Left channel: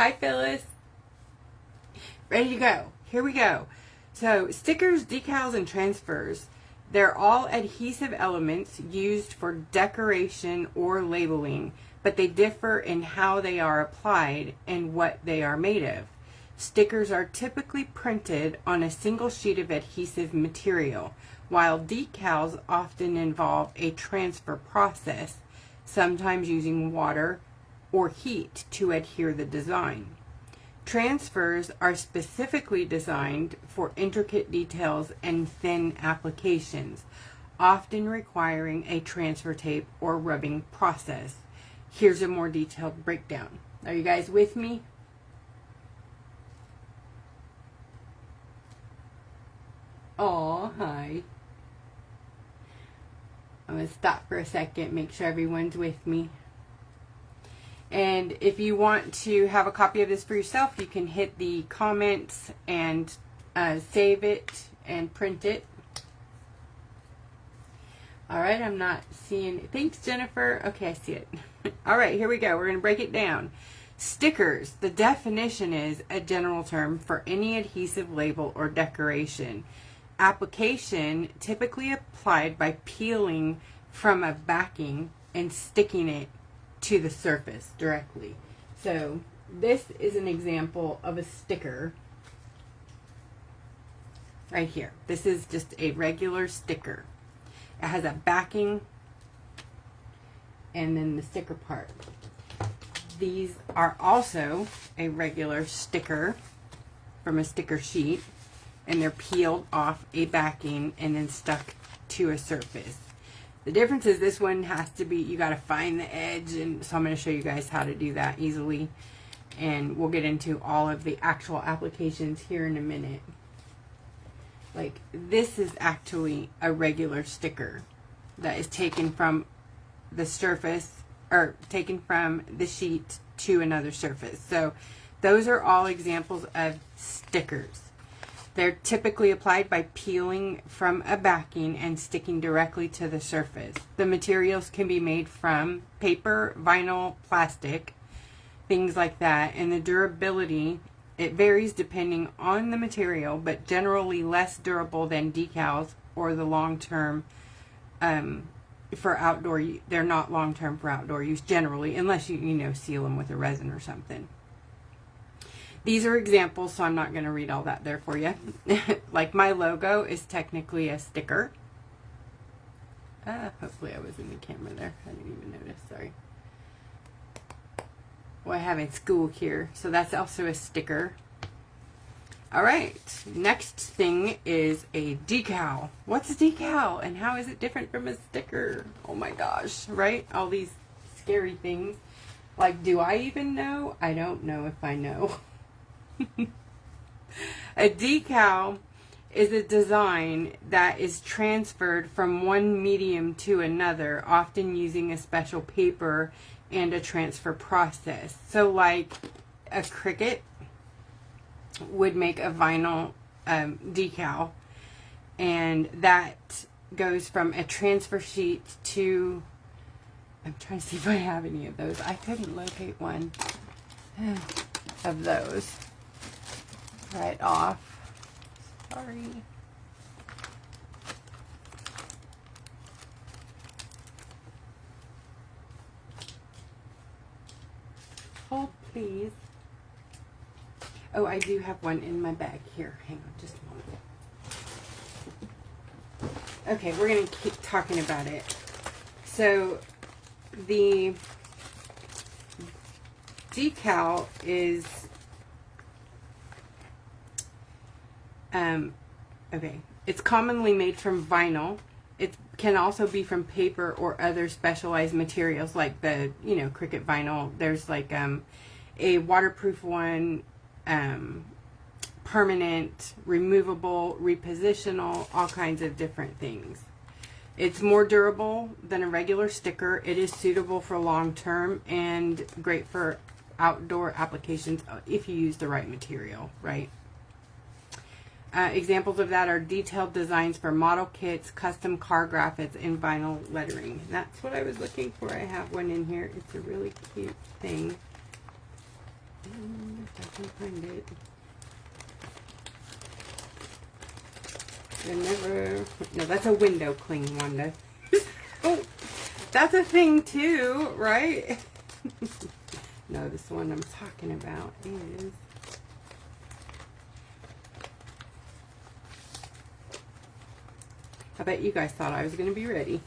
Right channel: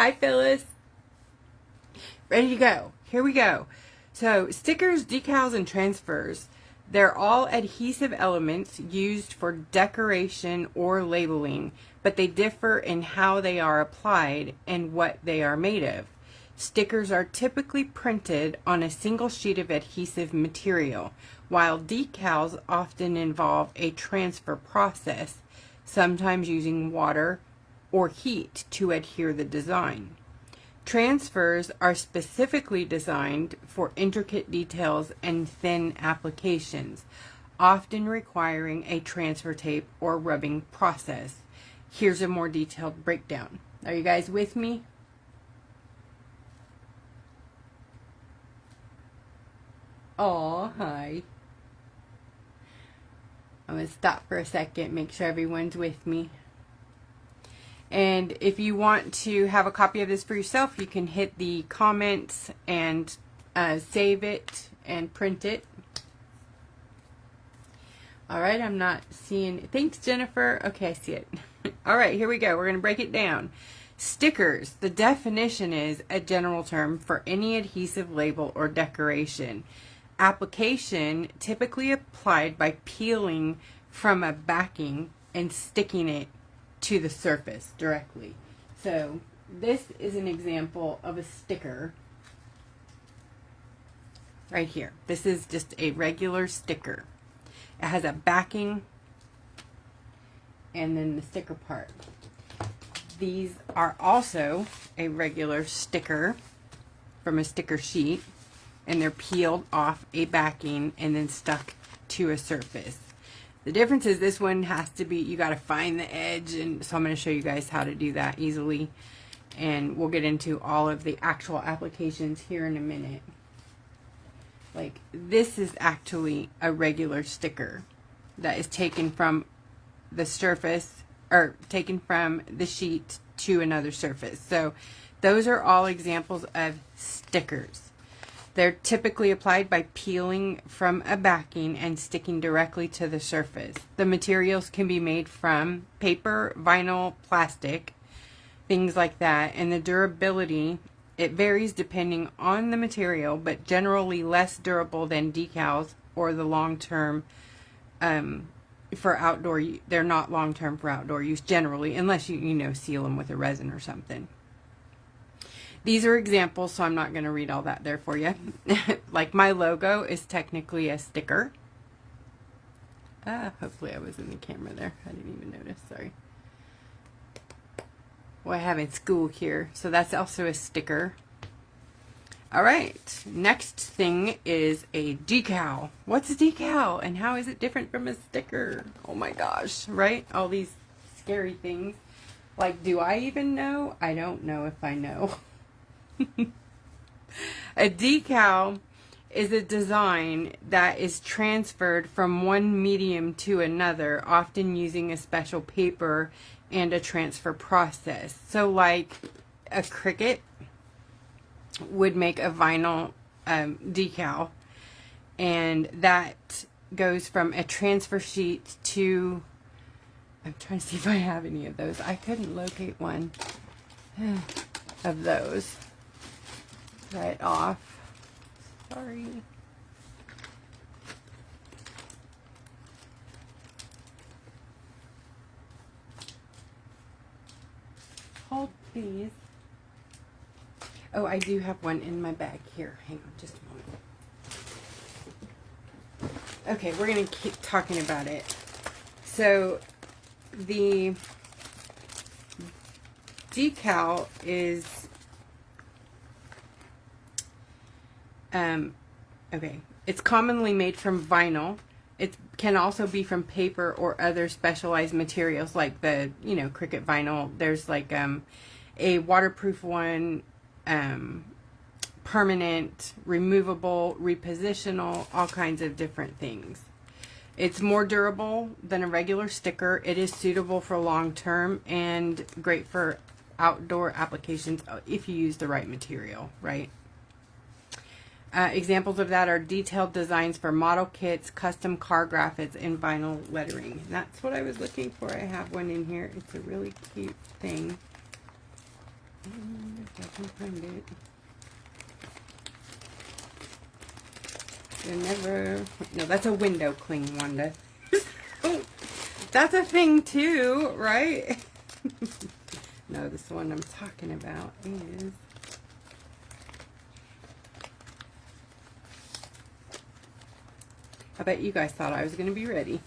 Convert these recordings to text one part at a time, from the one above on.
Hi, Phyllis. Ready to go. Here we go. So, stickers, decals, and transfers. They're all adhesive elements used for decoration or labeling, but they differ in how they are applied and what they are made of. Stickers are typically printed on a single sheet of adhesive material, while decals often involve a transfer process, sometimes using water or heat to adhere the design. Transfers are specifically designed for intricate details and thin applications, often requiring a transfer tape or rubbing process. Here's a more detailed breakdown. Are you guys with me? Oh, hi. I'm going to stop for a second, make sure everyone's with me. And if you want to have a copy of this for yourself, you can hit the comments and save it and print it. All right, I'm not seeing it. Thanks, Jennifer. Okay, I see it. All right, here we go. We're going to break it down. Stickers. The definition is a general term for any adhesive label or decoration. Application, typically applied by peeling from a backing and sticking it to the surface directly. So this is an example of a sticker right here. This is just a regular sticker. It has a backing and then the sticker part. These are also a regular sticker from a sticker sheet, and they're peeled off a backing and then stuck to a surface. The difference is this one has to be, you got to find the edge, and so I'm going to show you guys how to do that easily, and we'll get into all of the actual applications here in a minute. Like, this is actually a regular sticker that is taken from the surface, or taken from the sheet to another surface. So those are all examples of stickers. They're typically applied by peeling from a backing and sticking directly to the surface. The materials can be made from paper, vinyl, plastic, things like that. And the durability, it varies depending on the material, but generally less durable than decals or the long-term for outdoor. They're not long-term for outdoor use generally, unless you seal them with a resin or something. These are examples, so I'm not going to read all that there for you. Like, my logo is technically a sticker. Hopefully I was in the camera there. I didn't even notice, sorry. Well, I have in school here, so that's also a sticker. All right, next thing is a decal. What's a decal, and how is it different from a sticker? Oh my gosh, right? All these scary things. Like, do I even know? I don't know if I know. A decal is a design that is transferred from one medium to another, often using a special paper and a transfer process. So like a Cricut would make a vinyl decal, and that goes from a transfer sheet to, I'm trying to see if I have any of those. I couldn't locate one of those right off. Sorry. Hold, please. Oh, I do have one in my bag here. Hang on just a moment. Okay, we're going to keep talking about it. So, the decal is okay, it's commonly made from vinyl. It can also be from paper or other specialized materials like the, Cricut vinyl. There's like a waterproof one, permanent, removable, repositional, all kinds of different things. It's more durable than a regular sticker. It is suitable for long term and great for outdoor applications if you use the right material, right? Examples of that are detailed designs for model kits, custom car graphics, and vinyl lettering. And that's what I was looking for. I have one in here. It's a really cute thing. I can find it. No, that's a window cling, Wanda. Oh, that's a thing too, right? No, this one I'm talking about is... I bet you guys thought I was going to be ready.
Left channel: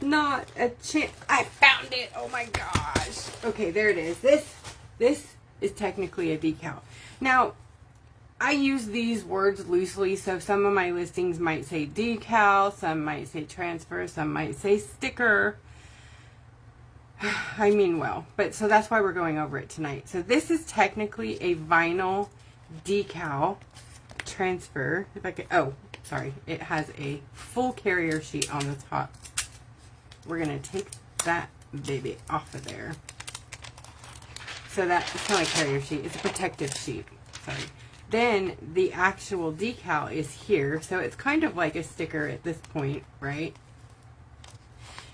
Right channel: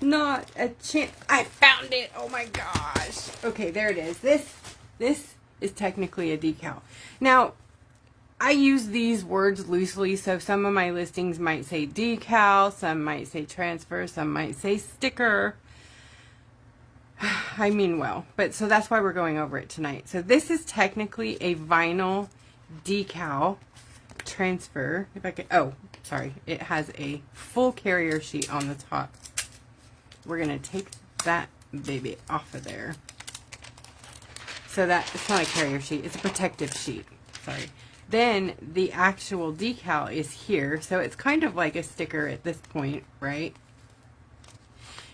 Not a chance. I found it. Oh my gosh. Okay, there it is. This is technically a decal. Now, I use these words loosely, so some of my listings might say decal, some might say transfer, some might say sticker. I mean well, but so that's why we're going over it tonight. So this is technically a vinyl decal transfer. If I could, oh, sorry, it has a full carrier sheet on the top. We're gonna take that baby off of there. So that it's not a carrier sheet, it's a protective sheet. Sorry. Then the actual decal is here, so it's kind of like a sticker at this point, right?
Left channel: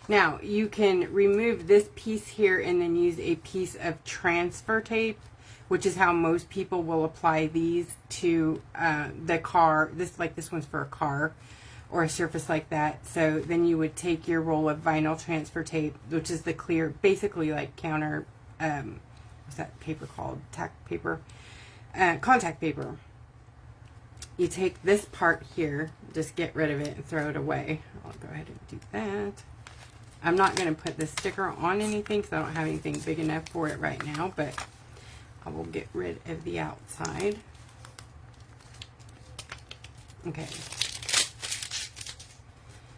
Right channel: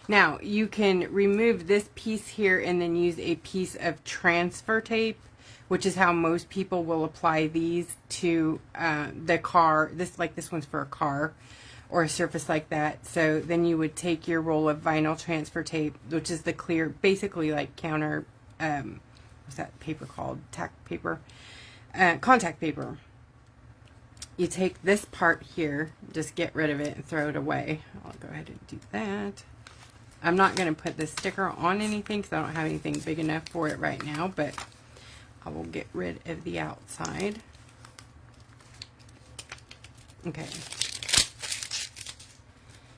Now you can remove this piece here and then use a piece of transfer tape, which is how most people will apply these to the car. This one's for a car or a surface like that. So then you would take your roll of vinyl transfer tape, which is the clear, basically like counter, what's that paper called? Tack paper, contact paper. You take this part here, just get rid of it and throw it away. I'll go ahead and do that. I'm not going to put this sticker on anything because I don't have anything big enough for it right now, but I will get rid of the outside. Okay.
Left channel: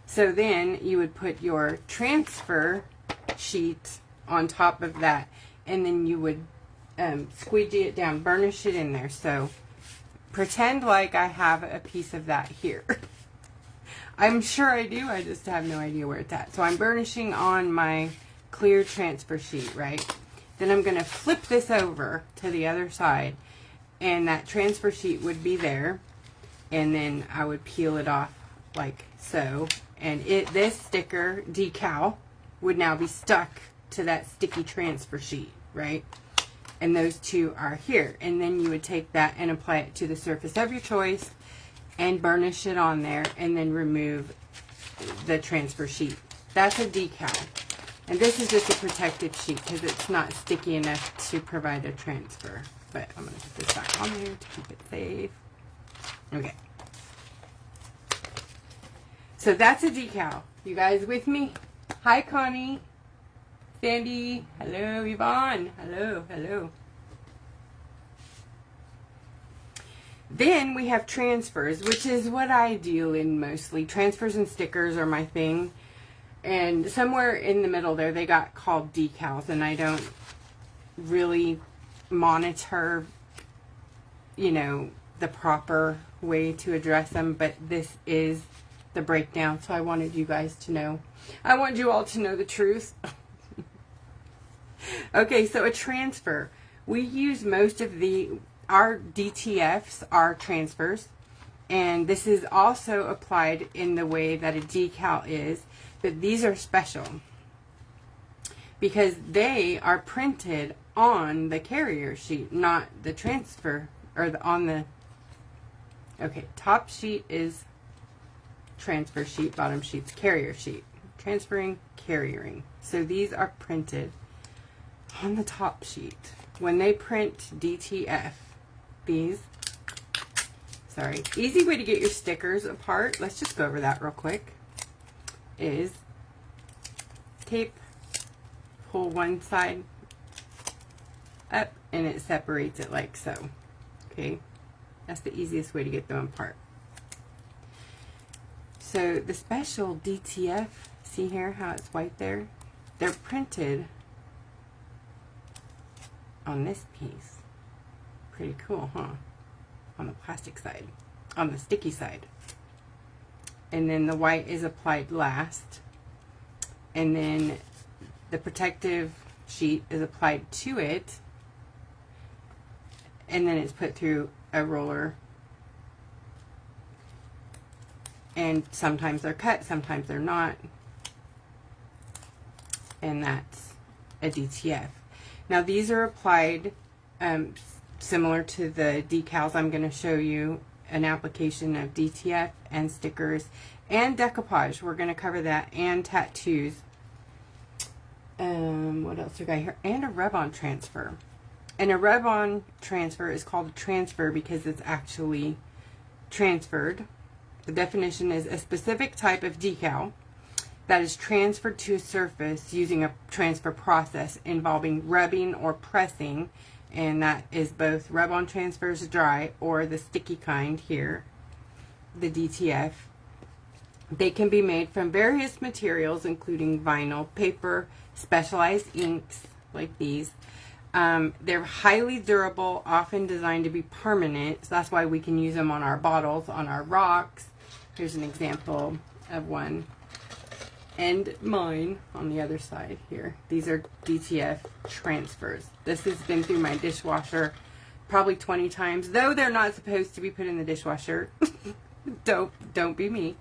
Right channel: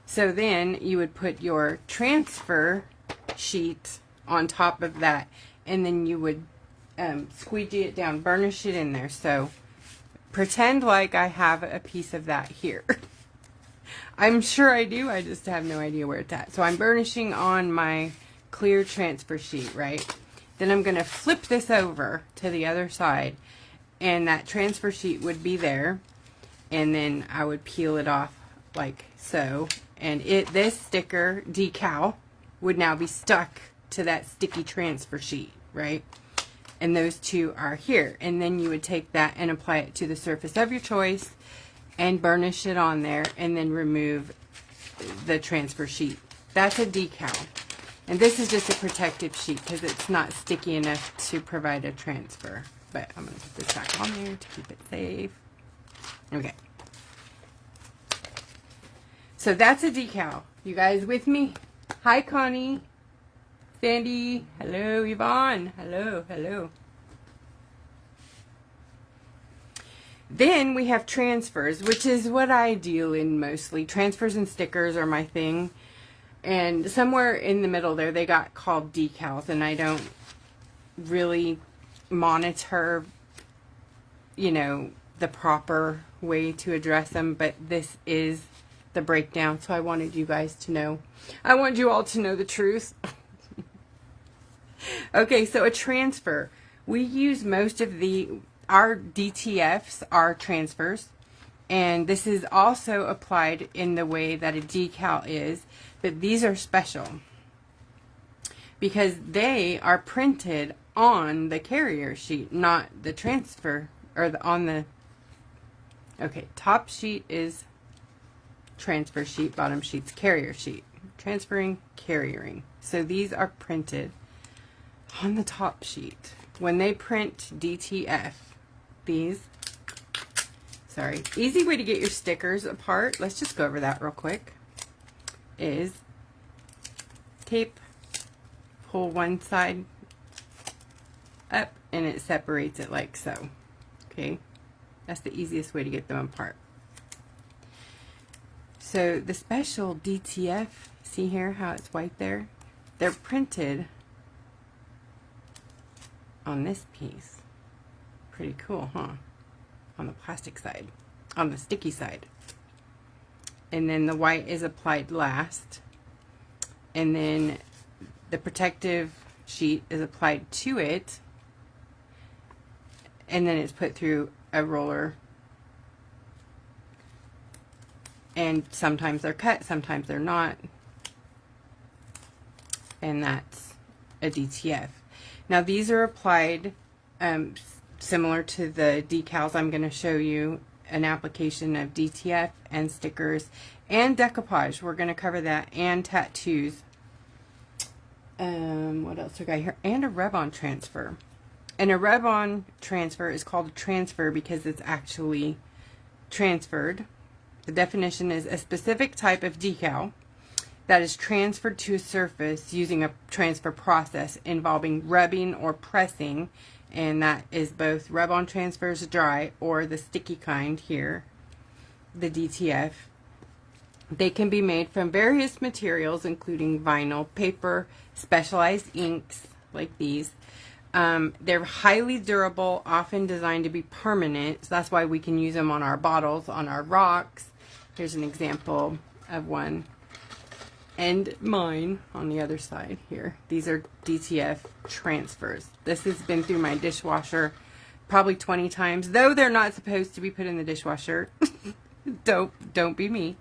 So then you would put your transfer sheet on top of that, and then you would squeegee it down, burnish it in there. So pretend like I have a piece of that here. I'm sure I do, I just have no idea where it's at. So I'm burnishing on my clear transfer sheet, right? Then I'm going to flip this over to the other side, and that transfer sheet would be there, and then I would peel it off like so, and this sticker decal would now be stuck to that sticky transfer sheet, right? And those two are here, and then you would take that and apply it to the surface of your choice and burnish it on there, and then remove the transfer sheet. That's a decal. And this is just a protective sheet because it's not sticky enough to provide a transfer. But I'm going to put this back on there to keep it safe. Okay. So that's a decal. You guys with me? Hi, Connie. Sandy. Hello, Yvonne. Hello, hello. Then we have transfers, which is what I deal in mostly. Transfers and stickers are my thing. And somewhere in the middle there, they got called decals, and I don't really monitor, you know, the proper way to address them, but this is the breakdown, so I wanted you guys to know. I wanted you all to know the truth. Okay, so a transfer. We use most of our DTFs are transfers, and this is also applied in the way that a decal is. But these are special because they are printed on the carrier sheet, not the transfer, or on the, okay, top sheet is transfer sheet, bottom sheet's carrier sheet. Transferring, carrying. So these are printed on the top sheet. When they print DTF, these, sorry, easy way to get your stickers apart, let's just go over that real quick, is tape, pull one side up, and it separates it like so. Okay, that's the easiest way to get them apart. So the special DTF, see here how it's white there? They're printed on this piece. Pretty cool, huh? On the plastic side, on the sticky side. And then the white is applied last, and then the protective sheet is applied to it, and then it's put through a roller, and sometimes they're cut, sometimes they're not, and that's a DTF. Now these are applied similar to the decals. I'm going to show you an application of DTF and stickers and decoupage. We're going to cover that, and tattoos. What else do we got here? And a rub-on transfer. And a rub-on transfer is called a transfer because it's actually transferred. The definition is a specific type of decal that is transferred to a surface using a transfer process involving rubbing or pressing, and that is both rub-on transfers dry or the sticky kind here, the DTF. They can be made from various materials including vinyl, paper, specialized inks like these. They're highly durable, often designed to be permanent, so that's why we can use them on our bottles, on our rocks. Here's an example of one. And mine on the other side here. These are DTF transfers. This has been through my dishwasher probably 20 times, though they're not supposed to be put in the dishwasher. Don't be me.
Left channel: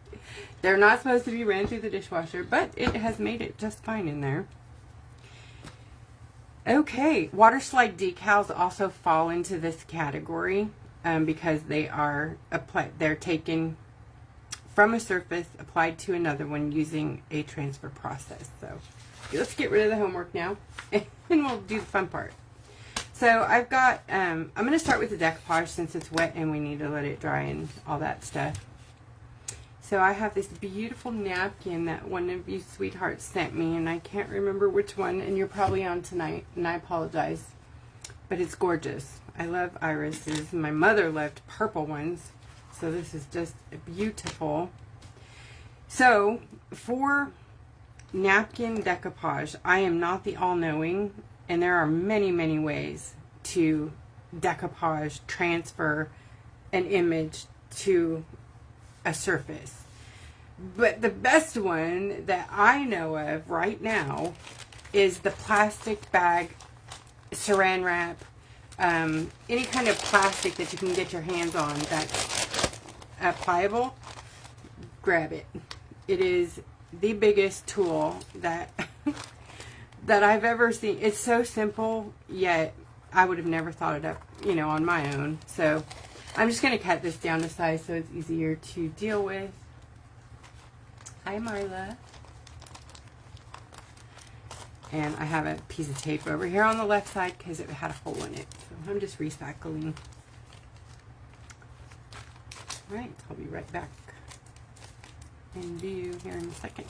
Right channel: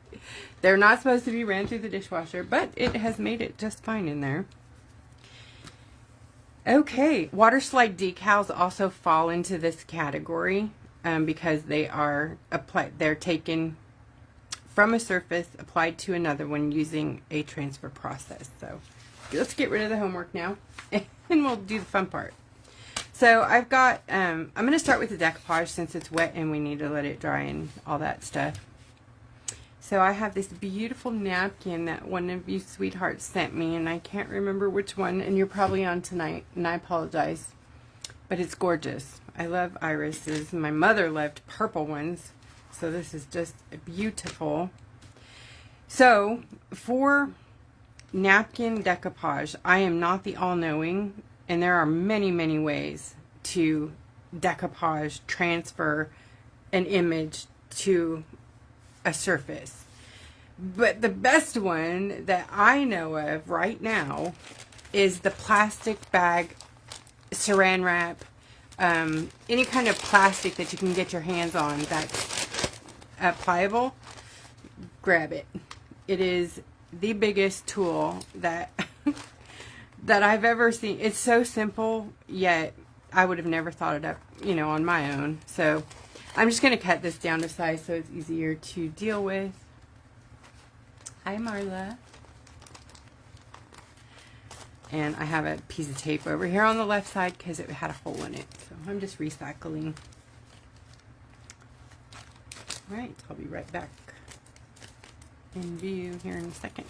They're not supposed to be ran through the dishwasher, but it has made it just fine in there. Okay, water slide decals also fall into this category because they are applied. They're taken from a surface, applied to another one using a transfer process. So let's get rid of the homework now, and we'll do the fun part. So I've got, I'm going to start with the decoupage since it's wet and we need to let it dry and all that stuff. So I have this beautiful napkin that one of you sweethearts sent me, and I can't remember which one, and you're probably on tonight, and I apologize, but it's gorgeous. I love irises. My mother loved purple ones, so this is just beautiful. So for napkin decoupage, I am not the all-knowing, and there are many, many ways to decoupage, transfer an image to a surface. But the best one that I know of right now is the plastic bag saran wrap, any kind of plastic that you can get your hands on that's pliable. Grab it. It is the biggest tool that that I've ever seen. It's so simple, yet I would have never thought it up, you know, on my own. So I'm just going to cut this down to size so it's easier to deal with. Hi, Marla. And I have a piece of tape over here on the left side because it had a hole in it. So I'm just recycling. Alright, I'll be right back in view here in a second.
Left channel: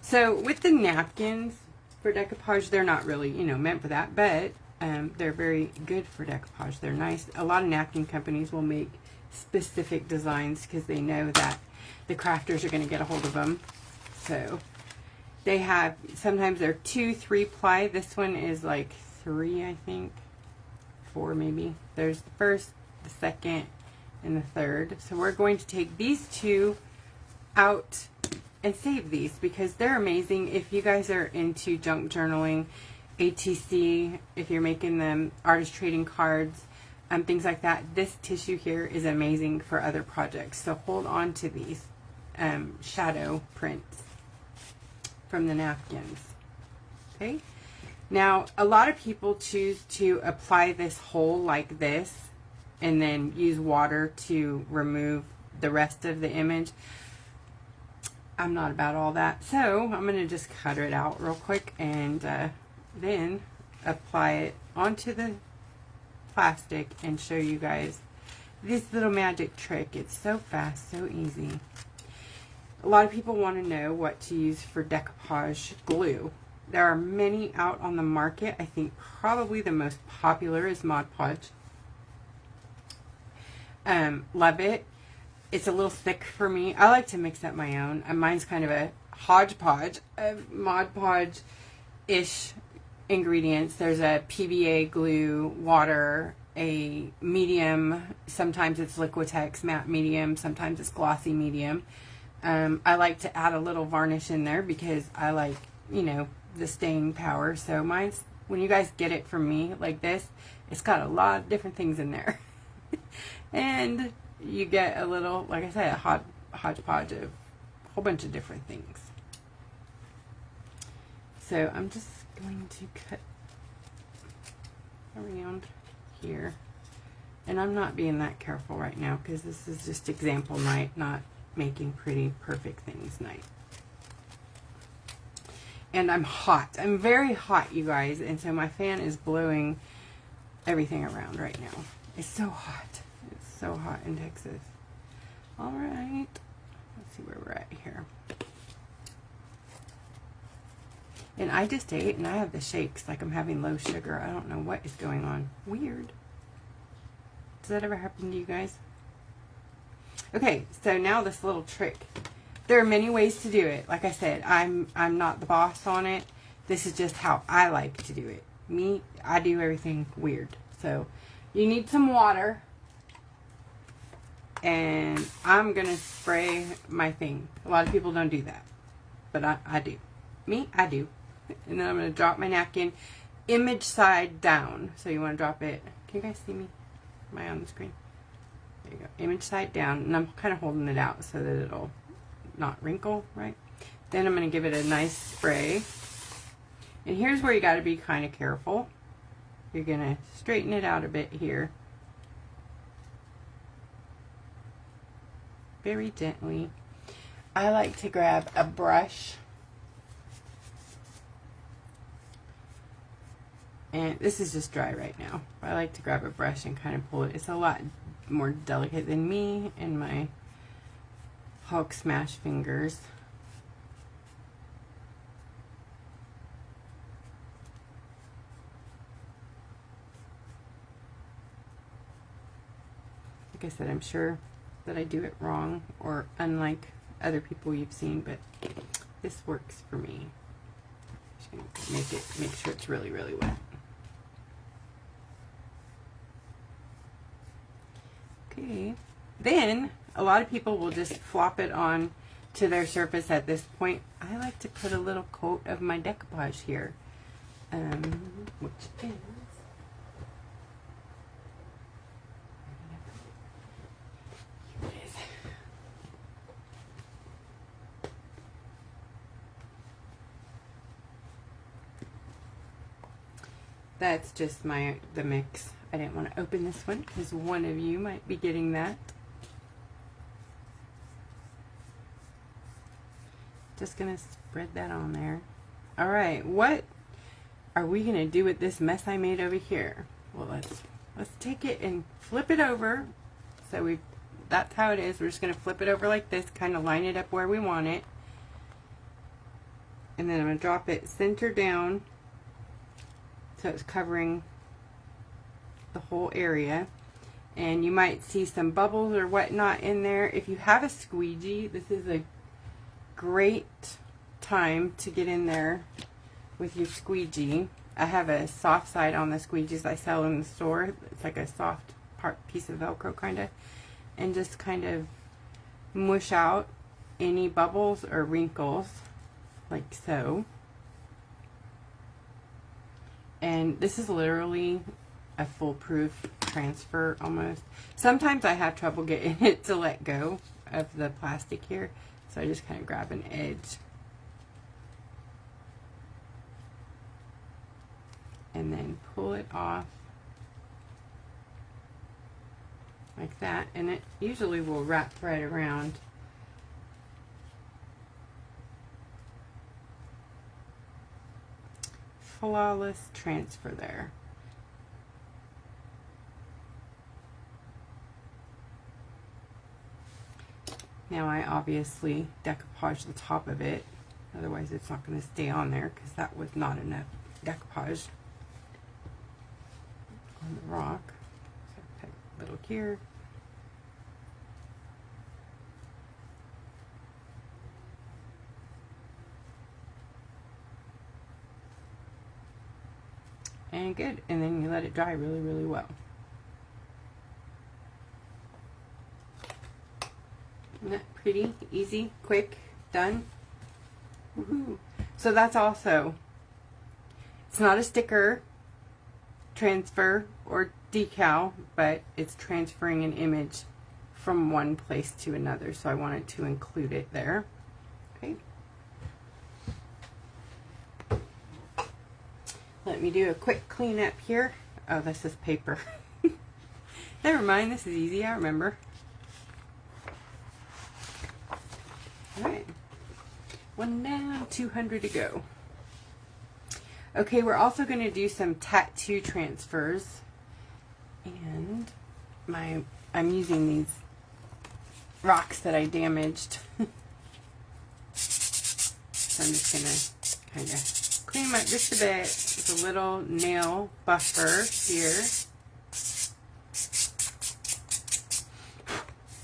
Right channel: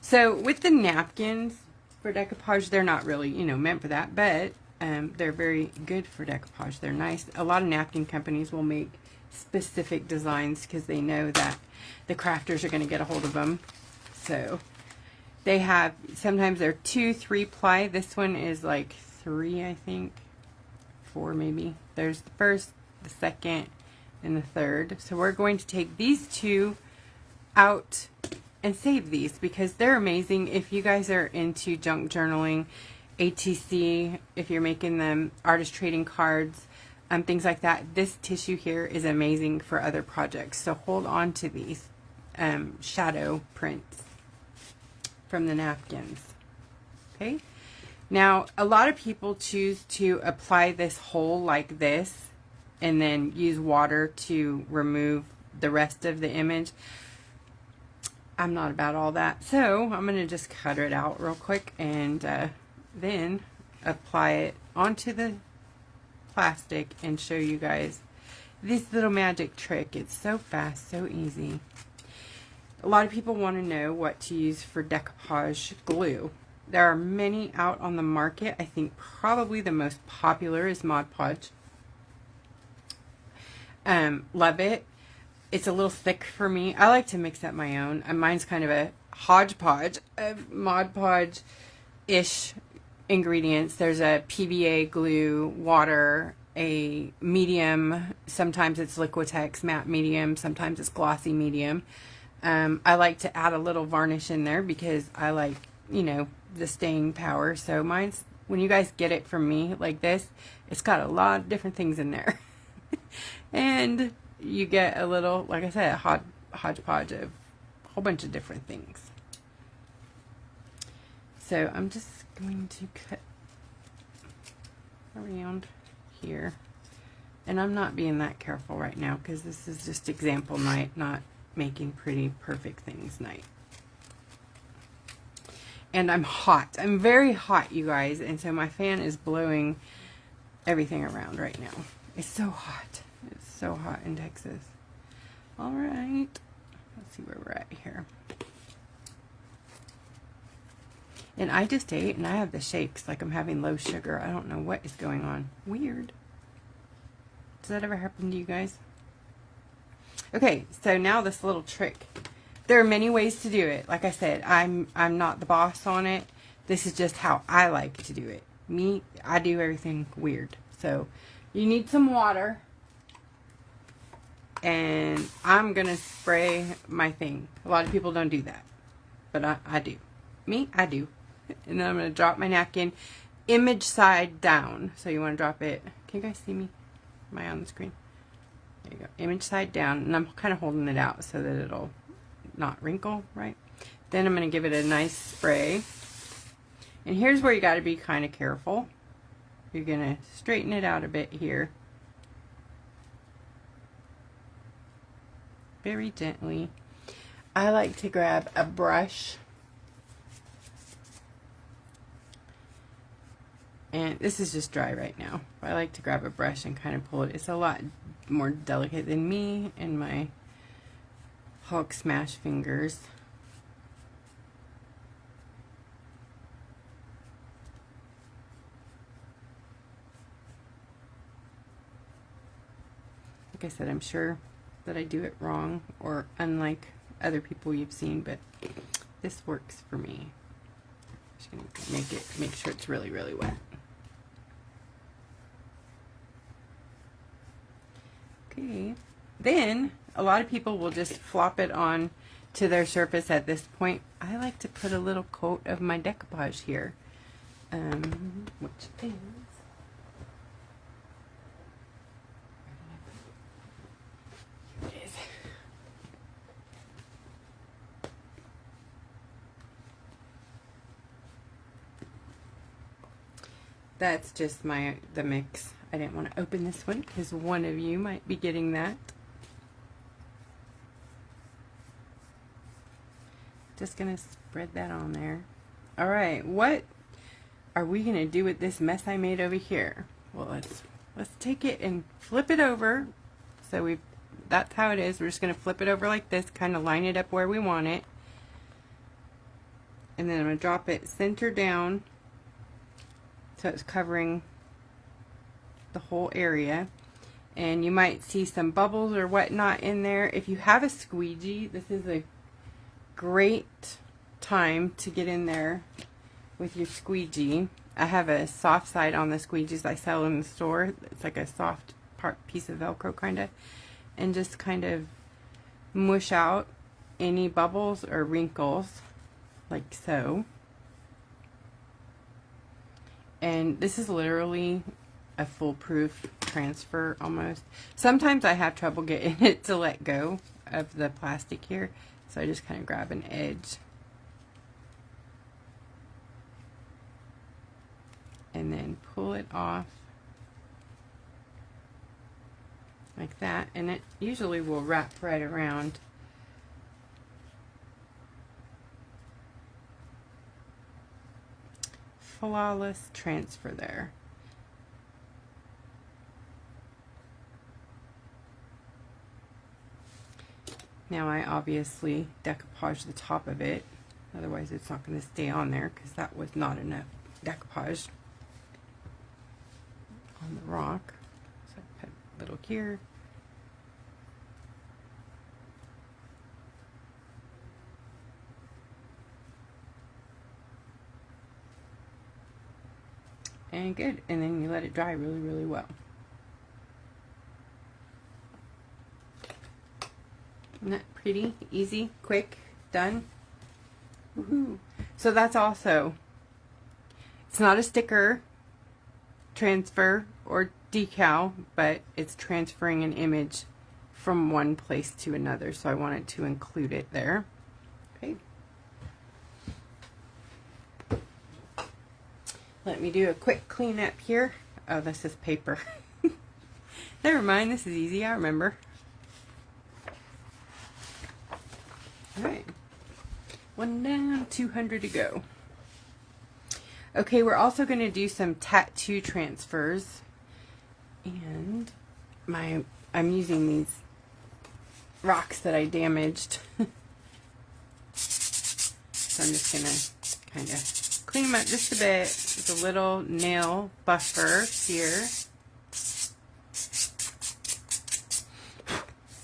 So with the napkins for decoupage, they're not really, you know, meant for that, but they're very good for decoupage. They're nice. A lot of napkin companies will make specific designs because they know that the crafters are going to get a hold of them. So they have, sometimes they're 2, 3 ply. This one is like 3, I think. 4 maybe. There's the first, the second, and the third. So we're going to take these 2 out and save these because they're amazing. If you guys are into junk journaling, ATC, if you're making them artist trading cards, things like that, this tissue here is amazing for other projects. So hold on to these shadow prints from the napkins. Okay, now a lot of people choose to apply this whole like this and then use water to remove the rest of the image. I'm not about all that, so I'm going to just cut it out real quick and then apply it onto the plastic and show you guys this little magic trick. It's so fast, so easy. A lot of people want to know what to use for decoupage glue. There are many out on the market. I think probably the most popular is Mod Podge. Love it. It's a little thick for me. I like to mix up my own. Mine's kind of a hodgepodge of Mod Podge-ish ingredients. There's a PVA glue, water, a medium. Sometimes it's Liquitex matte medium. Sometimes it's glossy medium. I like to add a little varnish in there because I like, you know, the staying power. So mine's, when you guys get it from me like this, it's got a lot of different things in there. And you get a little, like I said, a hodgepodge of a whole bunch of different things. So I'm just going to cut here. And I'm not being that careful right now because this is just example night, not making pretty perfect things night. And I'm hot. I'm very hot, you guys. And so my fan is blowing everything around right now. It's so hot. It's so hot in Texas. All right. Let's see where we're at here. And I just ate and I have the shakes like I'm having low sugar. I don't know what is going on. Weird. Does that ever happen to you guys? Okay, so now this little trick. There are many ways to do it. Like I said, I'm not the boss on it. This is just how I like to do it. Me, I do everything weird. So you need some water. And I'm going to spray my thing. A lot of people don't do that. But I do. Me, I do. And then I'm going to drop my napkin image side down. So you want to drop it. Can you guys see me? Am I on the screen? There you go. Image side down. And I'm kind of holding it out so that it'll not wrinkle, right? Then I'm going to give it a nice spray. And here's where you got to be kind of careful. You're going to straighten it out a bit here. Very gently. I like to grab a brush. And this is just dry right now. I like to grab a brush and kind of pull it. It's a lot more delicate than me and my Hulk smash fingers. Like I said, I'm sure that I do it wrong or unlike other people you've seen, but this works for me. I'm just going to make sure it's really, really wet. Okay. Then a lot of people will just flop it on to their surface at this point. I like to put a little coat of my decoupage here, which is that's just the mix. I didn't want to open this one because one of you might be getting that. Just gonna spread that on there. All right, what are we gonna do with this mess I made over here? Well, let's take it and flip it over. So that's how it is. We're just gonna flip it over like this, kind of line it up where we want it, and then I'm gonna drop it center down so it's covering the whole area. And you might see some bubbles or whatnot in there. If you have a squeegee, this is a great time to get in there with your squeegee. I have a soft side on the squeegees I sell in the store. It's like a soft piece of Velcro kind of, and just kind of mush out any bubbles or wrinkles like so. And this is literally a foolproof transfer almost. Sometimes I have trouble getting it to let go of the plastic here, so I just kind of grab an edge and then pull it off like that, and it usually will wrap right around. Flawless transfer there. Now I obviously decoupage the top of it, otherwise it's not going to stay on there because that was not enough decoupage on the rock. So I put a little here. And good, and then you let it dry really, really well. Isn't that pretty? Easy, quick, done. Woohoo. So that's also, it's not a sticker transfer or decal, but it's transferring an image from one place to another. So I wanted to include it there. Okay. Let me do a quick cleanup here. Oh, this is paper. Never mind, this is easy, I remember. Alright. 1 down, 200 to go. Okay, we're also going to do some tattoo transfers. And I'm using these rocks that I damaged. So I'm just going to kind of clean them up just a bit with a little nail buffer here.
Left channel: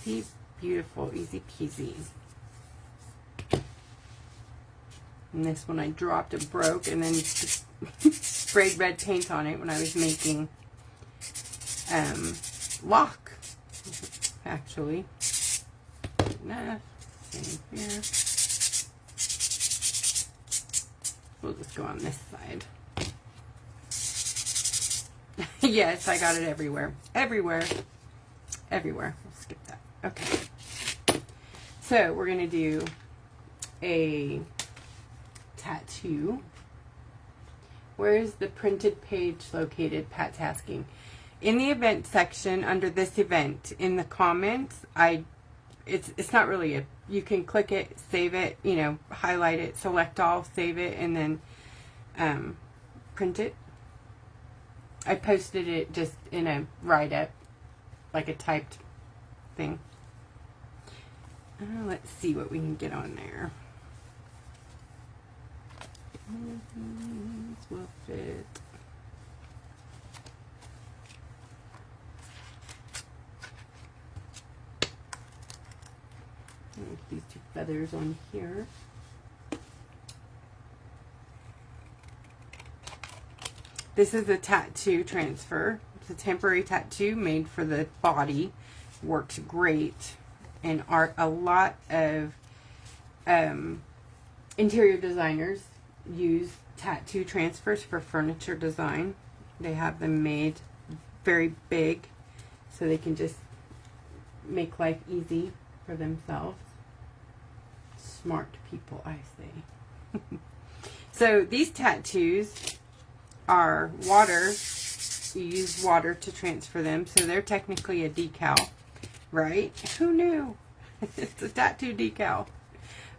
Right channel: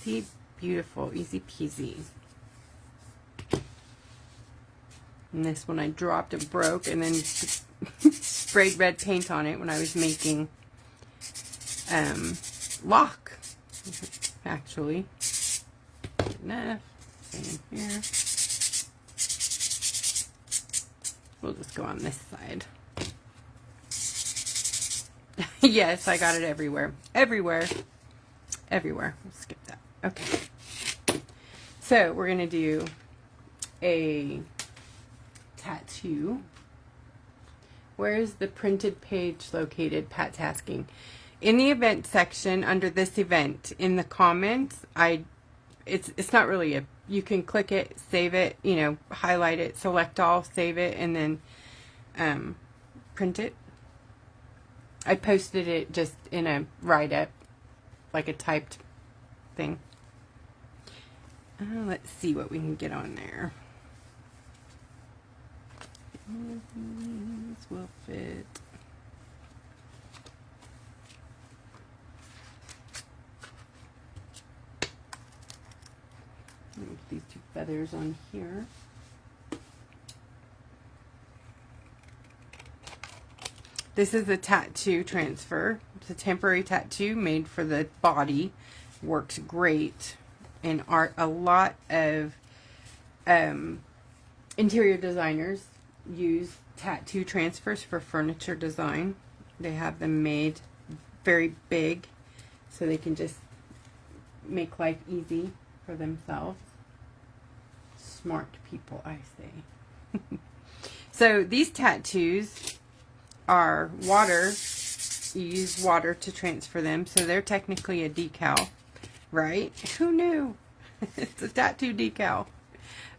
See, beautiful, easy peasy. And this one I dropped and broke and then sprayed red paint on it when I was making lock, actually. Enough. Same here. We'll just go on this side. Yes, I got it everywhere. Everywhere. Everywhere. We'll skip that. Okay. So we're going to do a tattoo. Where is the printed page located? Pat's asking. In the event section under this event, in the comments, it's not really you can click it, save it, you know, highlight it, select all, save it, and then print it. I posted it just in a write-up, like a typed thing. Let's see what we can get on there. This will fit. These two feathers on here. This is a tattoo transfer. It's a temporary tattoo made for the body. Works great. And a lot of interior designers use tattoo transfers for furniture design. They have them made very big so they can just make life easy for themselves. Smart people, I say. So these tattoos are water. You use water to transfer them, so they're technically a decal, right? Who knew? It's a tattoo decal.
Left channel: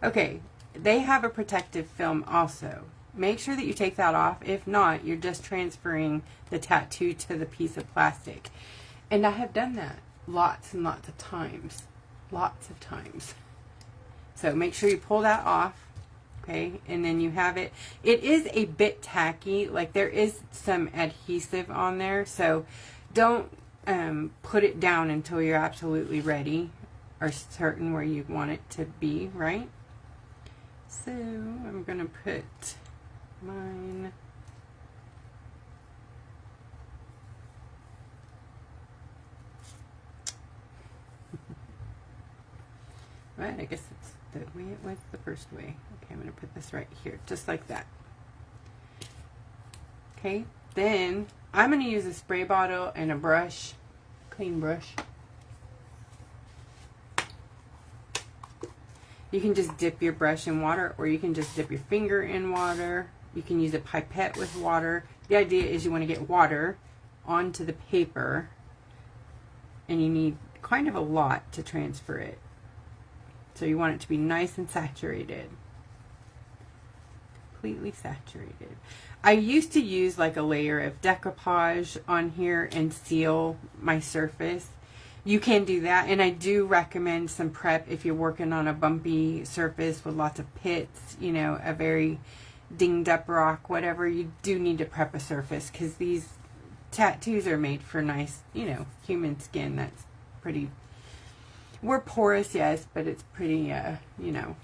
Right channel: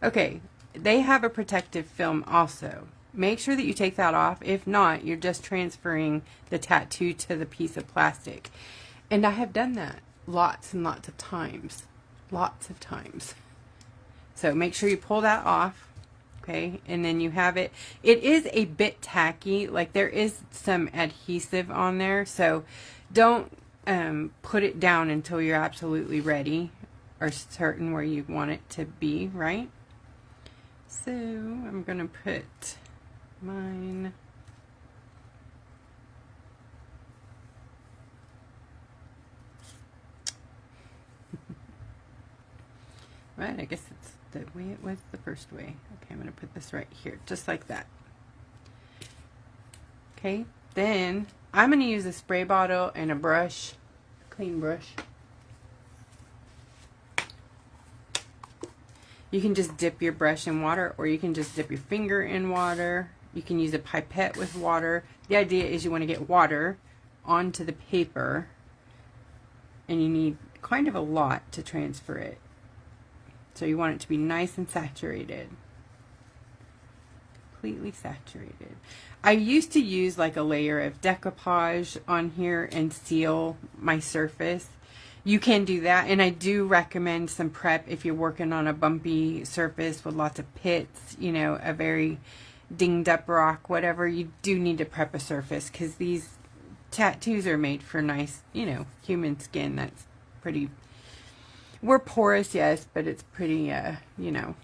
Okay, they have a protective film also. Make sure that you take that off. If not, you're just transferring the tattoo to the piece of plastic. And I have done that lots and lots of times. Lots of times. So make sure you pull that off. Okay, and then you have it. It is a bit tacky. Like there is some adhesive on there. So don't put it down until you're absolutely ready or certain where you want it to be, right? So I'm going to put mine. Right, I guess it's the way it was the first way. Okay, I'm going to put this right here, just like that. Okay, then I'm going to use a spray bottle and a brush, clean brush. You can just dip your brush in water, or you can just dip your finger in water. You can use a pipette with water. The idea is you want to get water onto the paper, and you need kind of a lot to transfer it. So you want it to be nice and saturated. Completely saturated. I used to use like a layer of decoupage on here and seal my surface. You can do that, and I do recommend some prep if you're working on a bumpy surface with lots of pits, you know, a very dinged up rock, whatever. You do need to prep a surface because these tattoos are made for nice, you know, human skin that's pretty, we're porous, yes, but it's pretty, you know,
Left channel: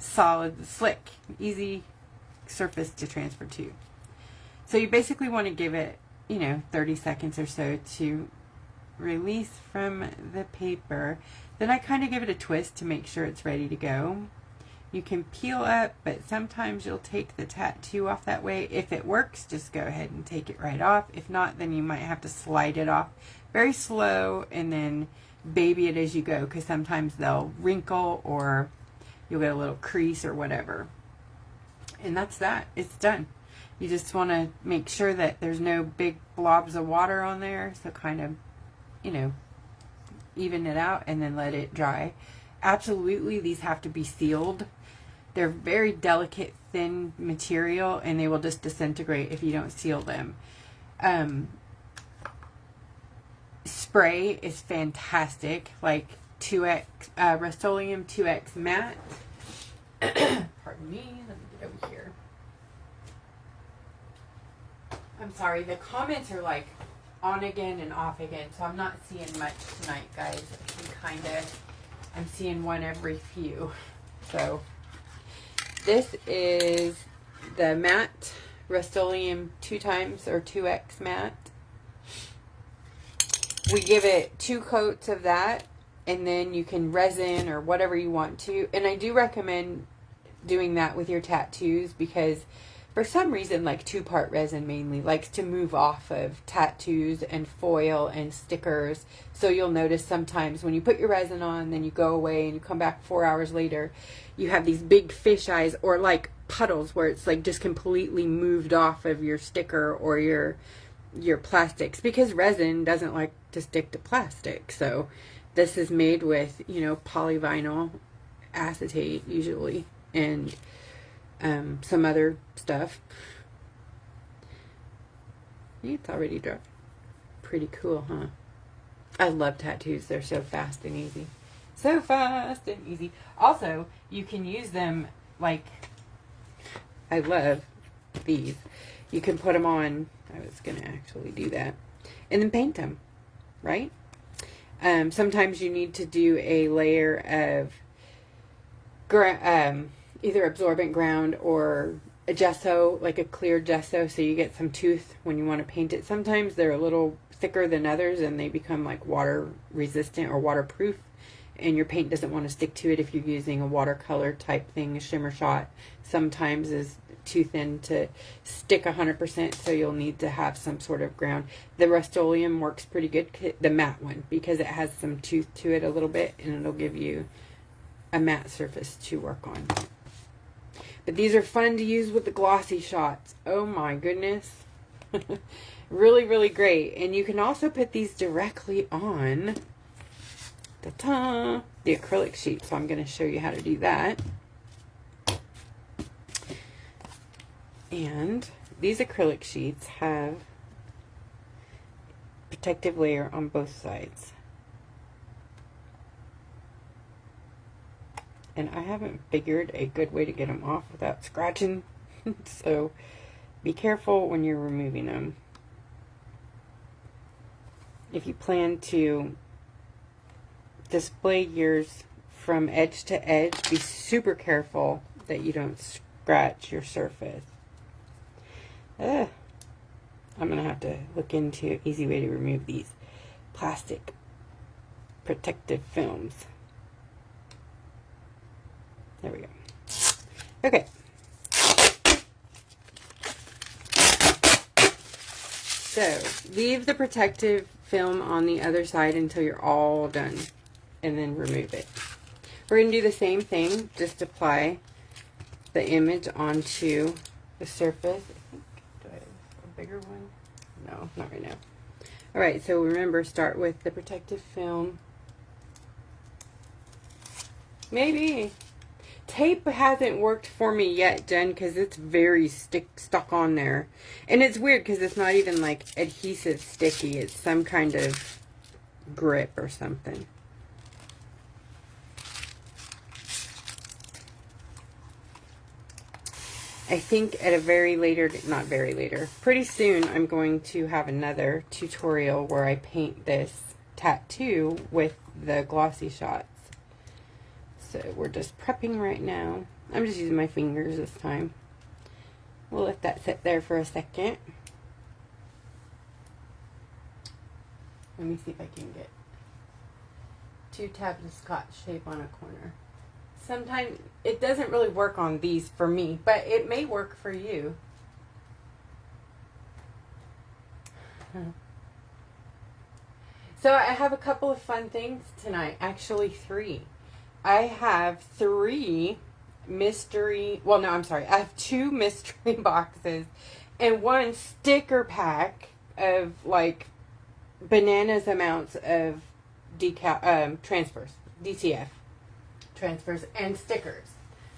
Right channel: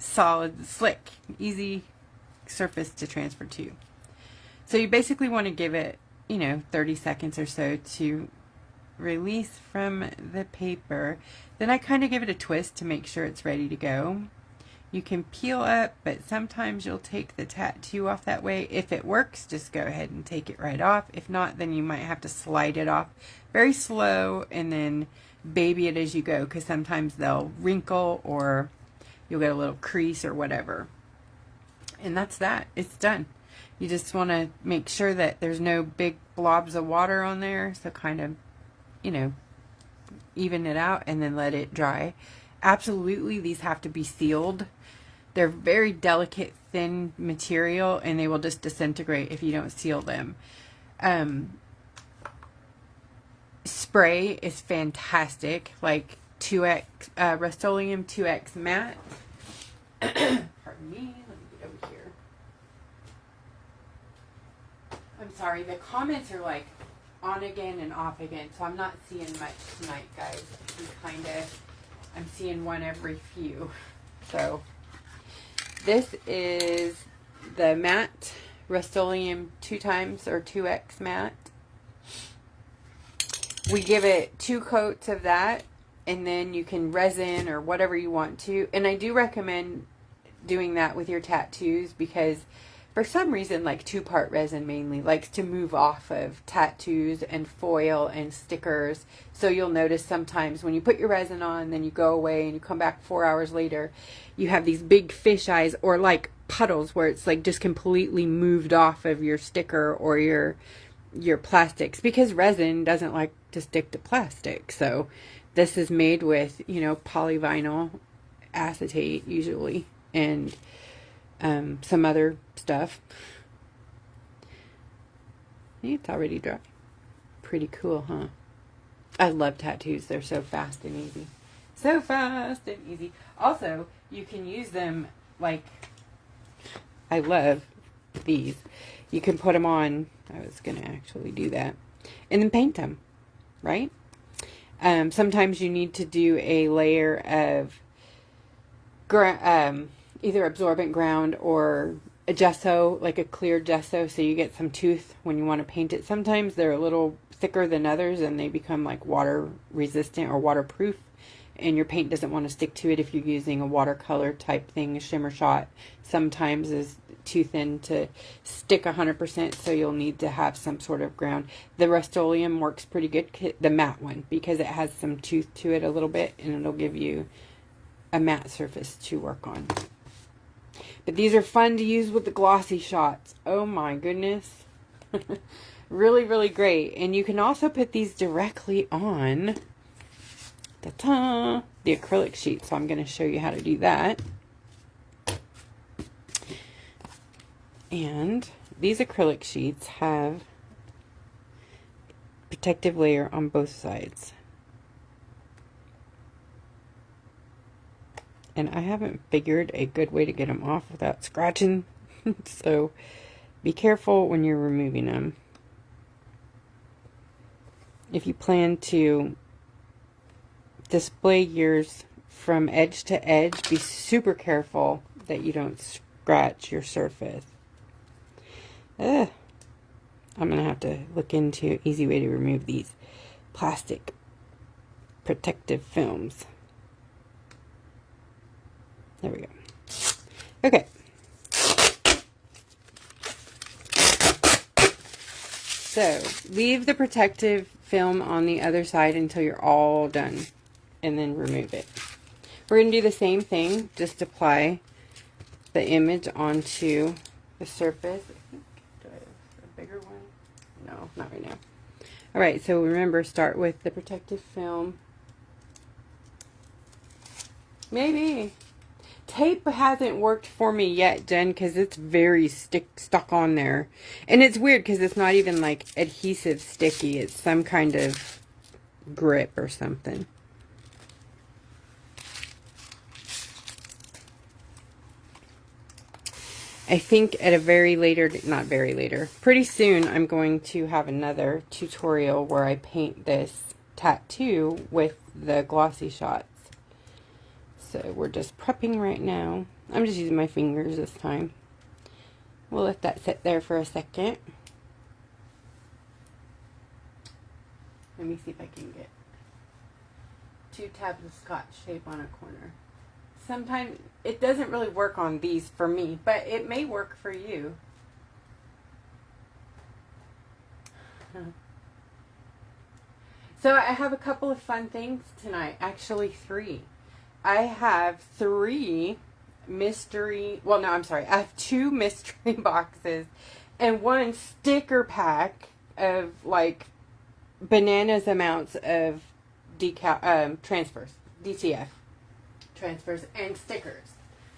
solid, slick, easy surface to transfer to. So you basically want to give it, you know, 30 seconds or so to release from the paper. Then I kind of give it a twist to make sure it's ready to go. You can peel up, but sometimes you'll take the tattoo off that way. If it works, just go ahead and take it right off. If not, then you might have to slide it off very slow and then baby it as you go, because sometimes they'll wrinkle or you'll get a little crease or whatever. And that's that. It's done. You just want to make sure that there's no big blobs of water on there, so kind of you know, even it out and then let it dry. Absolutely, these have to be sealed. They're very delicate, thin material, and they will just disintegrate if you don't seal them. Spray is fantastic, like 2X, Rust-Oleum 2X matte. Pardon me, let me get over here. I'm sorry, the comments are like on again and off again, so I'm not seeing much tonight, guys. I'm seeing one every few. So this is the matte Rust-Oleum 2x or 2X matte. We give it 2 coats of that, and then you can resin or whatever you want to. And I do recommend doing that with your tattoos because for some reason, like 2-part resin mainly likes to move off of tattoos and foil and stickers. So you'll notice sometimes when you put your resin on, then you go away and you come back 4 hours later, you have these big fish eyes or like puddles where it's like just completely moved off of your sticker or your plastics, because resin doesn't like to stick to plastic. So this is made with, you know, polyvinyl acetate usually, and some other stuff. It's already dry. Pretty cool, huh? I love tattoos. They're so fast and easy. So fast and easy. Also, you can use them like, I love these. You can put them on. I was going to actually do that. And then paint them, right? Sometimes you need to do a layer of either absorbent ground or a gesso, like a clear gesso, so you get some tooth when you want to paint it. Sometimes they're a little thicker than others and they become like water resistant or waterproof, and your paint doesn't want to stick to it if you're using a watercolor type thing. A shimmer shot sometimes is too thin to stick 100%, so you'll need to have some sort of ground. The Rust-Oleum works pretty good, the matte one, because it has some tooth to it a little bit, and it'll give you a matte surface to work on. But these are fun to use with the glossy shots. Oh my goodness. Really, really great. And you can also put these directly on the acrylic sheet. So I'm going to show you how to do that. And these acrylic sheets have protective layer on both sides. And I haven't figured a good way to get them off without scratching. So be careful when you're removing them. If you plan to display yours from edge to edge, be super careful that you don't scratch your surface. I'm going to have to look into an easy way to remove these plastic protective films. There we go. Okay. So, leave the protective film on the other side until you're all done, and then remove it. We're going to do the same thing, just apply the image onto the surface. I think, do I have a bigger one? No, not right now. Alright, so remember, start with the protective film. Maybe. Tape hasn't worked for me yet, Jen, because it's very stuck on there. And it's weird because it's not even like adhesive sticky. It's some kind of grip or something. I think at a pretty soon I'm going to have another tutorial where I paint this tattoo with the glossy shots. So we're just prepping right now. I'm just using my fingers this time. We'll let that sit there for a second. Let me see if I can get 2 tabs of Scotch tape on a corner. Sometimes it doesn't really work on these for me, but it may work for you. So I have a couple of fun things tonight. Actually 3. I have 3 mystery, well, no, I'm sorry. I have 2 mystery boxes and 1 sticker pack of like bananas amounts of transfers, DTF transfers, and stickers.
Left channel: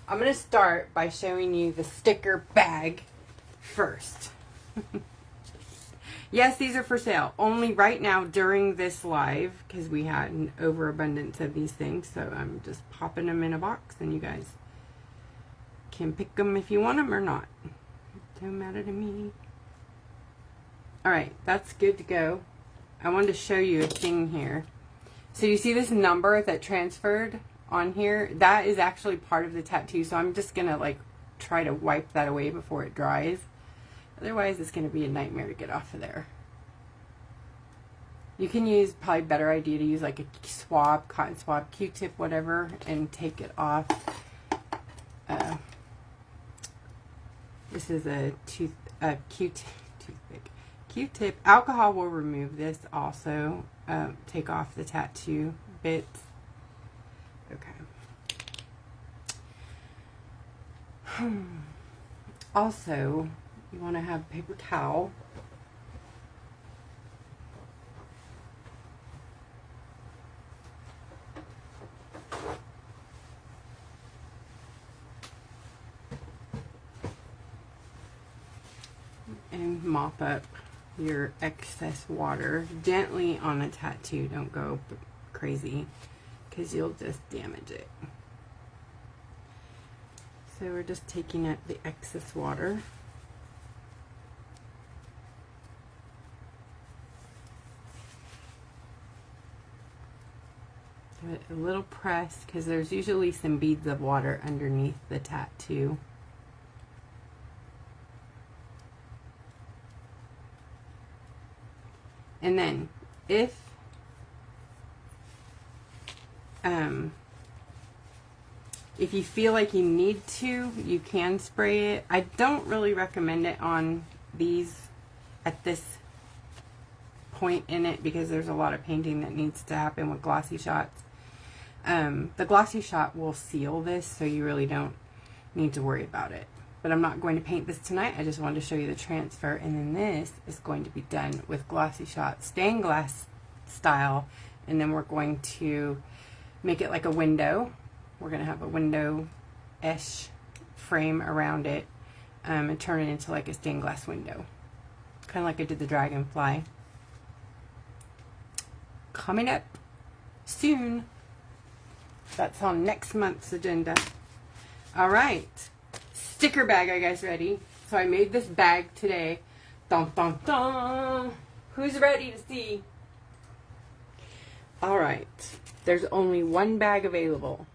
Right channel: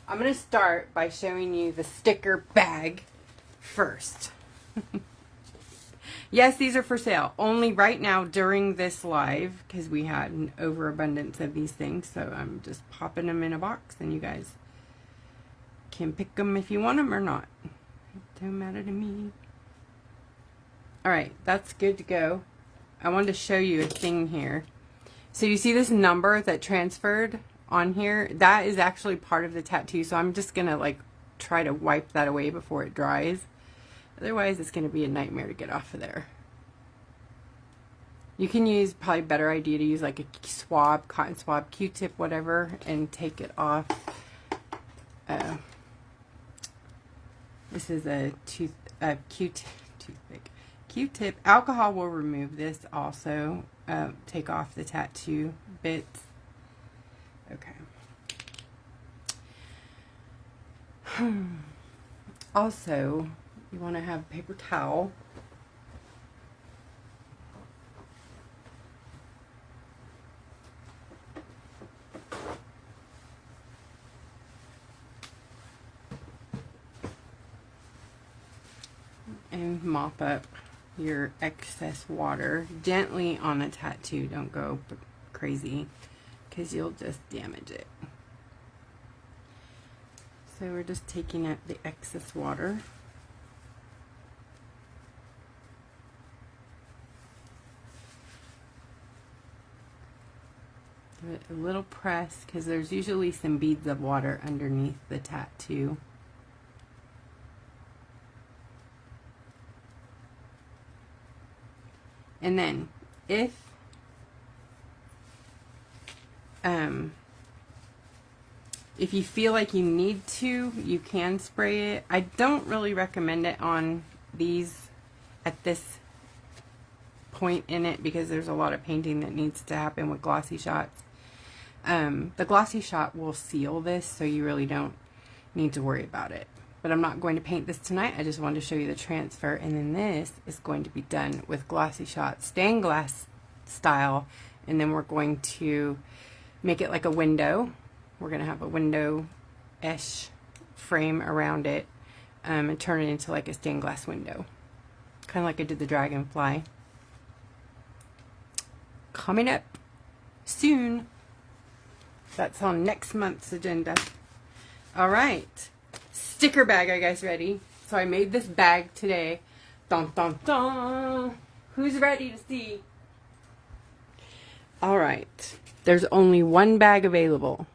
I'm going to start by showing you the sticker bag first. Yes, these are for sale. Only right now during this live, because we had an overabundance of these things. So I'm just popping them in a box, and you guys can pick them if you want them or not. Don't matter to me. Alright, that's good to go. I wanted to show you a thing here. So you see this number that transferred on here? That is actually part of the tattoo. So I'm just going to like try to wipe that away before it dries. Otherwise, it's going to be a nightmare to get off of there. You can use, probably better idea to use like a swab, cotton swab, Q-tip, whatever, and take it off. This is a toothpick. Q-tip. Alcohol will remove this also. Take off the tattoo bits. Okay. Also, you want to have paper towel. And mop up your excess water gently on a tattoo. Don't go crazy because you'll just damage it. So we're just taking out the excess water. Give it a little press because there's usually some beads of water underneath the tattoo. And then if you feel like you need to, you can spray it. I don't really recommend it on these at this point in it because there's a lot of painting that needs to happen with glossy shots. The glossy shot will seal this, so you really don't need to worry about it. But I'm not going to paint this tonight. I just wanted to show you the transfer. And then this is going to be done with glossy shot, stained glass style. And then we're going to make it like a window. We're going to have a window-ish frame around it and turn it into like a stained glass window. Kind of like I did the dragonfly. Coming up soon. That's on next month's agenda. All right. Sticker bag, are you guys ready? So I made this bag today. Dun, dun, dun. Who's ready to see? All right. There's only one bag available.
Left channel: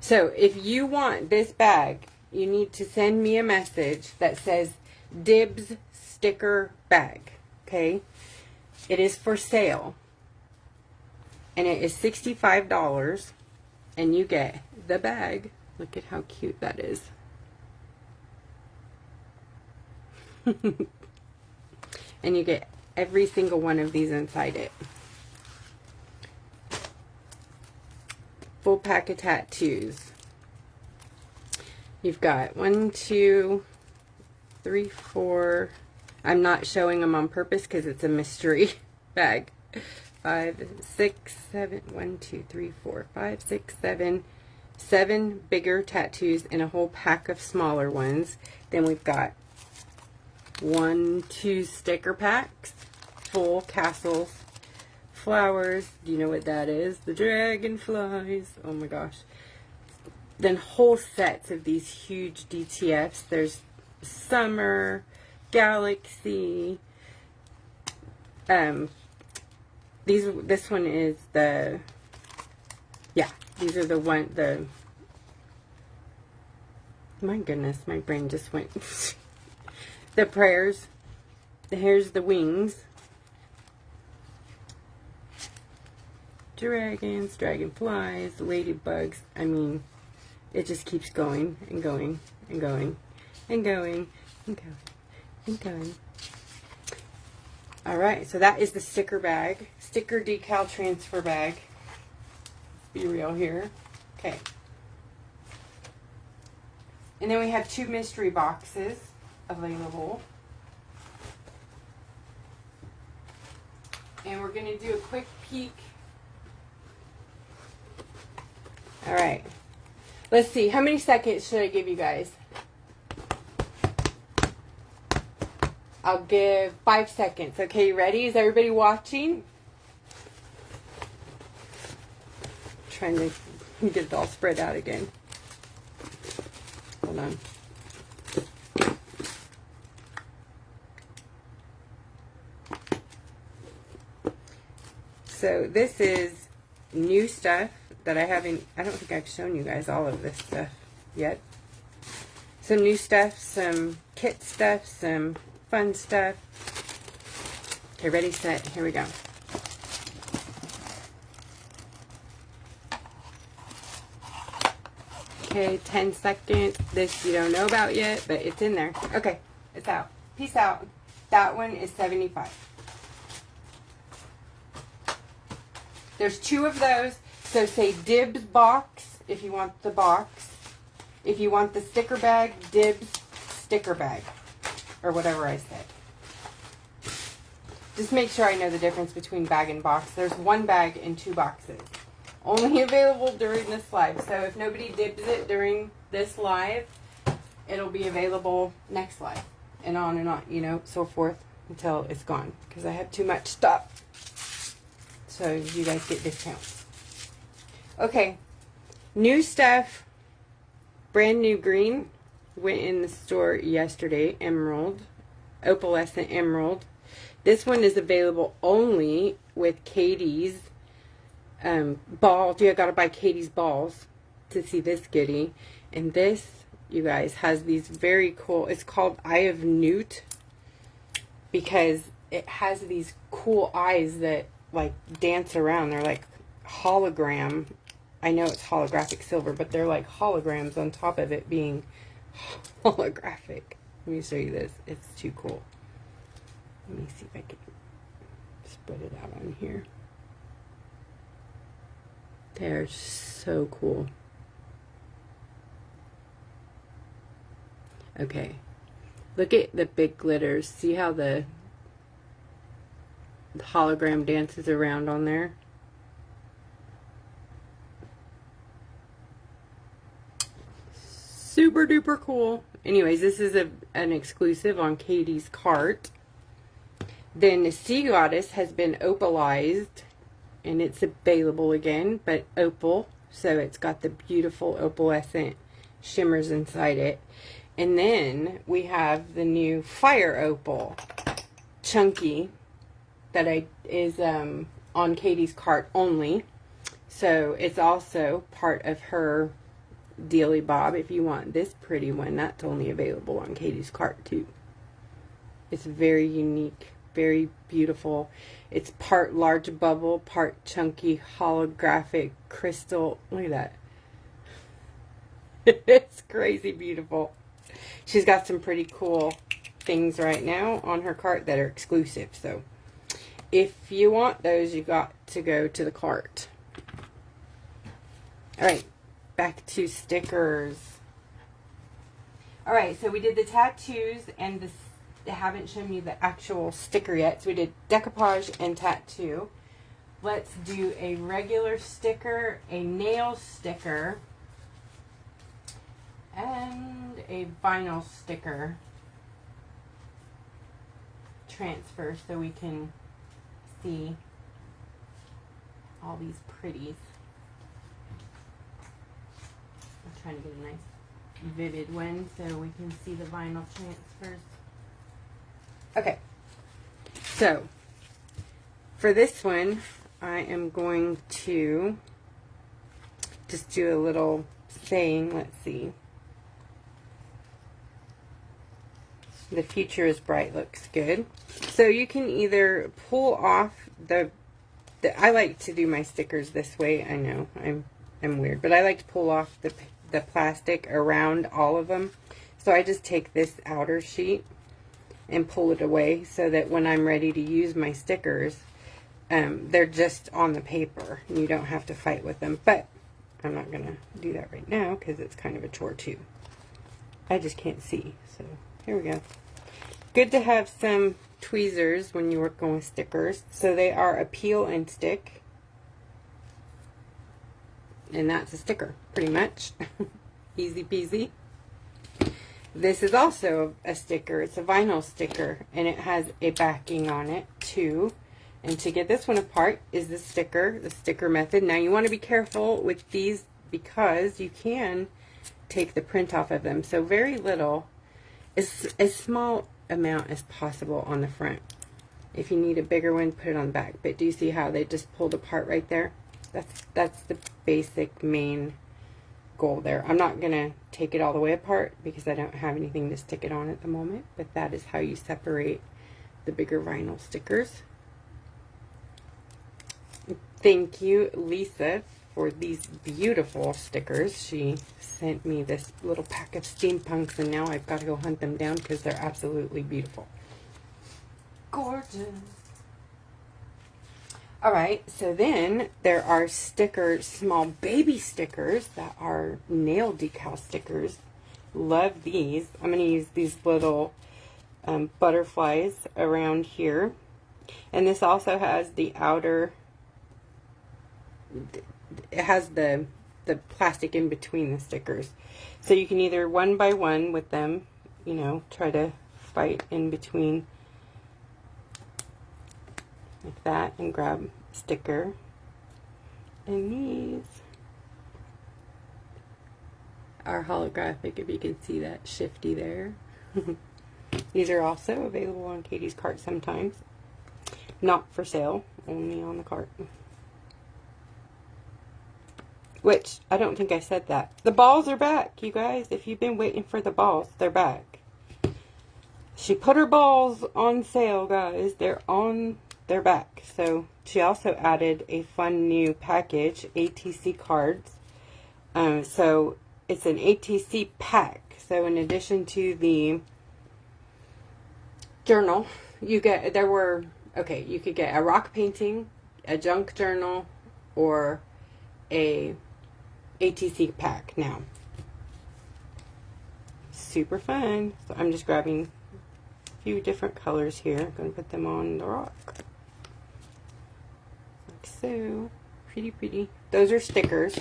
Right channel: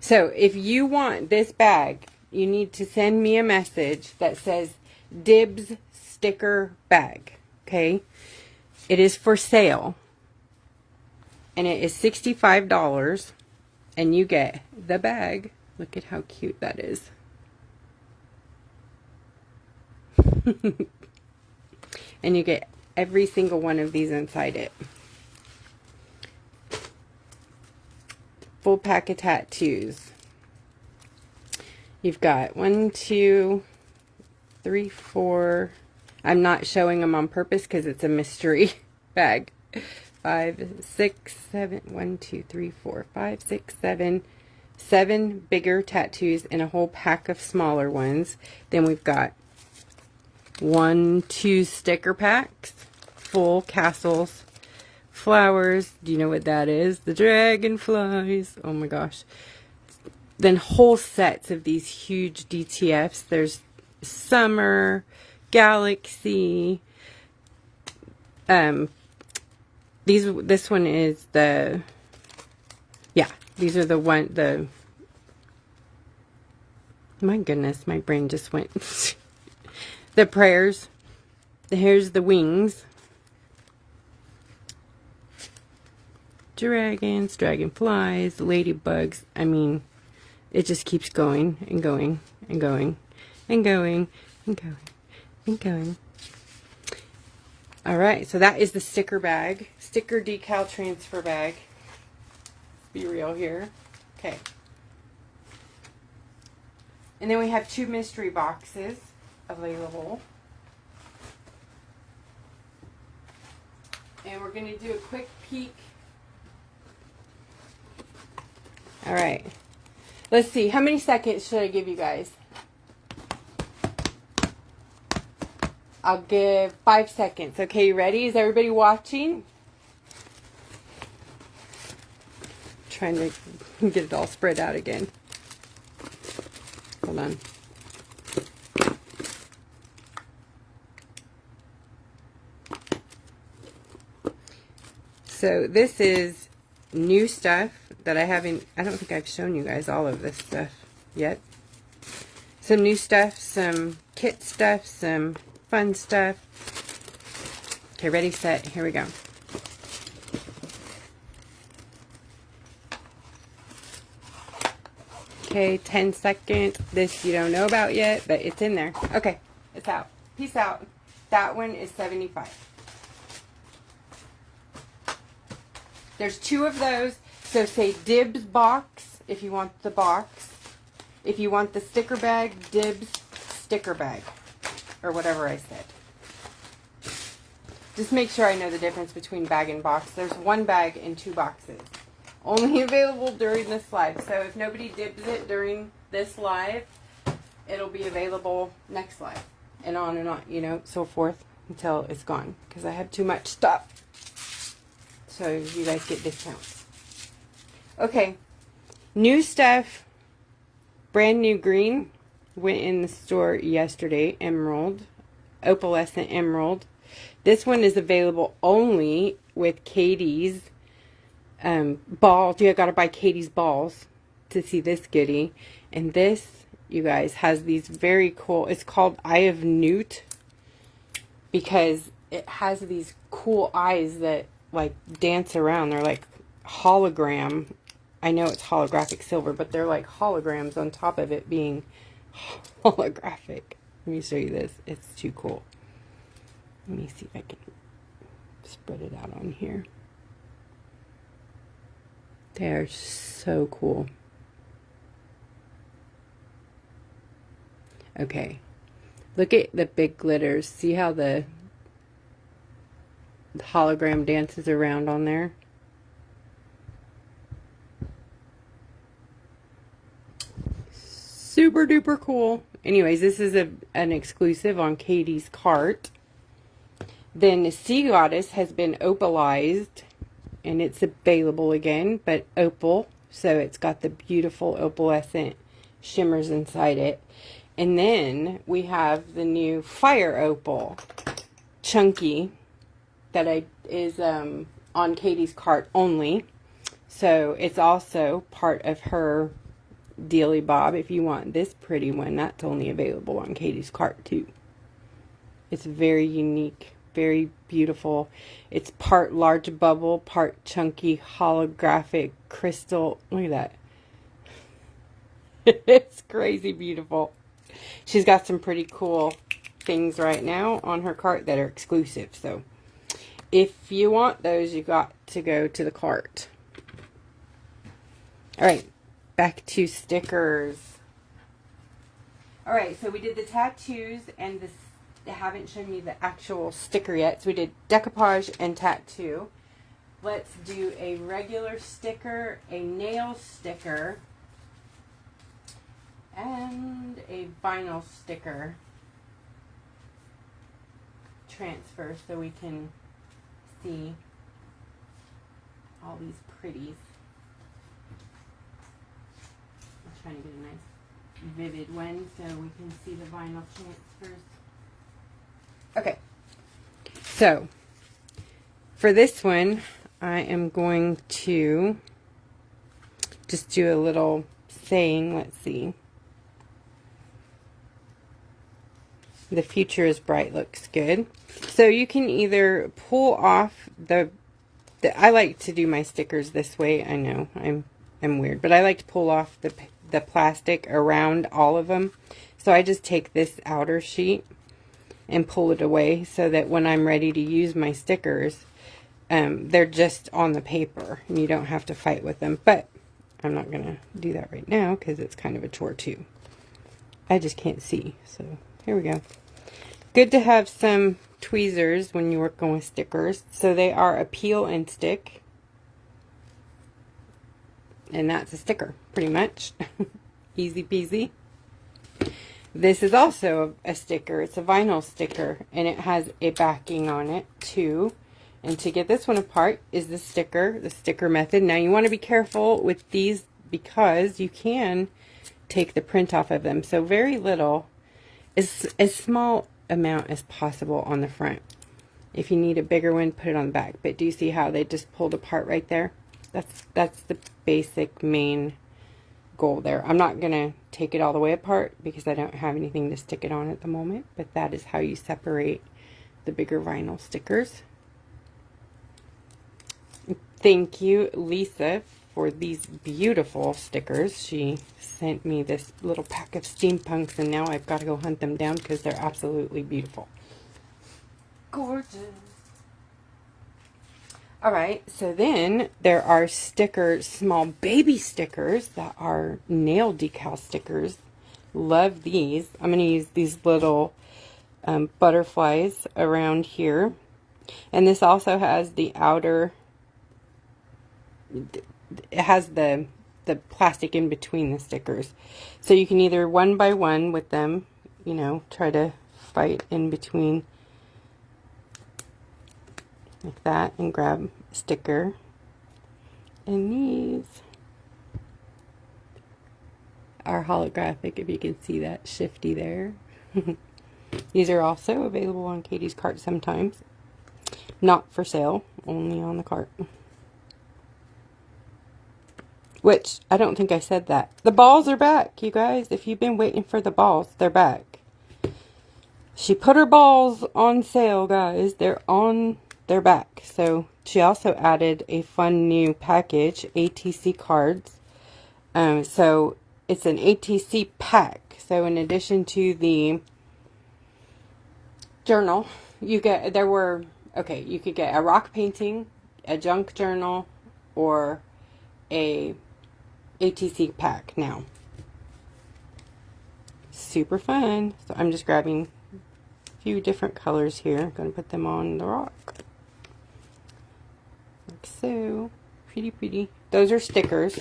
So if you want this bag, you need to send me a message that says Dibs sticker bag. Okay? It is for sale. And it is $65. And you get the bag. Look at how cute that is. And you get every single one of these inside it. Full pack of tattoos. You've got 1, 2, 3, 4. I'm not showing them on purpose because it's a mystery bag. 5, 6, 7, 1, 2, 3, 4, 5, 6, 7. 7 bigger tattoos and a whole pack of smaller ones. Then we've got 1, 2 sticker packs, full castles, flowers. Do you know what that is? The dragonflies. Oh my gosh. Then whole sets of these huge DTFs. There's summer, galaxy. This one is the, yeah, these are the my goodness, my brain just went. The prayers. Here's the wings. Dragons, dragonflies, ladybugs. I mean, it just keeps going and going and going and going and going and going. Alright, so that is the sticker bag. Sticker decal transfer bag. Let's be real here. Okay. And then we have 2 mystery boxes available. And we're going to do a quick peek. All right. Let's see. How many seconds should I give you guys? I'll give 5 seconds. Okay, you ready? Is everybody watching? Trying to get it all spread out again. Hold on. So this is new stuff that I don't think I've shown you guys all of this stuff yet. Some new stuff, some kit stuff, some fun stuff. Okay, ready, set, here we go. Okay, 10 seconds. This you don't know about yet, but it's in there. Okay, it's out. Peace out. That one is 75. There's 2 of those. So say dibs box if you want the box. If you want the sticker bag, dibs sticker bag. Or whatever I said. Just make sure I know the difference between bag and box. There's 1 bag and 2 boxes. Only available during this live. So if nobody dibs it during this live, it'll be available next live. And on, you know, so forth until it's gone. Because I have too much stuff. So you guys get discounts. Okay. New stuff. Brand new green. Went in the store yesterday. Emerald. Opalescent emerald. This one is available only with Katie's balls. You gotta buy Katie's balls to see this goodie. And this, you guys, has these very cool, it's called Eye of Newt. Because it has these cool eyes that like dance around. They're like hologram. I know it's holographic silver, but they're like holograms on top of it being holographic. Let me show you this. It's too cool. Let me see if I can spread it out on here. They're so cool. Okay. Look at the big glitters. See how the hologram dances around on there? Super duper cool. Anyways, this is an exclusive on Katie's cart. Then the Sea Goddess has been opalized, and it's available again, but opal, so it's got the beautiful opalescent shimmers inside it. And then we have the new Fire Opal Chunky that is on Katie's cart only. So it's also part of her dealy bob. If you want this pretty one, that's only available on Katie's cart too. It's very unique, very beautiful. It's part large bubble, part chunky holographic crystal. Look at that. It's crazy beautiful. She's got some pretty cool things right now on her cart that are exclusive. So if you want those, you got to go to the cart. All right, back to stickers. All right, so we did the tattoos and the, I haven't shown you the actual sticker yet. So we did decoupage and tattoo. Let's do a regular sticker, a nail sticker, and a vinyl sticker transfer so we can see all these pretties. I'm trying to get a nice vivid one so we can see the vinyl transfers. Okay, so for this one I am going to just do a little saying. Let's see. The future is bright looks good. So you can either pull off the I like to do my stickers this way. I know I'm weird, but I like to pull off the plastic around all of them. So I just take this outer sheet and pull it away so that when I'm ready to use my stickers, they're just on the paper and you don't have to fight with them. But I'm not gonna do that right now because it's kind of a chore too. I just can't see. So here we go. Good to have some tweezers when you're working with stickers. So they are a peel and stick. And that's a sticker, pretty much. Easy peasy. This is also a sticker. It's a vinyl sticker, and it has a backing on it too. And to get this one apart is the sticker method. Now you want to be careful with these because you can take the print off of them. So very little, is as small amount as possible on the front. If you need a bigger one, put it on the back. But do you see how they just pulled apart right there? That's the basic main goal there. I'm not gonna take it all the way apart because I don't have anything to stick it on at the moment, but that is how you separate the bigger vinyl stickers. Thank you, Lisa, for these beautiful stickers. She sent me this little pack of steampunks, and now I've got to go hunt them down because they're absolutely beautiful. Gorgeous. Alright, so then there are stickers, small baby stickers that are nail decal stickers. Love these. I'm going to use these little butterflies around here. And this also has the outer, it has the plastic in between the stickers. So you can either one by one with them, you know, try to fight in between like that and grab a sticker. And these are holographic, if you can see that shifty there. These are also available on Katie's cart sometimes. Not for sale, only on the cart. Which, I don't think I said that. The balls are back, you guys. If you've been waiting for the balls, they're back. She put her balls on sale, guys. They're back. So she also added a fun new package, ATC cards. So it's an ATC pack. So in addition to the journal, you could get a rock painting, a junk journal, or a ATC pack now. Super fun. So I'm just grabbing a few different colors here. I'm going to put them on the rock. Like so. Pretty, pretty. Those are stickers.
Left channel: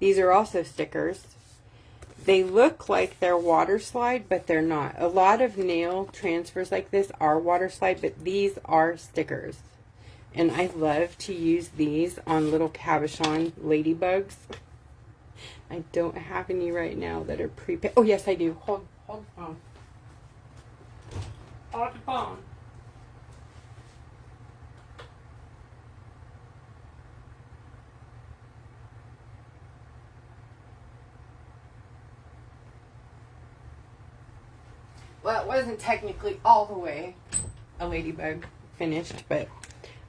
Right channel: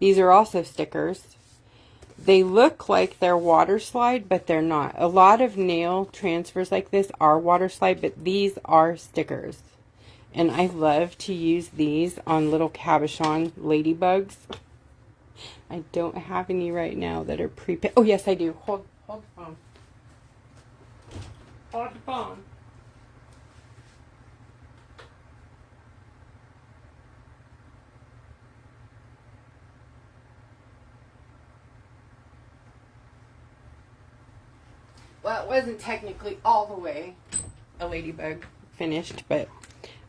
These are also stickers. They look like they're water slide, but they're not. A lot of nail transfers like this are water slide, but these are stickers. And I love to use these on little cabochon ladybugs. I don't have any right now that are pre-painted. Oh, yes, I do. Hold the phone. Hold the phone. Well, it wasn't technically all the way a ladybug finished, but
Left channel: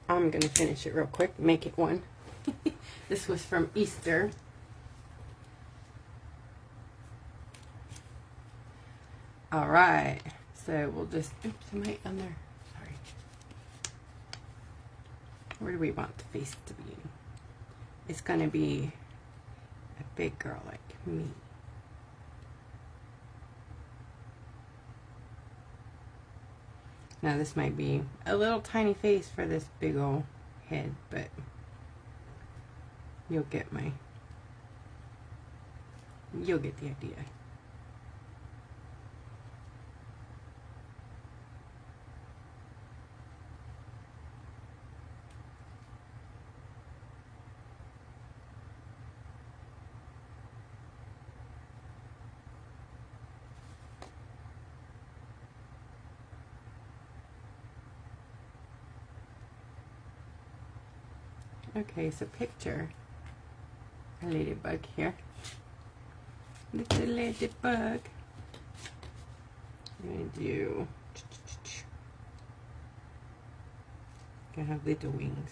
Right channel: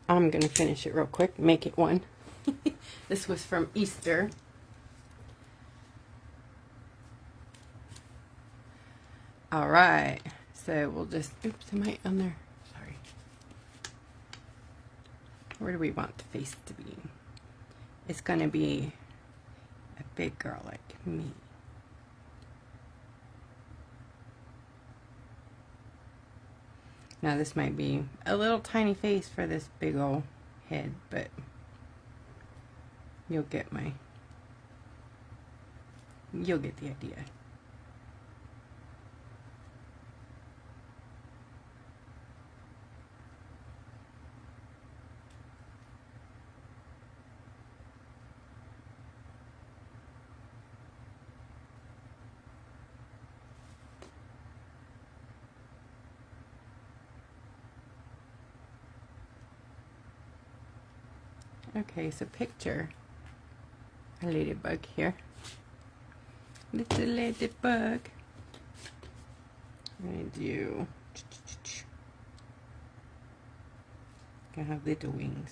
I'm going to finish it real quick, make it one. This was from Easter. Alright, so we'll just, oops, am I on there? Sorry. Where do we want the face to be? It's going to be a big girl like me. Now this might be a little tiny face for this big old head, but you'll get the idea. Okay, so picture a ladybug here. Little ladybug. I'm going to do, I have little wings.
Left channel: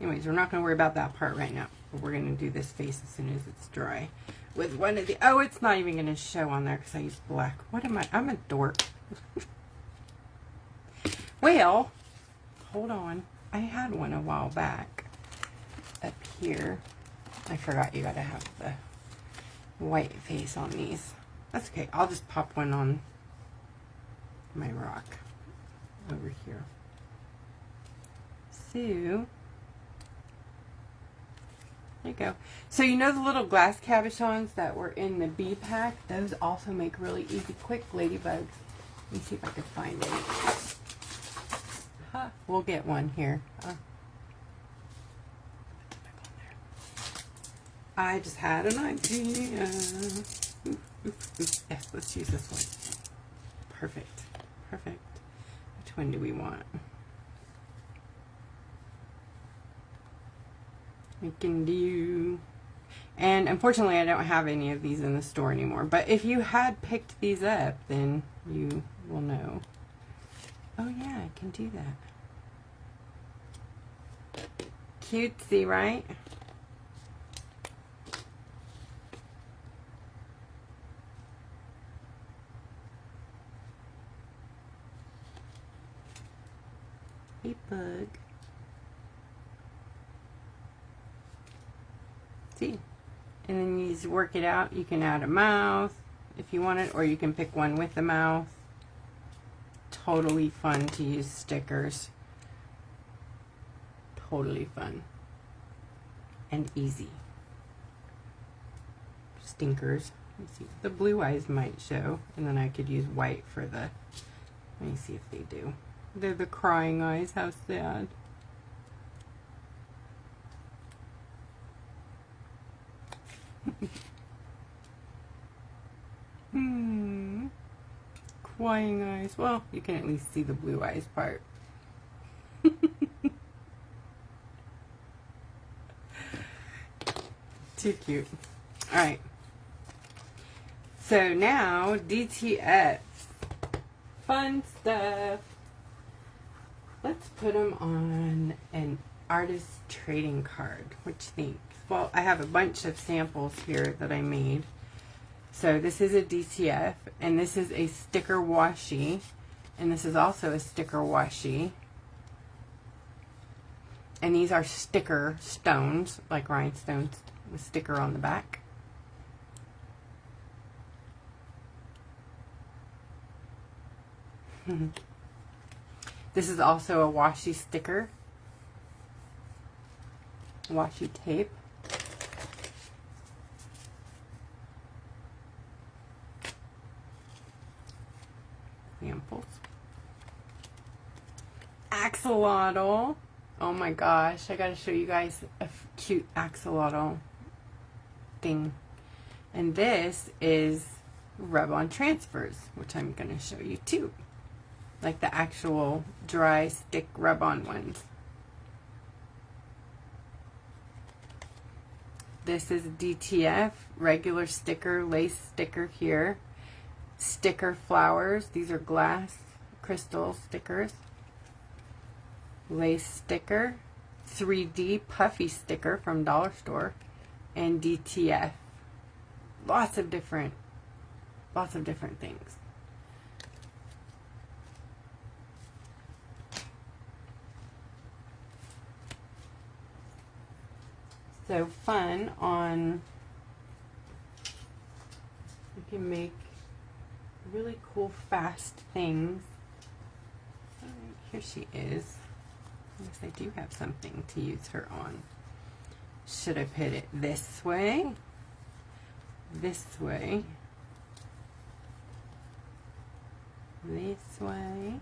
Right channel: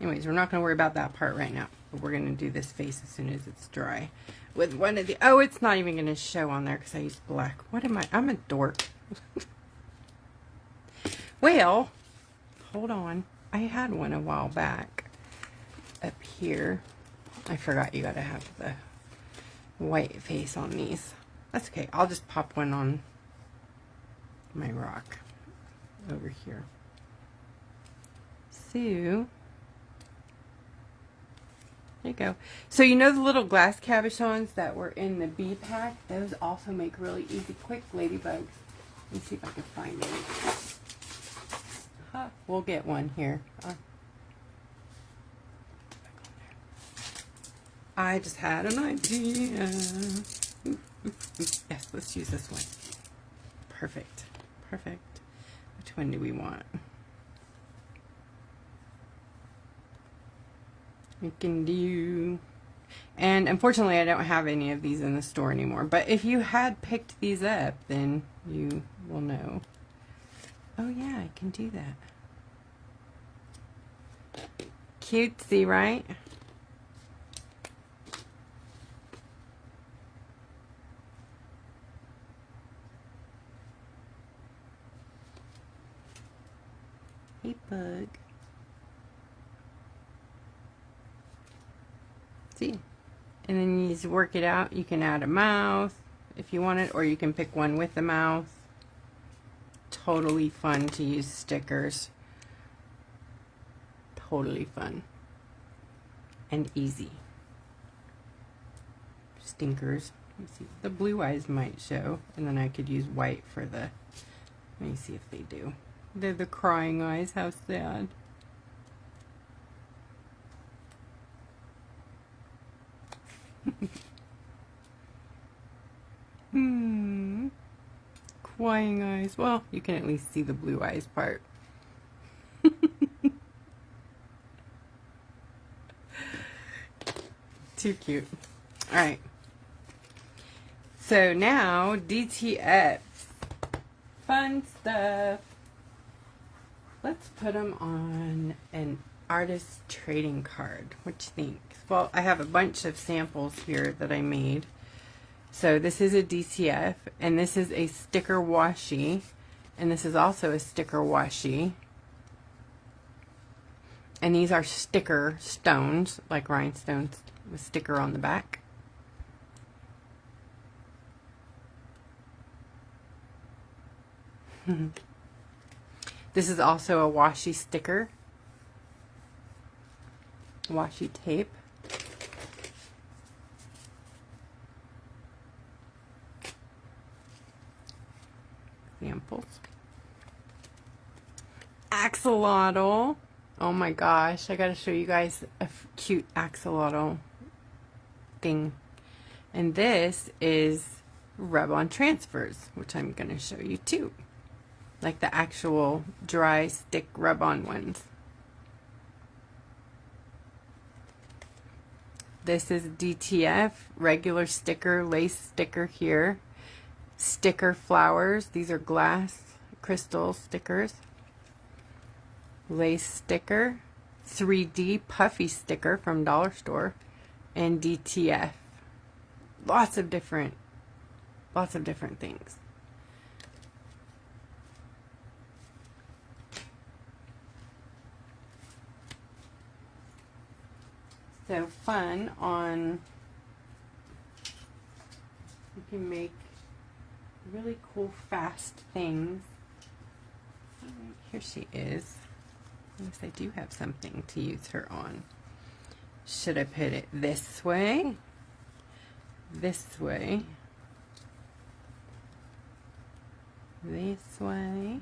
Anyways, we're not going to worry about that part right now. But we're going to do this face as soon as it's dry. With one of the... Oh, it's not even going to show on there because I used black. What am I? I'm a dork. Well, hold on. I had one a while back. here. I forgot you gotta have the white face on these. That's okay. I'll just pop one on my rock over here. So, there you go. So you know the little glass cabochons that were in the B pack? Those also make really easy, quick ladybugs. Let me see if I can find any. We'll get one here. I just had an idea. Yes, let's use this one. Perfect. Perfect. Which one do we want? We can do... And unfortunately, I don't have any of these in the store anymore. But if you had picked these up, then you will know. Oh yeah, I can do that. Cutesy, right? Hey, bug. See? And then you just work it out. You can add a mouth if you want it, or you can pick one with a mouth. Totally fun to use stickers. Totally fun. And easy. Stinkers. Let me see. The blue eyes might show. And then I could use white for the... Let me see if they do. They're the crying eyes. How sad. Crying eyes. Well, you can at least see the blue eyes part. Too cute. Alright. So now, DTF. Fun stuff. Let's put them on an artist trading card. What you think? Well, I have a bunch of samples here that I made. So this is a DTF, and this is a sticker washi, and this is also a sticker washi. And these are sticker stones, like rhinestones with sticker on the back. This is also a washi sticker. Washi tape. Samples. Axolotl. Oh my gosh, I gotta show you guys a cute axolotl thing. And this is rub-on transfers, which I'm gonna show you too. Like the actual dry stick rub-on ones. This is DTF, regular sticker, lace sticker here. Sticker flowers, these are glass crystal stickers. Lace sticker, 3D puffy sticker from Dollar Store, and DTF. Lots of different things. So fun on, you can make really cool fast things. Here she is. I guess I do have something to use her on. Should I put it this way? This way? This way?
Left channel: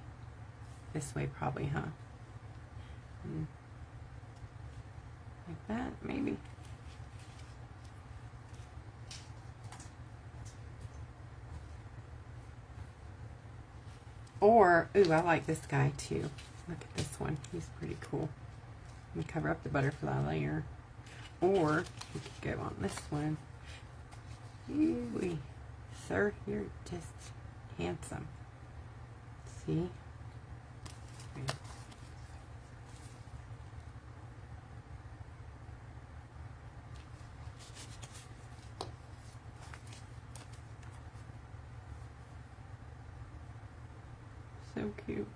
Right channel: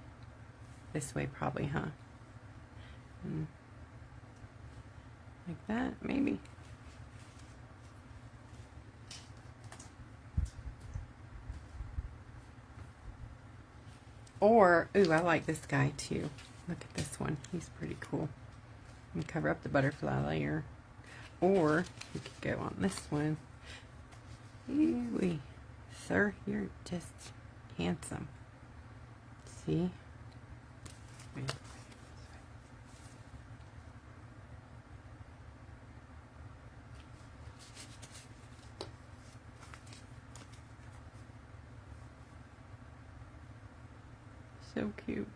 This way probably, huh? Like that, maybe. Or, ooh, I like this guy too. Look at this one. He's pretty cool. And cover up the butterfly layer. Or, you could go on this one. Ooh, sir, you're just handsome. See? Wait. So cute.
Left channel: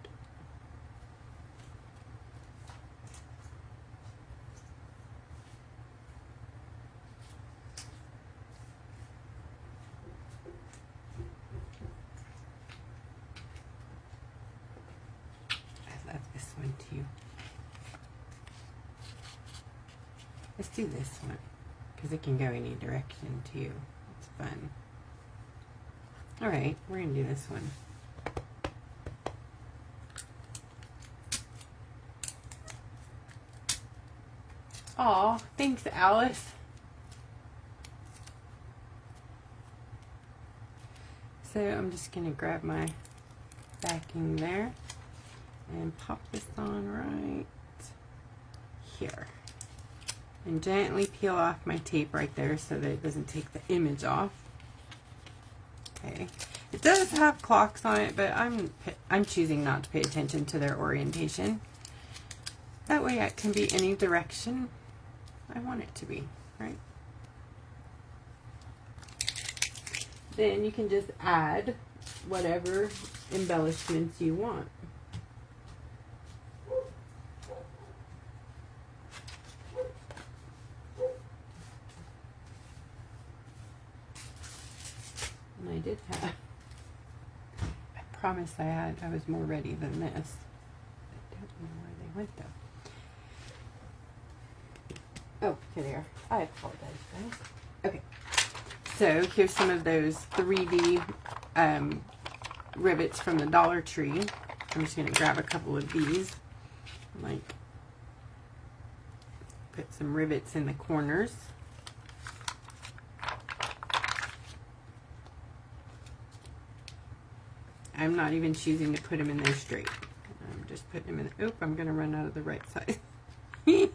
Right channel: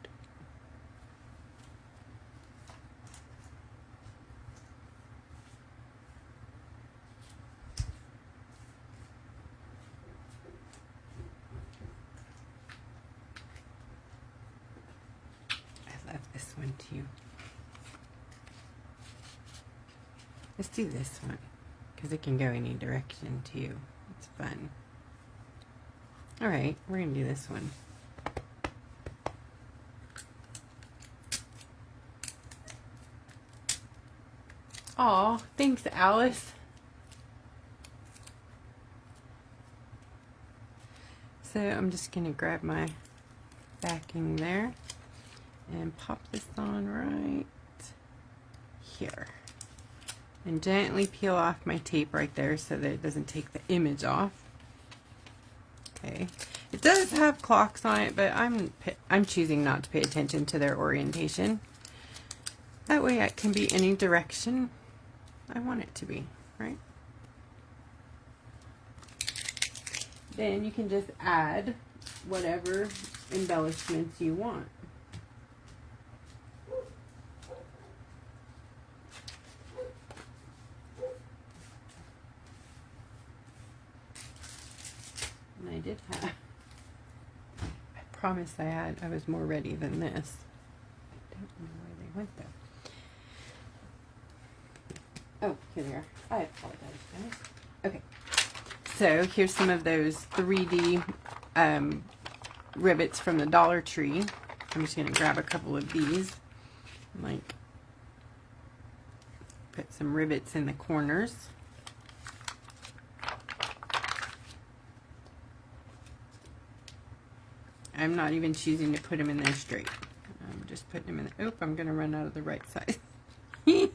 Let's do this one because it can go any direction too. It's fun. All right, we're gonna do this one. Aw, thanks, Alice. So I'm just gonna grab my backing there and pop this on right here. And gently peel off my tape right there so that it doesn't take the image off. Okay. It does have clocks on it, but I'm choosing not to pay attention to their orientation. That way it can be any direction I want it to be, right? Then you can just add whatever embellishments you want. And I did have, I promised I was more ready than this. I don't know where they went though. Oh, here they are. I apologize, guys. Okay. So here's some of those 3D rivets from the Dollar Tree. I'm just going to grab a couple of these. Like, put some rivets in the corners. I'm not even choosing to put them in there straight. I'm just putting them in. Oop, I'm going to run out of the right size. Okay,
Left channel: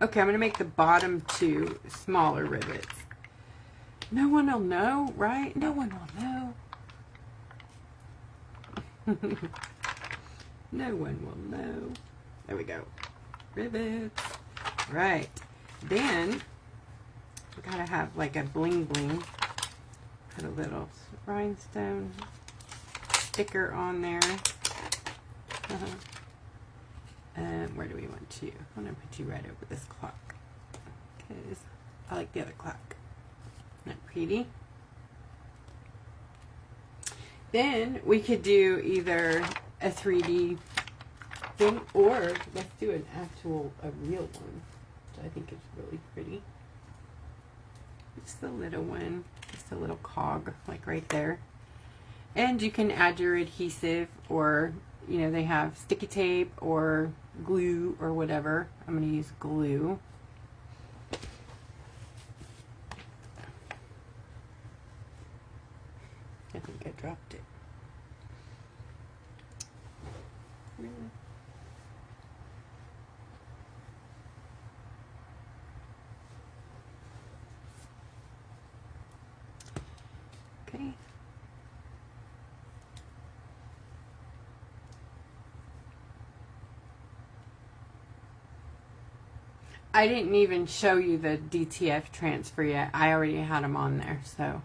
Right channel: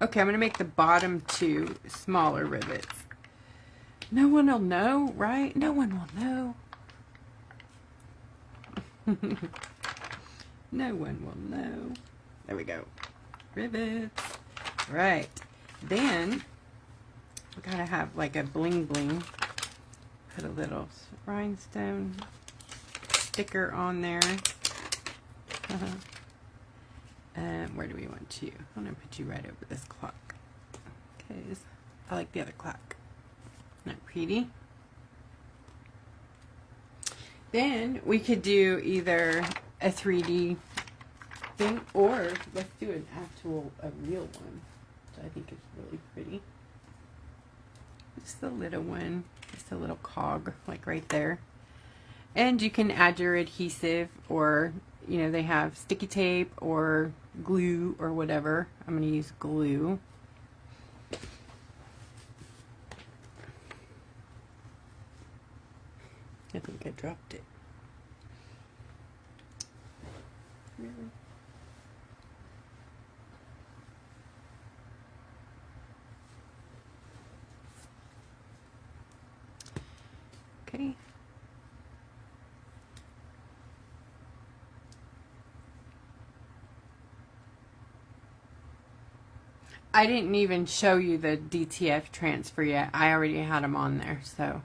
I'm going to make the bottom two smaller rivets. No one will know, right? No one will know. No one will know. There we go. Rivets. Right. Then, we gotta have like a bling bling. Put a little rhinestone sticker on there. Where do we want to? I'm going to put you right over this clock. Because I like the other clock. Isn't that pretty? Then we could do either a 3D thing or let's do an actual, a real one. Which I think is really pretty. Just a little one. Just a little cog, like right there. And you can add your adhesive or, you know, they have sticky tape or glue or whatever. I'm going to use glue. I think I dropped it. Really? Okay. I didn't even show you the DTF transfer yet. I already had them on there, so.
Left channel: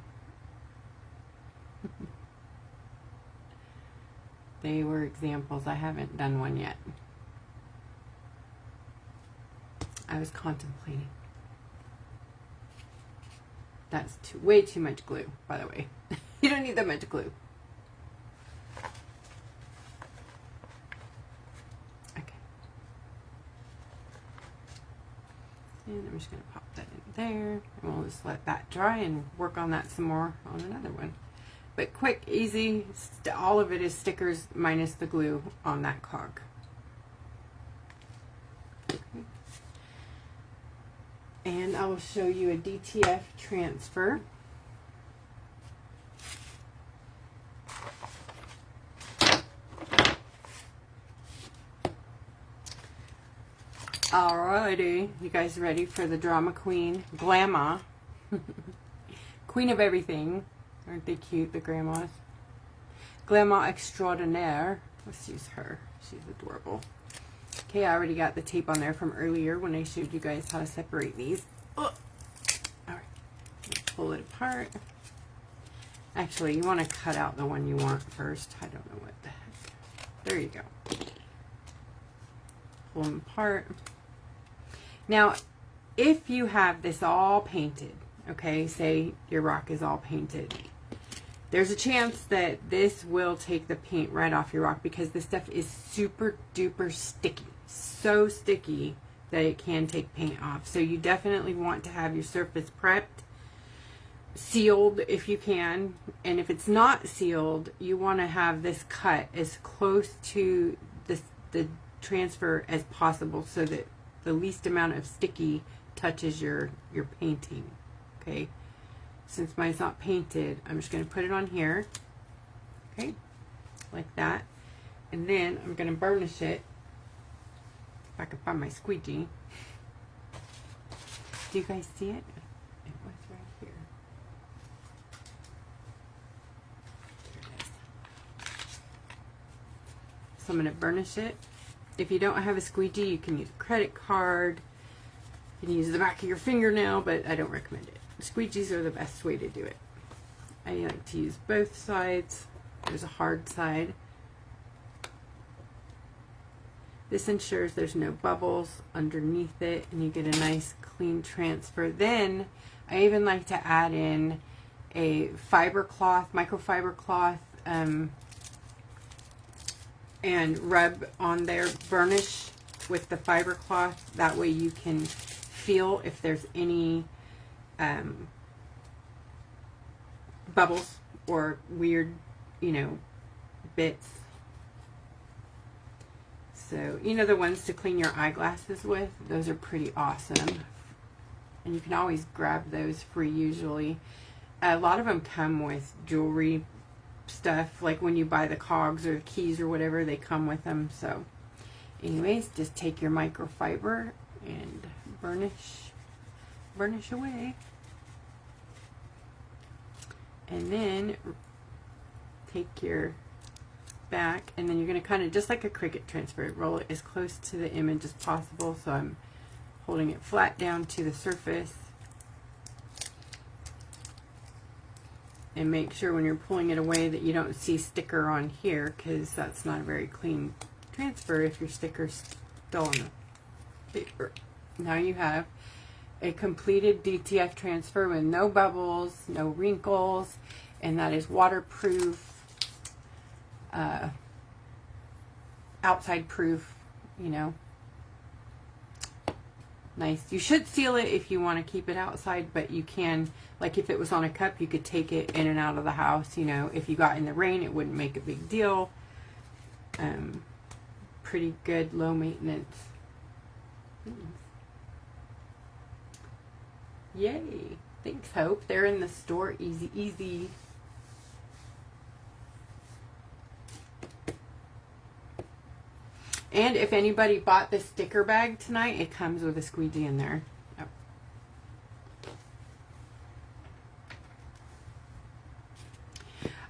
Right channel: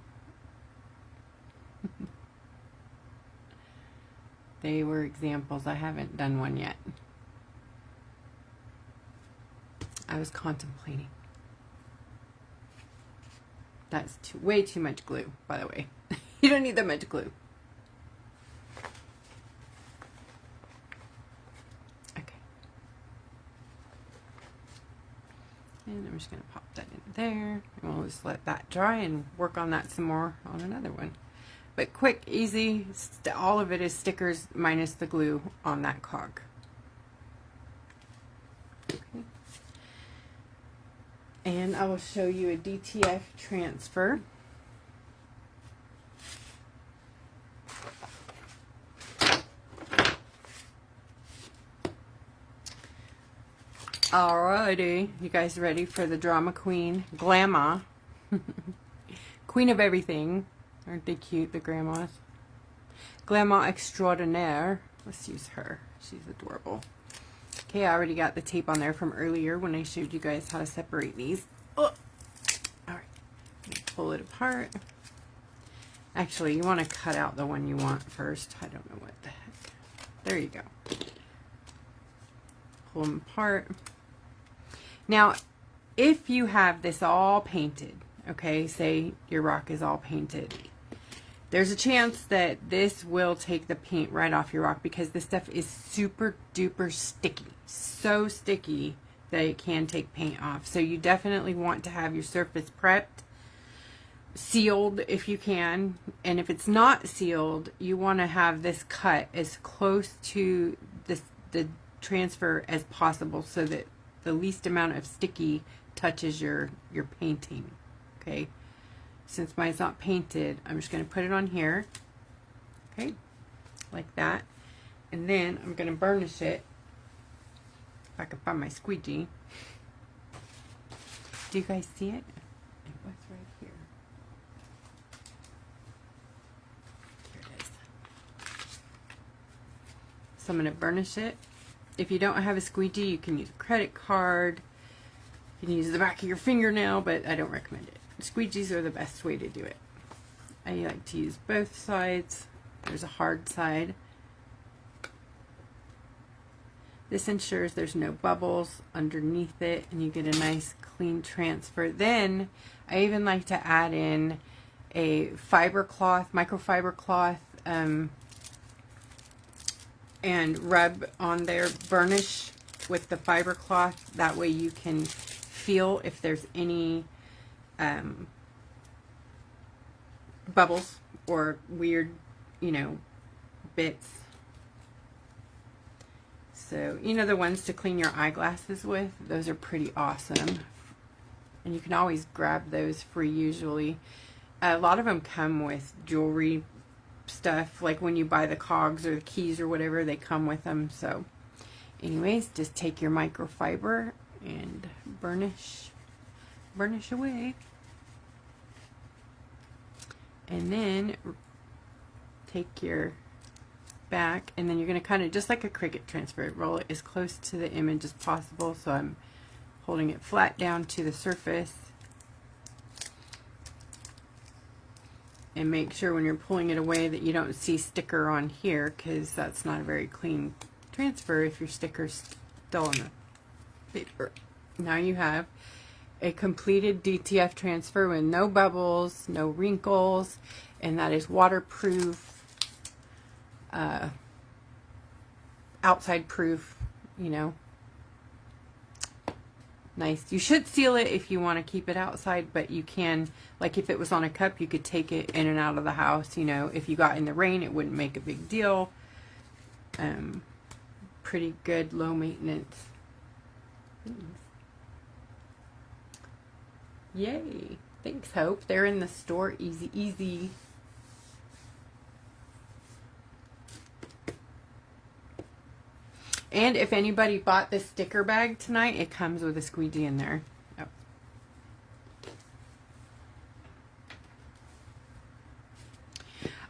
They were examples. I haven't done one yet. I was contemplating. That's way too much glue, by the way. You don't need that much glue. Okay. And I'm just going to pop that in there. And we'll just let that dry and work on that some more on another one. But quick, easy, all of it is stickers minus the glue on that cog. Okay. And I will show you a DTF transfer. Alrighty, you guys ready for the drama queen, Glamma, queen of everything. Aren't they cute, the grandmas? Glamma extraordinaire. Let's use her. She's adorable. Okay, I already got the tape on there from earlier when I showed you guys how to separate these. Oh. Alright, pull it apart. Actually, you want to cut out the one you want first. I don't know what the heck. There you go. Pull them apart. Now, if you have this all painted, okay, say your rock is all painted, there's a chance that this will take the paint right off your rock because this stuff is super duper sticky. So sticky that it can take paint off. So you definitely want to have your surface prepped, sealed if you can, and if it's not sealed, you want to have this cut as close to the transfer as possible so that the least amount of sticky touches your painting. Okay, since mine's not painted, I'm just going to put it on here, okay, like that, and then I'm going to burnish it. If I can find my squeegee. Do you guys see it? It was right here. Here it is. So I'm going to burnish it. If you don't have a squeegee, you can use a credit card. You can use the back of your fingernail, but I don't recommend it. Squeegees are the best way to do it. I like to use both sides. There's a hard side. This ensures there's no bubbles underneath it and you get a nice clean transfer. Then I even like to add in a fiber cloth, microfiber cloth, and rub on there, burnish with the fiber cloth. That way you can feel if there's any bubbles or weird, bits. So, the ones to clean your eyeglasses with, those are pretty awesome. And you can always grab those free usually. A lot of them come with jewelry stuff, like when you buy the cogs or the keys or whatever, they come with them. So, anyways, just take your microfiber and burnish away. And then take your back, and then you're going to kind of, just like a Cricut transfer, roll it as close to the image as possible. So I'm holding it flat down to the surface, and make sure when you're pulling it away that you don't see sticker on here, because that's not a very clean transfer if your sticker's still on the paper. Now you have a completed DTF transfer with no bubbles, no wrinkles, and that is waterproof, outside proof, nice. You should seal it if you want to keep it outside, but you can, like if it was on a cup, you could take it in and out of the house. If you got in the rain, it wouldn't make a big deal. Pretty good, low maintenance. Yay. Thanks, Hope. They're in the store. Easy, easy. And if anybody bought the sticker bag tonight, it comes with a squeegee in there. Oh.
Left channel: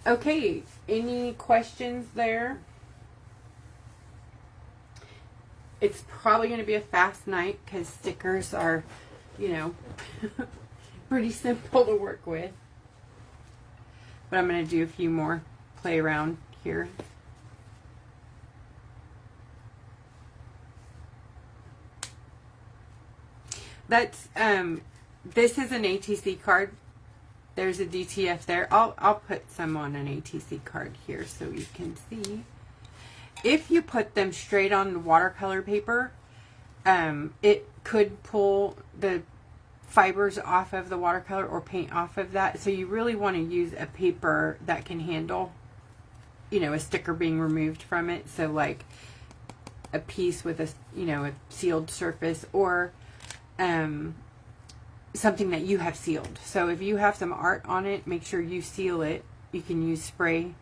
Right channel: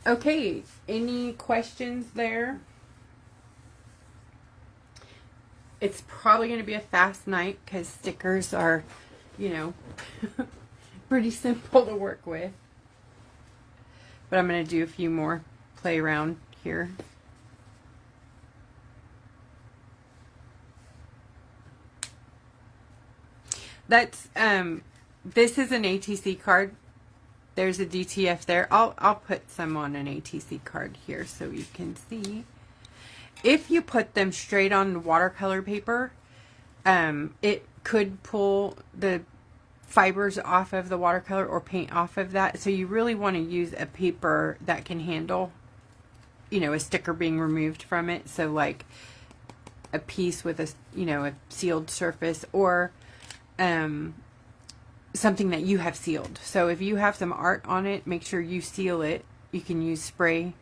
Okay, any questions there? It's probably going to be a fast night because stickers are, pretty simple to work with. But I'm going to do a few more play around here. That's this is an ATC card. There's a DTF there. I'll put some on an ATC card here so you can see. If you put them straight on watercolor paper, it could pull the fibers off of the watercolor or paint off of that. So you really want to use a paper that can handle, a sticker being removed from it. So like a piece with a, a sealed surface, or something that you have sealed. So if you have some art on it, make sure you seal it. You can use spray,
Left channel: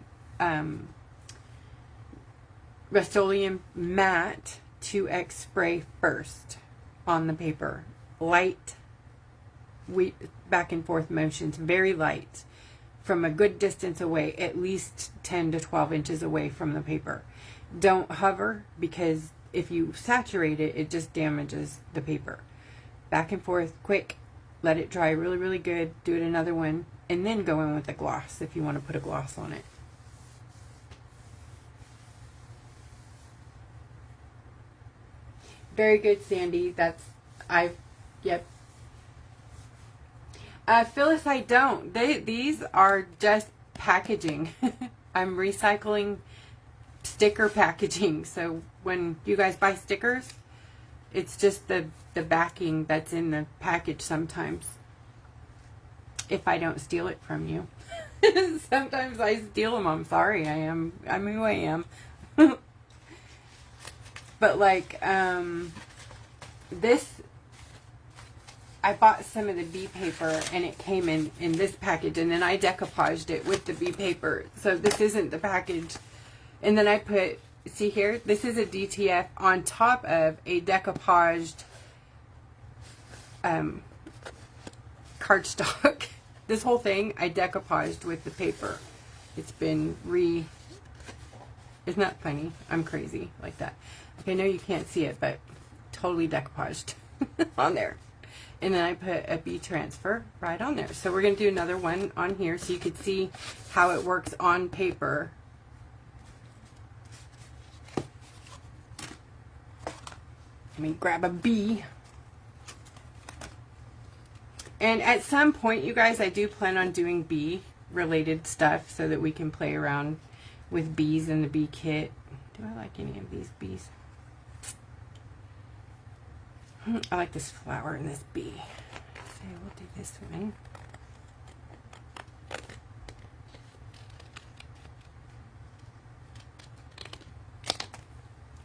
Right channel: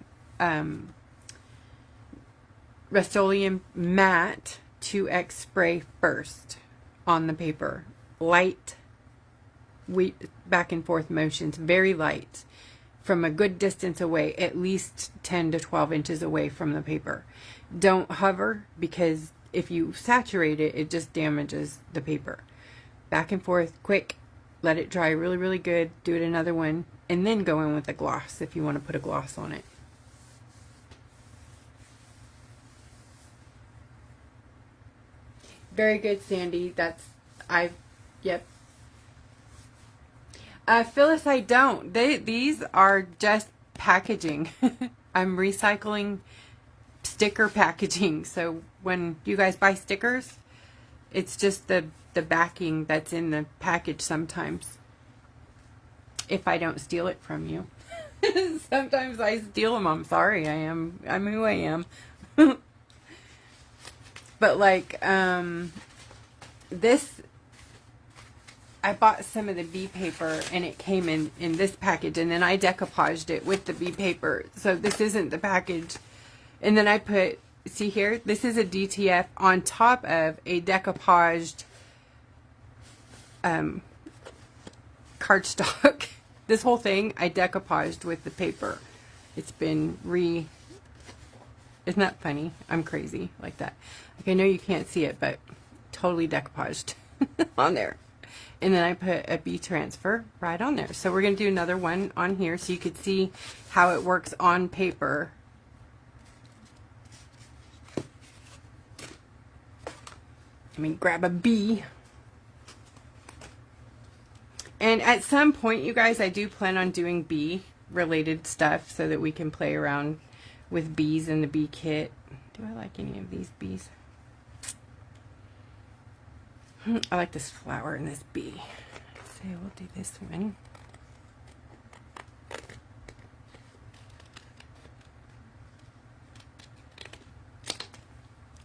Rust-Oleum matte 2X spray first on the paper. Light, back and forth motions, very light, from a good distance away, at least 10 to 12 inches away from the paper. Don't hover, because if you saturate it, it just damages the paper. Back and forth, quick, let it dry really, really good. Do it another one, and then go in with the gloss if you want to put a gloss on it. Very good, Sandy. Yep. Phyllis, I don't. These are just packaging. I'm recycling sticker packaging. So when you guys buy stickers, It's just the backing that's in the package sometimes. If I don't steal it from you. Sometimes I steal them. I'm sorry. I'm who I am. But like, this, I bought some of the bee paper and it came in this package, and then I decoupaged it with the bee paper. So this isn't the package. And then I put, see here, this is a DTF on top of a decoupaged cardstock. This whole thing I decoupaged with the paper. It's been isn't that funny? I'm crazy like that. Okay, I know you can't see it, but totally decoupaged on there. And then I put a bee transfer right on there. So we're going to do another one on here so you could see how it works on paper. Let me grab a bee. And at some point, you guys, I do plan on doing bee related stuff so that we can play around with bees in the bee kit. Do I like any of these bees? I like this flower and this bee. So we'll do this one.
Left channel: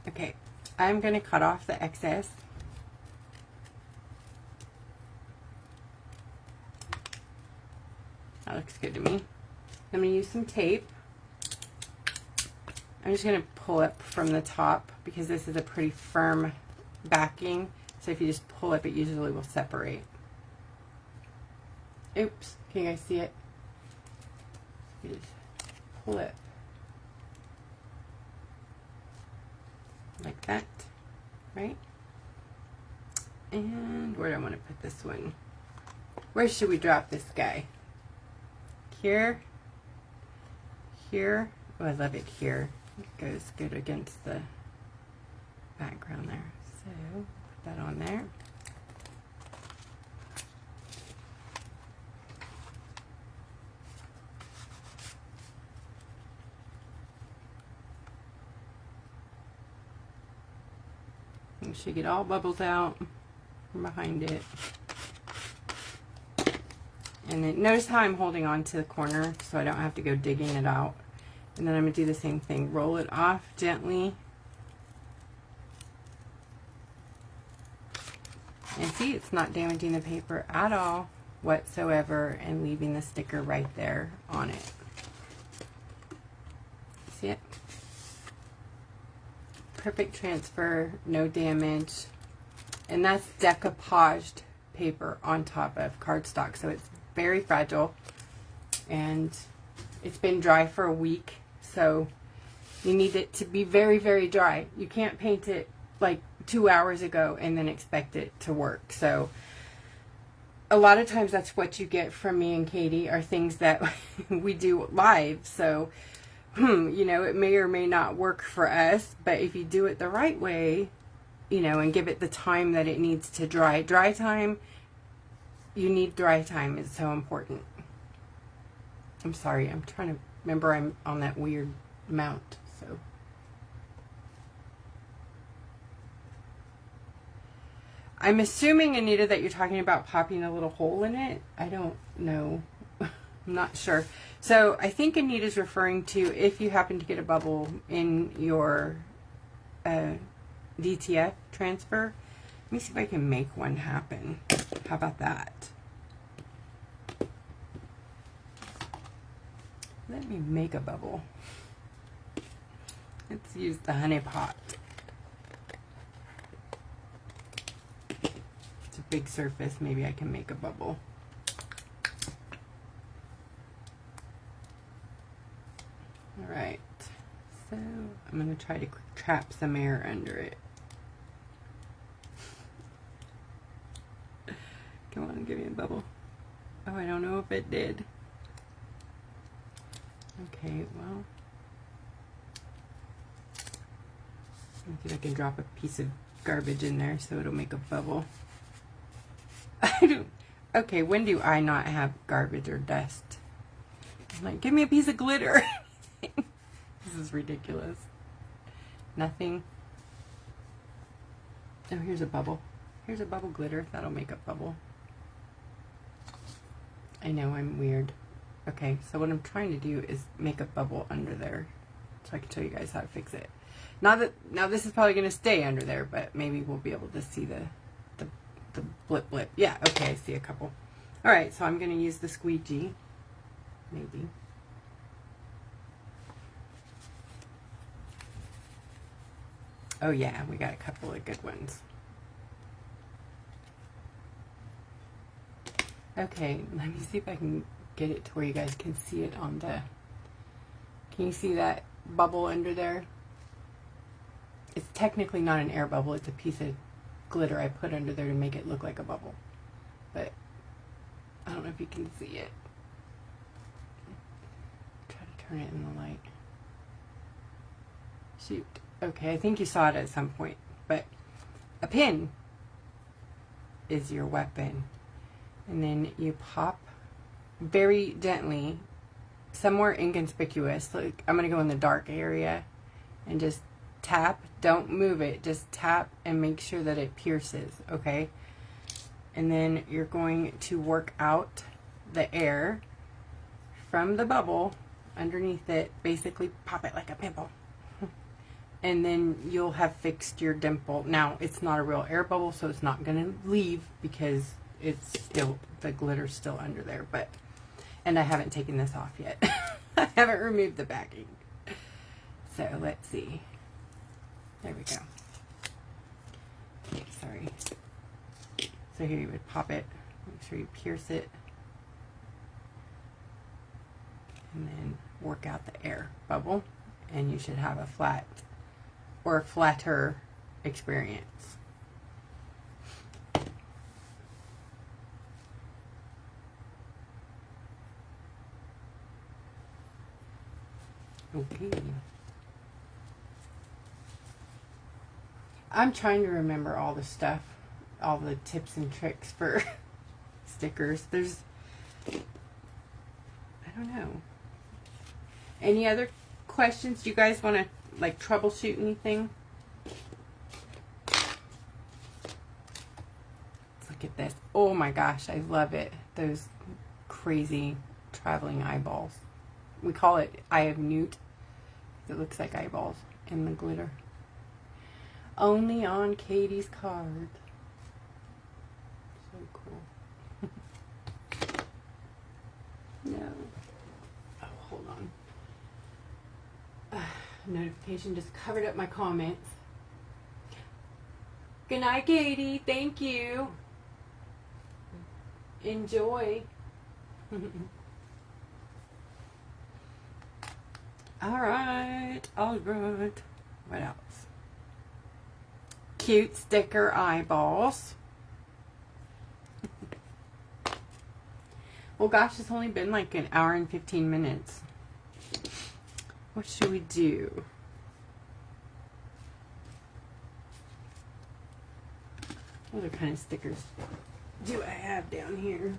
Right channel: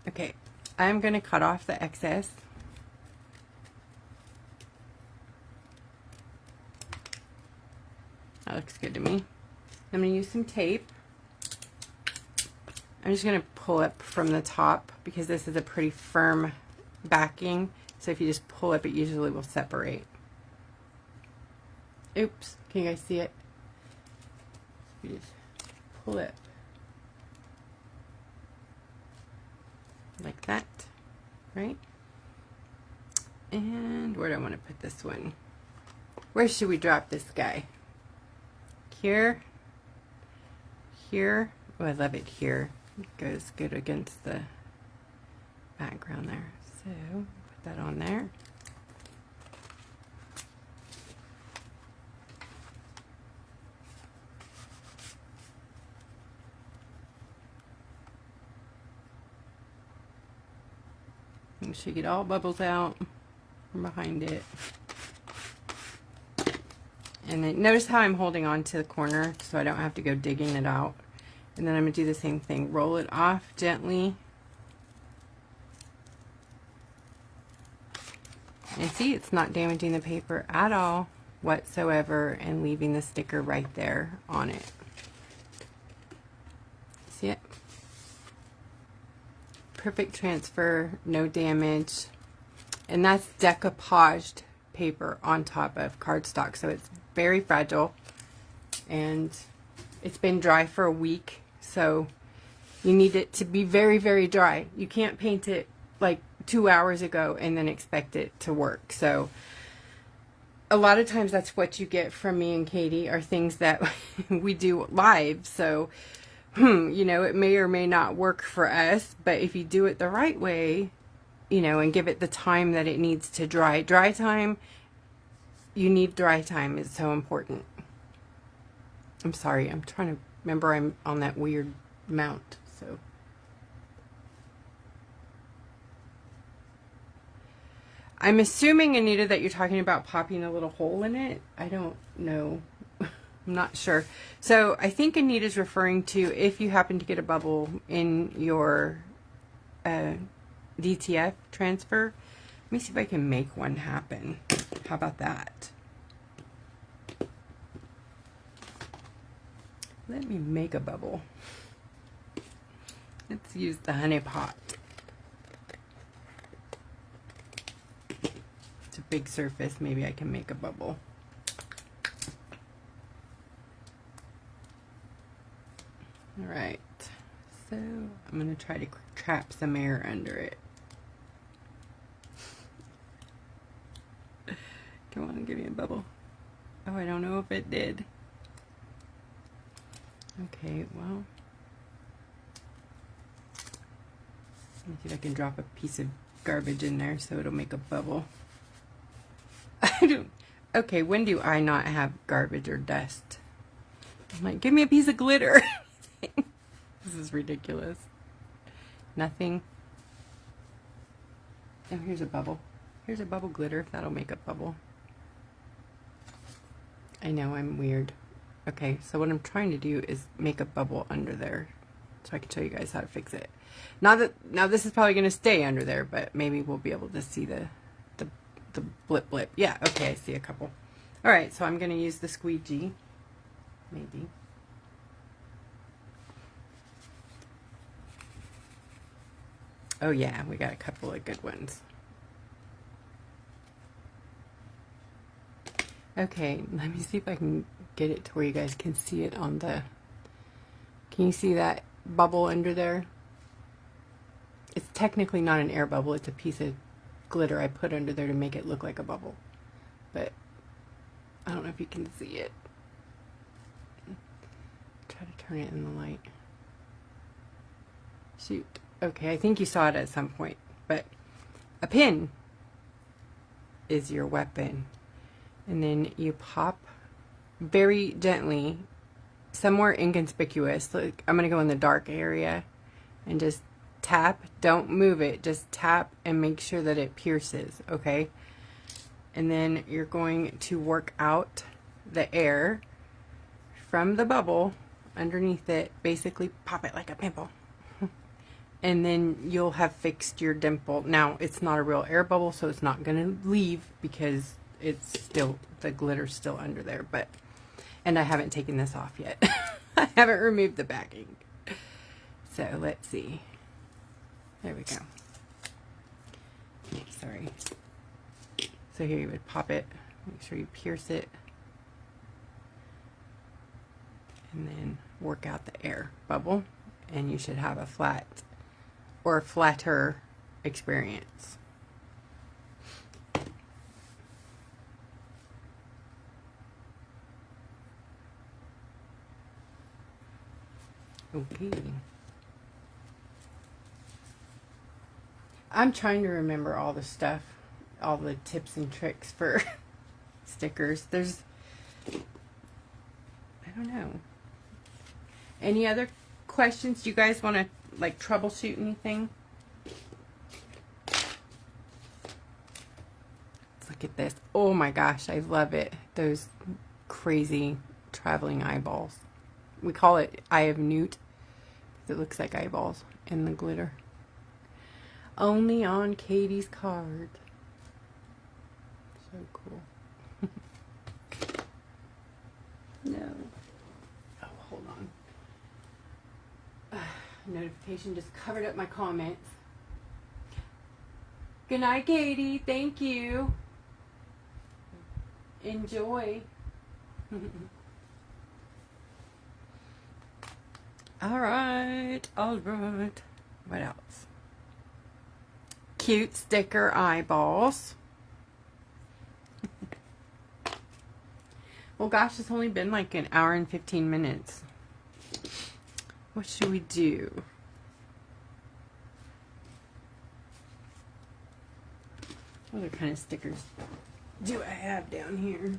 Okay, I'm going to cut off the excess. That looks good to me. I'm going to use some tape. I'm just going to pull up from the top because this is a pretty firm backing. So if you just pull up, it usually will separate. Oops, can you guys see it? You just pull it like that, right? And where do I want to put this one? Where should we drop this guy? Here, here. Oh, I love it here. It goes good against the background there. So put that on there. Make sure you get all bubbles out from behind it. And then notice how I'm holding on to the corner so I don't have to go digging it out. And then I'm going to do the same thing. Roll it off gently. And see, it's not damaging the paper at all whatsoever and leaving the sticker right there on it. See it? Perfect transfer, no damage. And that's decoupaged paper on top of cardstock. So it's very fragile. And it's been dry for a week. So you need it to be very, very dry. You can't paint it like 2 hours ago and then expect it to work. So a lot of times that's what you get from me and Katie are things that we do live. So, you know, it may or may not work for us, but if you do it the right way, you know, and give it the time that it needs to dry. Dry time, you need dry time is so important. I'm sorry, I'm trying to remember I'm on that weird mount, so. I'm assuming, Anita, that you're talking about popping a little hole in it. I don't know. I'm not sure. So I think Anita's referring to if you happen to get a bubble in your DTF transfer. Let me see if I can make one happen. How about that? Let me make a bubble. Let's use the honey pot. It's a big surface. Maybe I can make a bubble. All right. So I'm going to try to trap some air under it. Come on, give me a bubble. Oh, I don't know if it did. Okay, well, let me see if I can drop a piece of garbage in there so it'll make a bubble. Okay, when do I not have garbage or dust? I'm like, give me a piece of glitter. This is ridiculous. Nothing. Oh, here's a bubble. Here's a bubble glitter, if that'll make a bubble. I know I'm weird. Okay, so what I'm trying to do is make a bubble under there so I can show you guys how to fix it. Now this is probably going to stay under there, but maybe we'll be able to see the blip blip. Yeah, okay, I see a couple. All right, so I'm going to use the squeegee, maybe. Oh yeah, we got a couple of good ones. Okay, let me see if I can get it to where you guys can see it on the... Can you see that bubble under there? It's technically not an air bubble, it's a piece of glitter I put under there to make it look like a bubble. But I don't know if you can see it. Try to turn it in the light. Shoot. Okay, I think you saw it at some point. But a pin is your weapon. And then you pop very gently, somewhere inconspicuous. Like, I'm going to go in the dark area and just tap. Don't move it. Just tap and make sure that it pierces, okay? And then you're going to work out the air from the bubble underneath it. Basically pop it like a pimple. And then you'll have fixed your dimple. Now, it's not a real air bubble, so it's not going to leave because it's still, the glitter's still under there. But, and I haven't taken this off yet. I haven't removed the backing. So, let's see. There we go. Okay, sorry. So here you would pop it. Make sure you pierce it. And then work out the air bubble. And you should have a flat or flatter experience. Okay. I'm trying to remember all the stuff, all the tips and tricks for stickers. There's, I don't know. Any other questions? Do you guys want to like troubleshoot anything? Let's look at this. Oh my gosh, I love it. Those crazy traveling eyeballs. We call it Eye of Newt. It looks like eyeballs in the glitter. Only on Katie's card. So cool. No. Oh, hold on. Notification just covered up my comments. Good night, Katie. Thank you. Enjoy. All right. What else? Cute sticker eyeballs. Well, gosh, it's only been like an hour and 15 minutes. What should we do? What other kind of stickers do I have down here?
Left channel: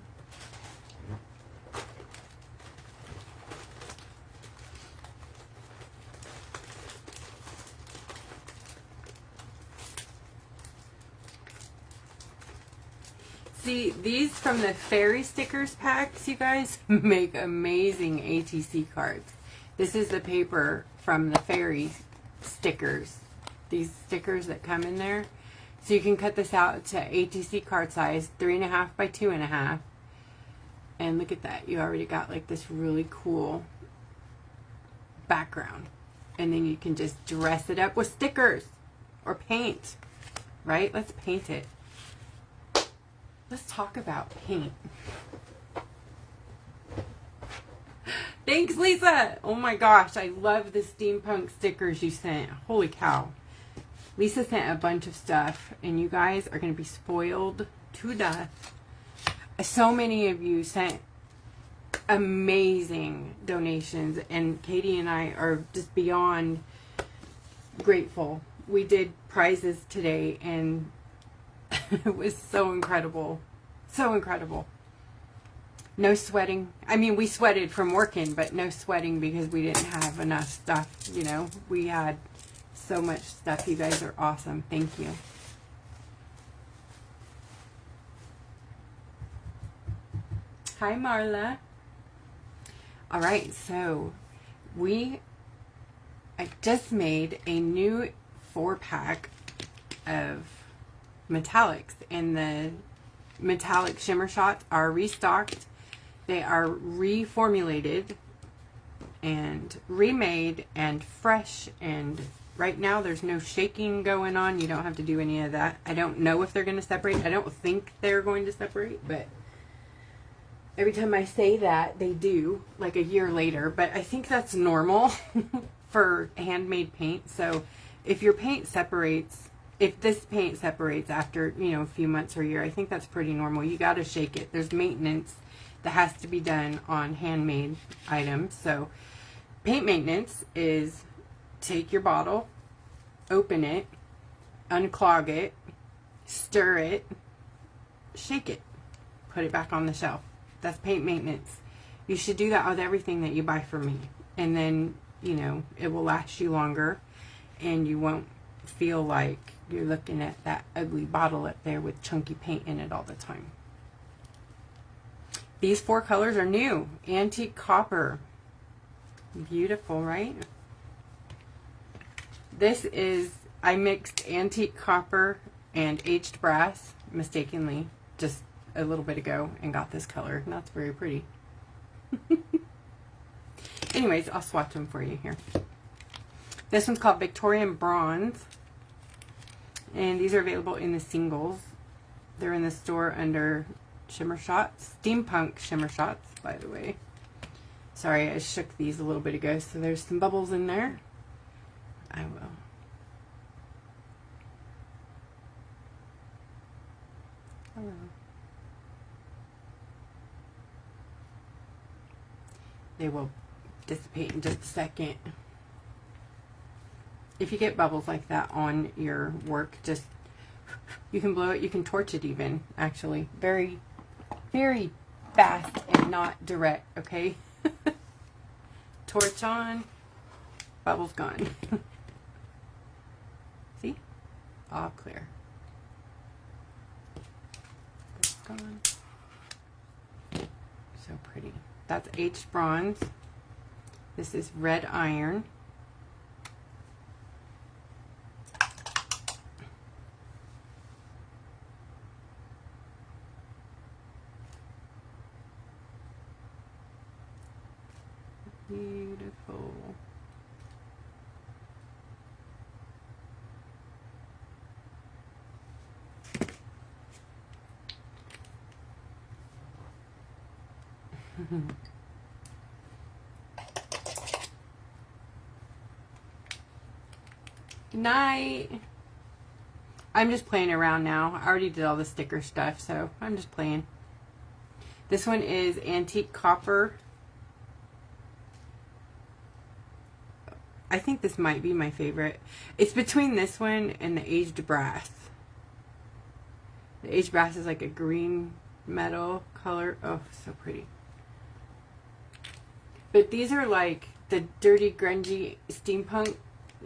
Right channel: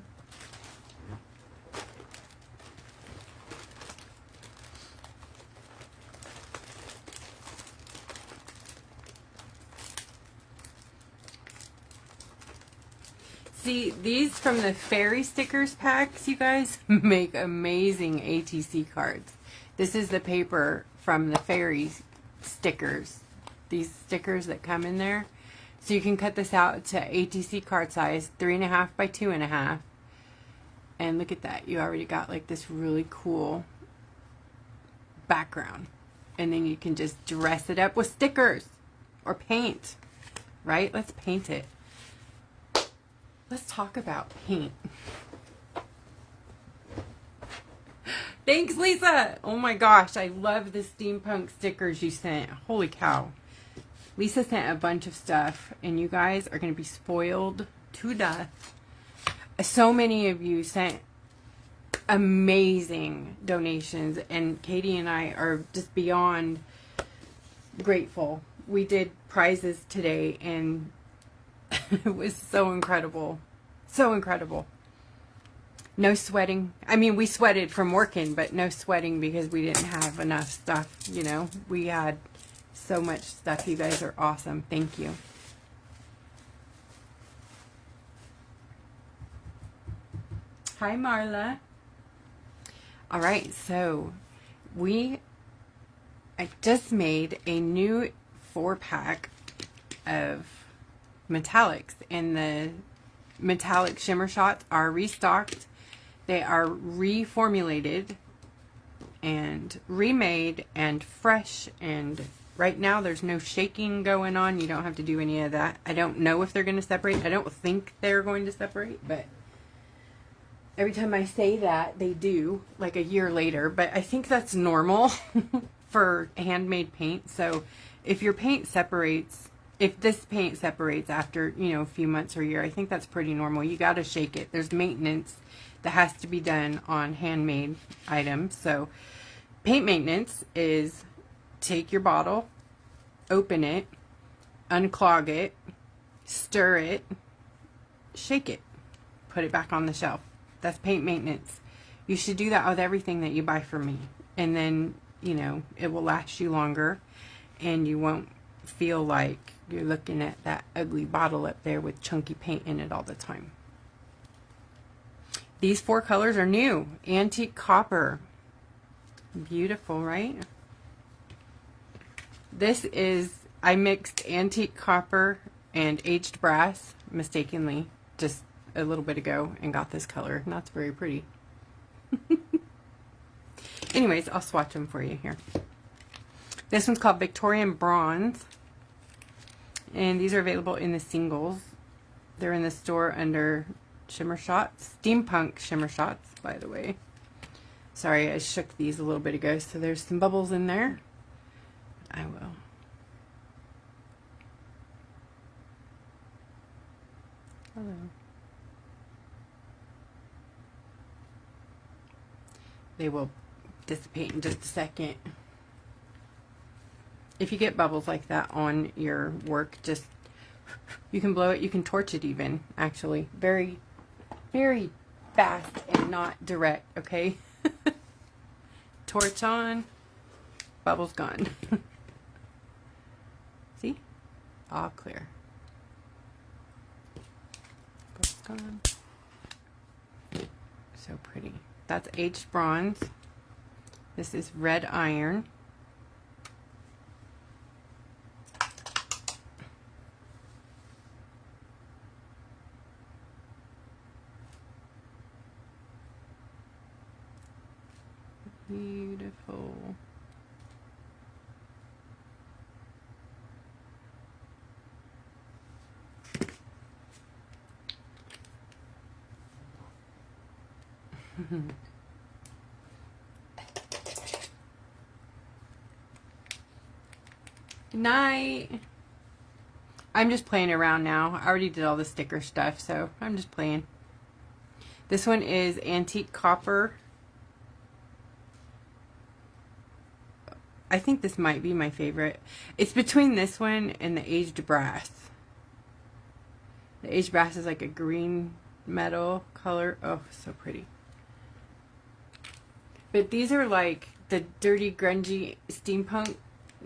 See, these from the fairy stickers packs, you guys, make amazing ATC cards. This is the paper from the fairy stickers. These stickers that come in there. So you can cut this out to ATC card size, 3.5 by 2.5. And look at that. You already got like this really cool background. And then you can just dress it up with stickers or paint, right? Let's paint it. Let's talk about paint. Thanks, Lisa. Oh my gosh, I love the steampunk stickers you sent. Holy cow. Lisa sent a bunch of stuff, and you guys are going to be spoiled to death. So many of you sent amazing donations, and Katie and I are just beyond grateful. We did prizes today, and it was so incredible. So incredible. No sweating. I mean, we sweated from working, but no sweating because we didn't have enough stuff, you know. We had so much stuff. You guys are awesome. Thank you. Hi, Marla. All right, so I just made a new 4-pack of metallics, and the metallic shimmer shots are restocked. They are reformulated and remade and fresh, and right now there's no shaking going on. You don't have to do any of that. I don't know if they're going to separate. I don't think they're going to separate, but every time I say that, they do, like a year later. But I think that's normal for handmade paint. So if your paint separates, if this paint separates after, you know, a few months or a year, I think that's pretty normal. You got to shake it. There's maintenance that has to be done on handmade items. So paint maintenance is take your bottle, open it, unclog it, stir it, shake it, put it back on the shelf. That's paint maintenance. You should do that with everything that you buy from me. And then, you know, it will last you longer, and you won't feel like you're looking at that ugly bottle up there with chunky paint in it all the time. These 4 colors are new. Antique copper. Beautiful, right? This is, I mixed antique copper and aged brass mistakenly just a little bit ago and got this color, and that's very pretty. Anyways, I'll swatch them for you here. This one's called Victorian Bronze, and these are available in the singles. They're in the store under Shimmer Shots, Steampunk Shimmer Shots, by the way. Sorry, I shook these a little bit ago, so there's some bubbles in there. I will. Hello. They will dissipate in just a second. If you get bubbles like that on your work, just, you can blow it, you can torch it even, actually. Very, very fast and not direct, okay? Torch on, bubbles gone. See? All clear. Bubbles gone. So pretty. That's aged bronze. This is red iron. Beautiful. Good night. I'm just playing around now. I already did all the sticker stuff, so I'm just playing. This one is antique copper. I think this might be my favorite. It's between this one and the aged brass. The aged brass is like a green metal color. Oh, so pretty. But these are like the dirty, grungy steampunk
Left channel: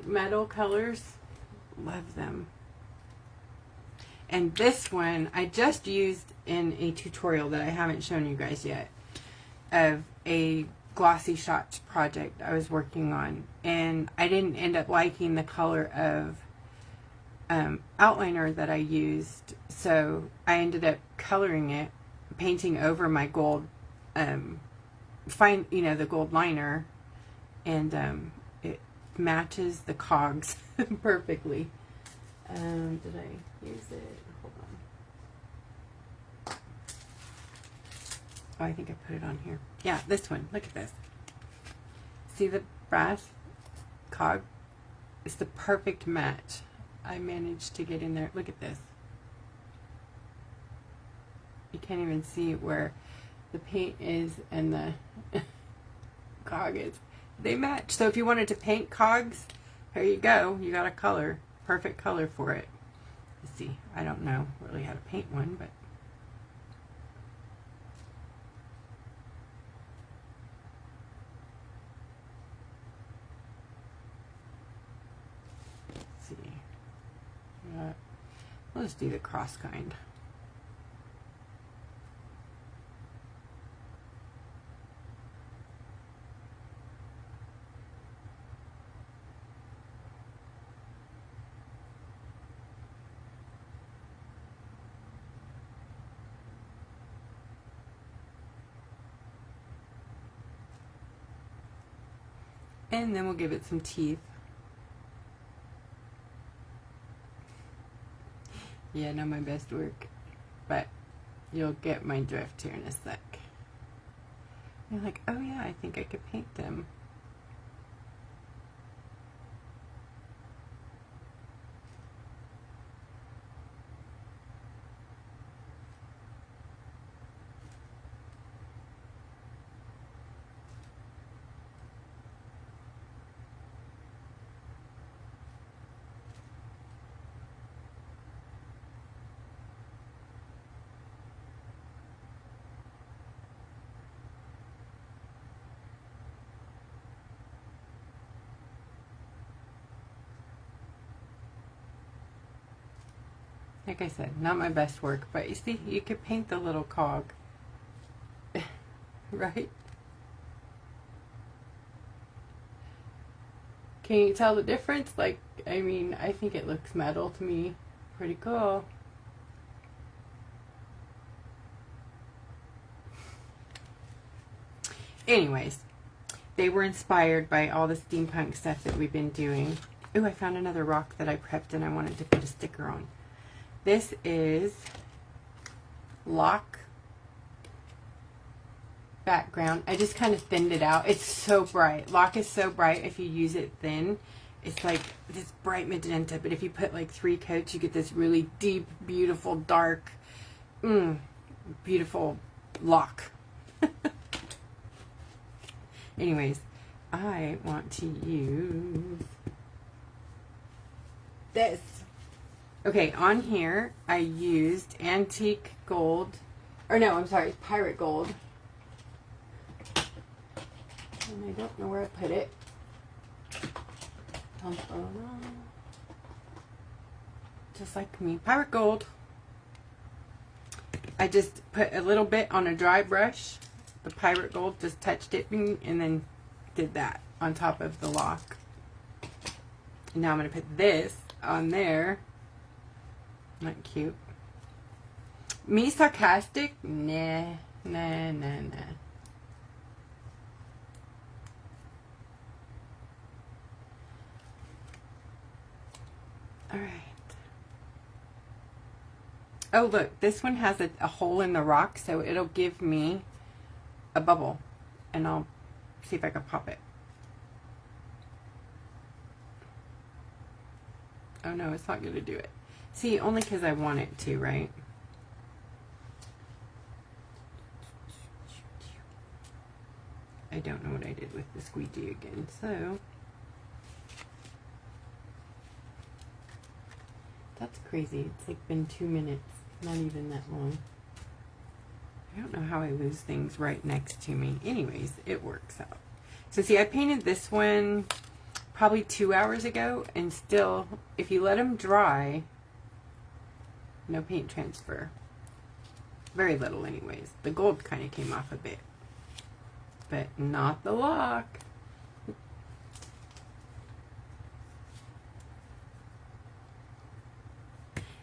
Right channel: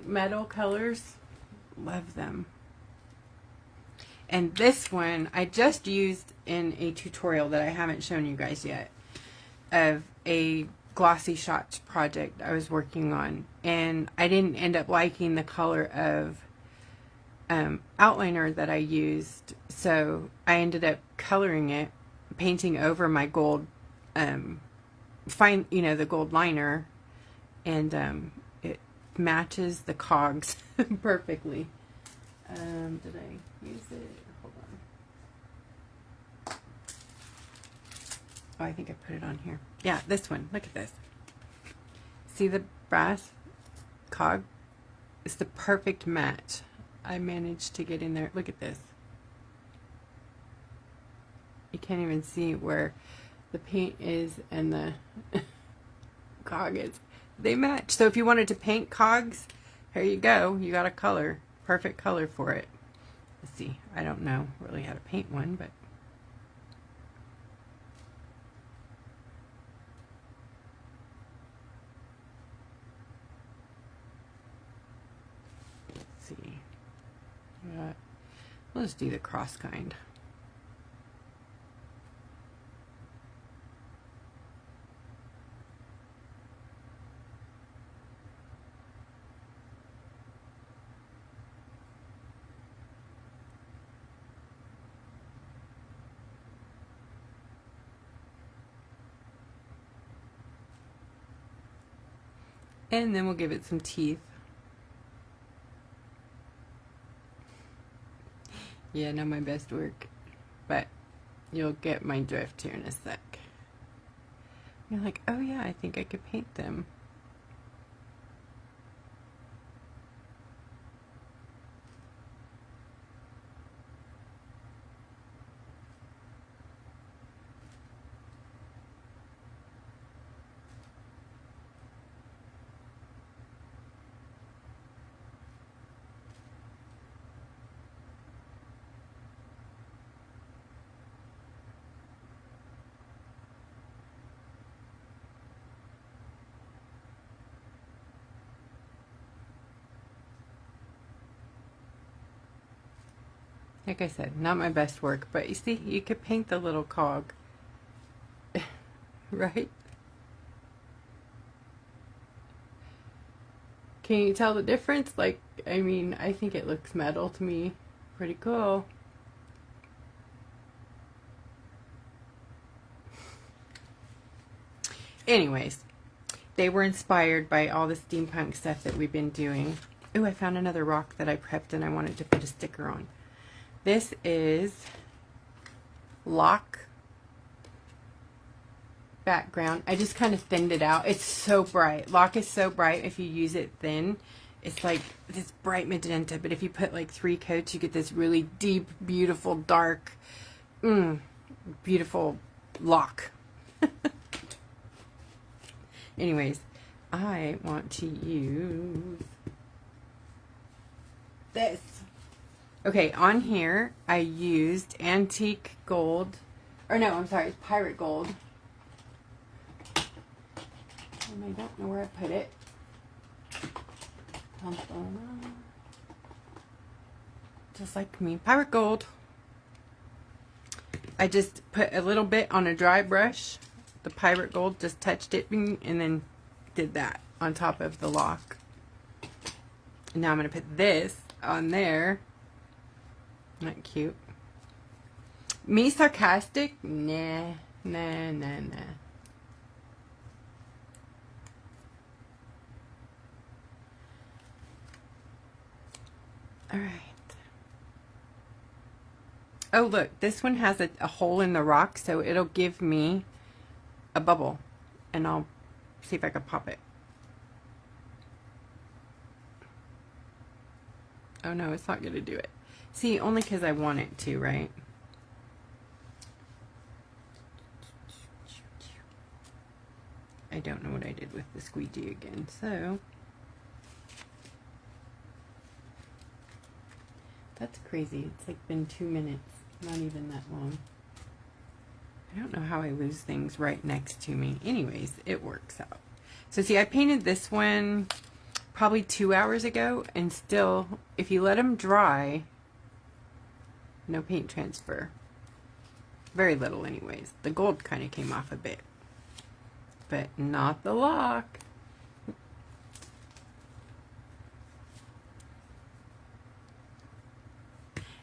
metal colors. Love them. And this one I just used in a tutorial that I haven't shown you guys yet of a glossy shots project I was working on, and I didn't end up liking the color of outliner that I used, so I ended up coloring it, painting over my gold the gold liner, and it matches the cogs perfectly. Did I use it? Hold on. Oh, I think I put it on here. Yeah, this one. Look at this. See the brass cog? It's the perfect match. I managed to get in there. Look at this. You can't even see where the paint is and the cog is. They match. So if you wanted to paint cogs, here you go. You got a color. Perfect color for it. Let's see. I don't know really how to paint one, but let's see. We'll just do the cross kind. And then we'll give it some teeth. Yeah, not my best work, but you'll get my drift here in a sec. You're like, oh yeah, I think I could paint them. Like I said, not my best work, but you see, you could paint the little cog, right? Can you tell the difference? Like, I mean, I think it looks metal to me. Pretty cool. Anyways, they were inspired by all the steampunk stuff that we've been doing. Ooh, I found another rock that I prepped and I wanted to put a sticker on. This is Lock background. I just kind of thinned it out. It's so bright. Lock is so bright. If you use it thin, it's like this bright magenta. But if you put like 3 coats, you get this really deep, beautiful, dark, beautiful lock. Anyways, I want to use this. Okay, on here, I used antique gold, or no, I'm sorry, it's pirate gold. And I don't know where I put it. Just like me, pirate gold. I just put a little bit on a dry brush. The pirate gold, just touched it, and then did that on top of the lock. And now I'm going to put this on there. Not cute. Me sarcastic? Nah, nah, nah, nah. All right. Oh, look, this one has a hole in the rock, so it'll give me a bubble, and I'll see if I can pop it. Oh no, it's not going to do it. See, only because I want it to, right? I don't know what I did with the squeegee again, so that's crazy. It's like been 2 minutes, not even that long. I don't know how I lose things right next to me. Anyways, it works out. So see, I painted this one probably 2 hours ago, and still, if you let them dry, no paint transfer. Very little anyways. The gold kind of came off a bit, but not the lock.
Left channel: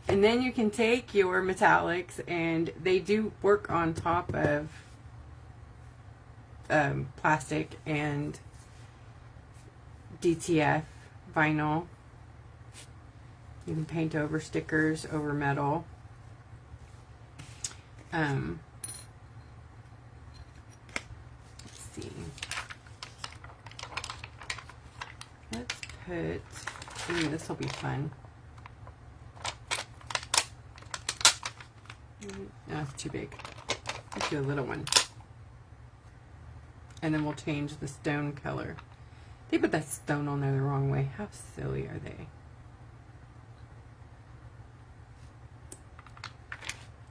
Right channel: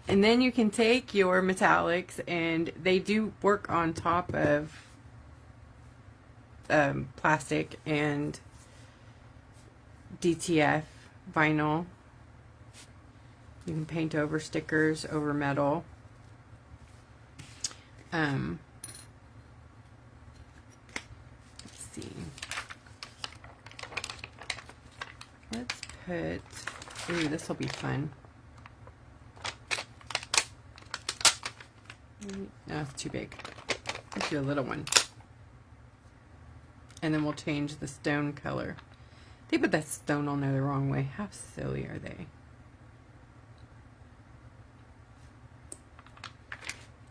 And then you can take your metallics, and they do work on top of plastic and DTF vinyl. You can paint over stickers, over metal. Let's see. Let's put, ooh, this will be fun. No, it's too big. Let's do a little one. And then we'll change the stone color. They put that stone on there the wrong way. How silly are they?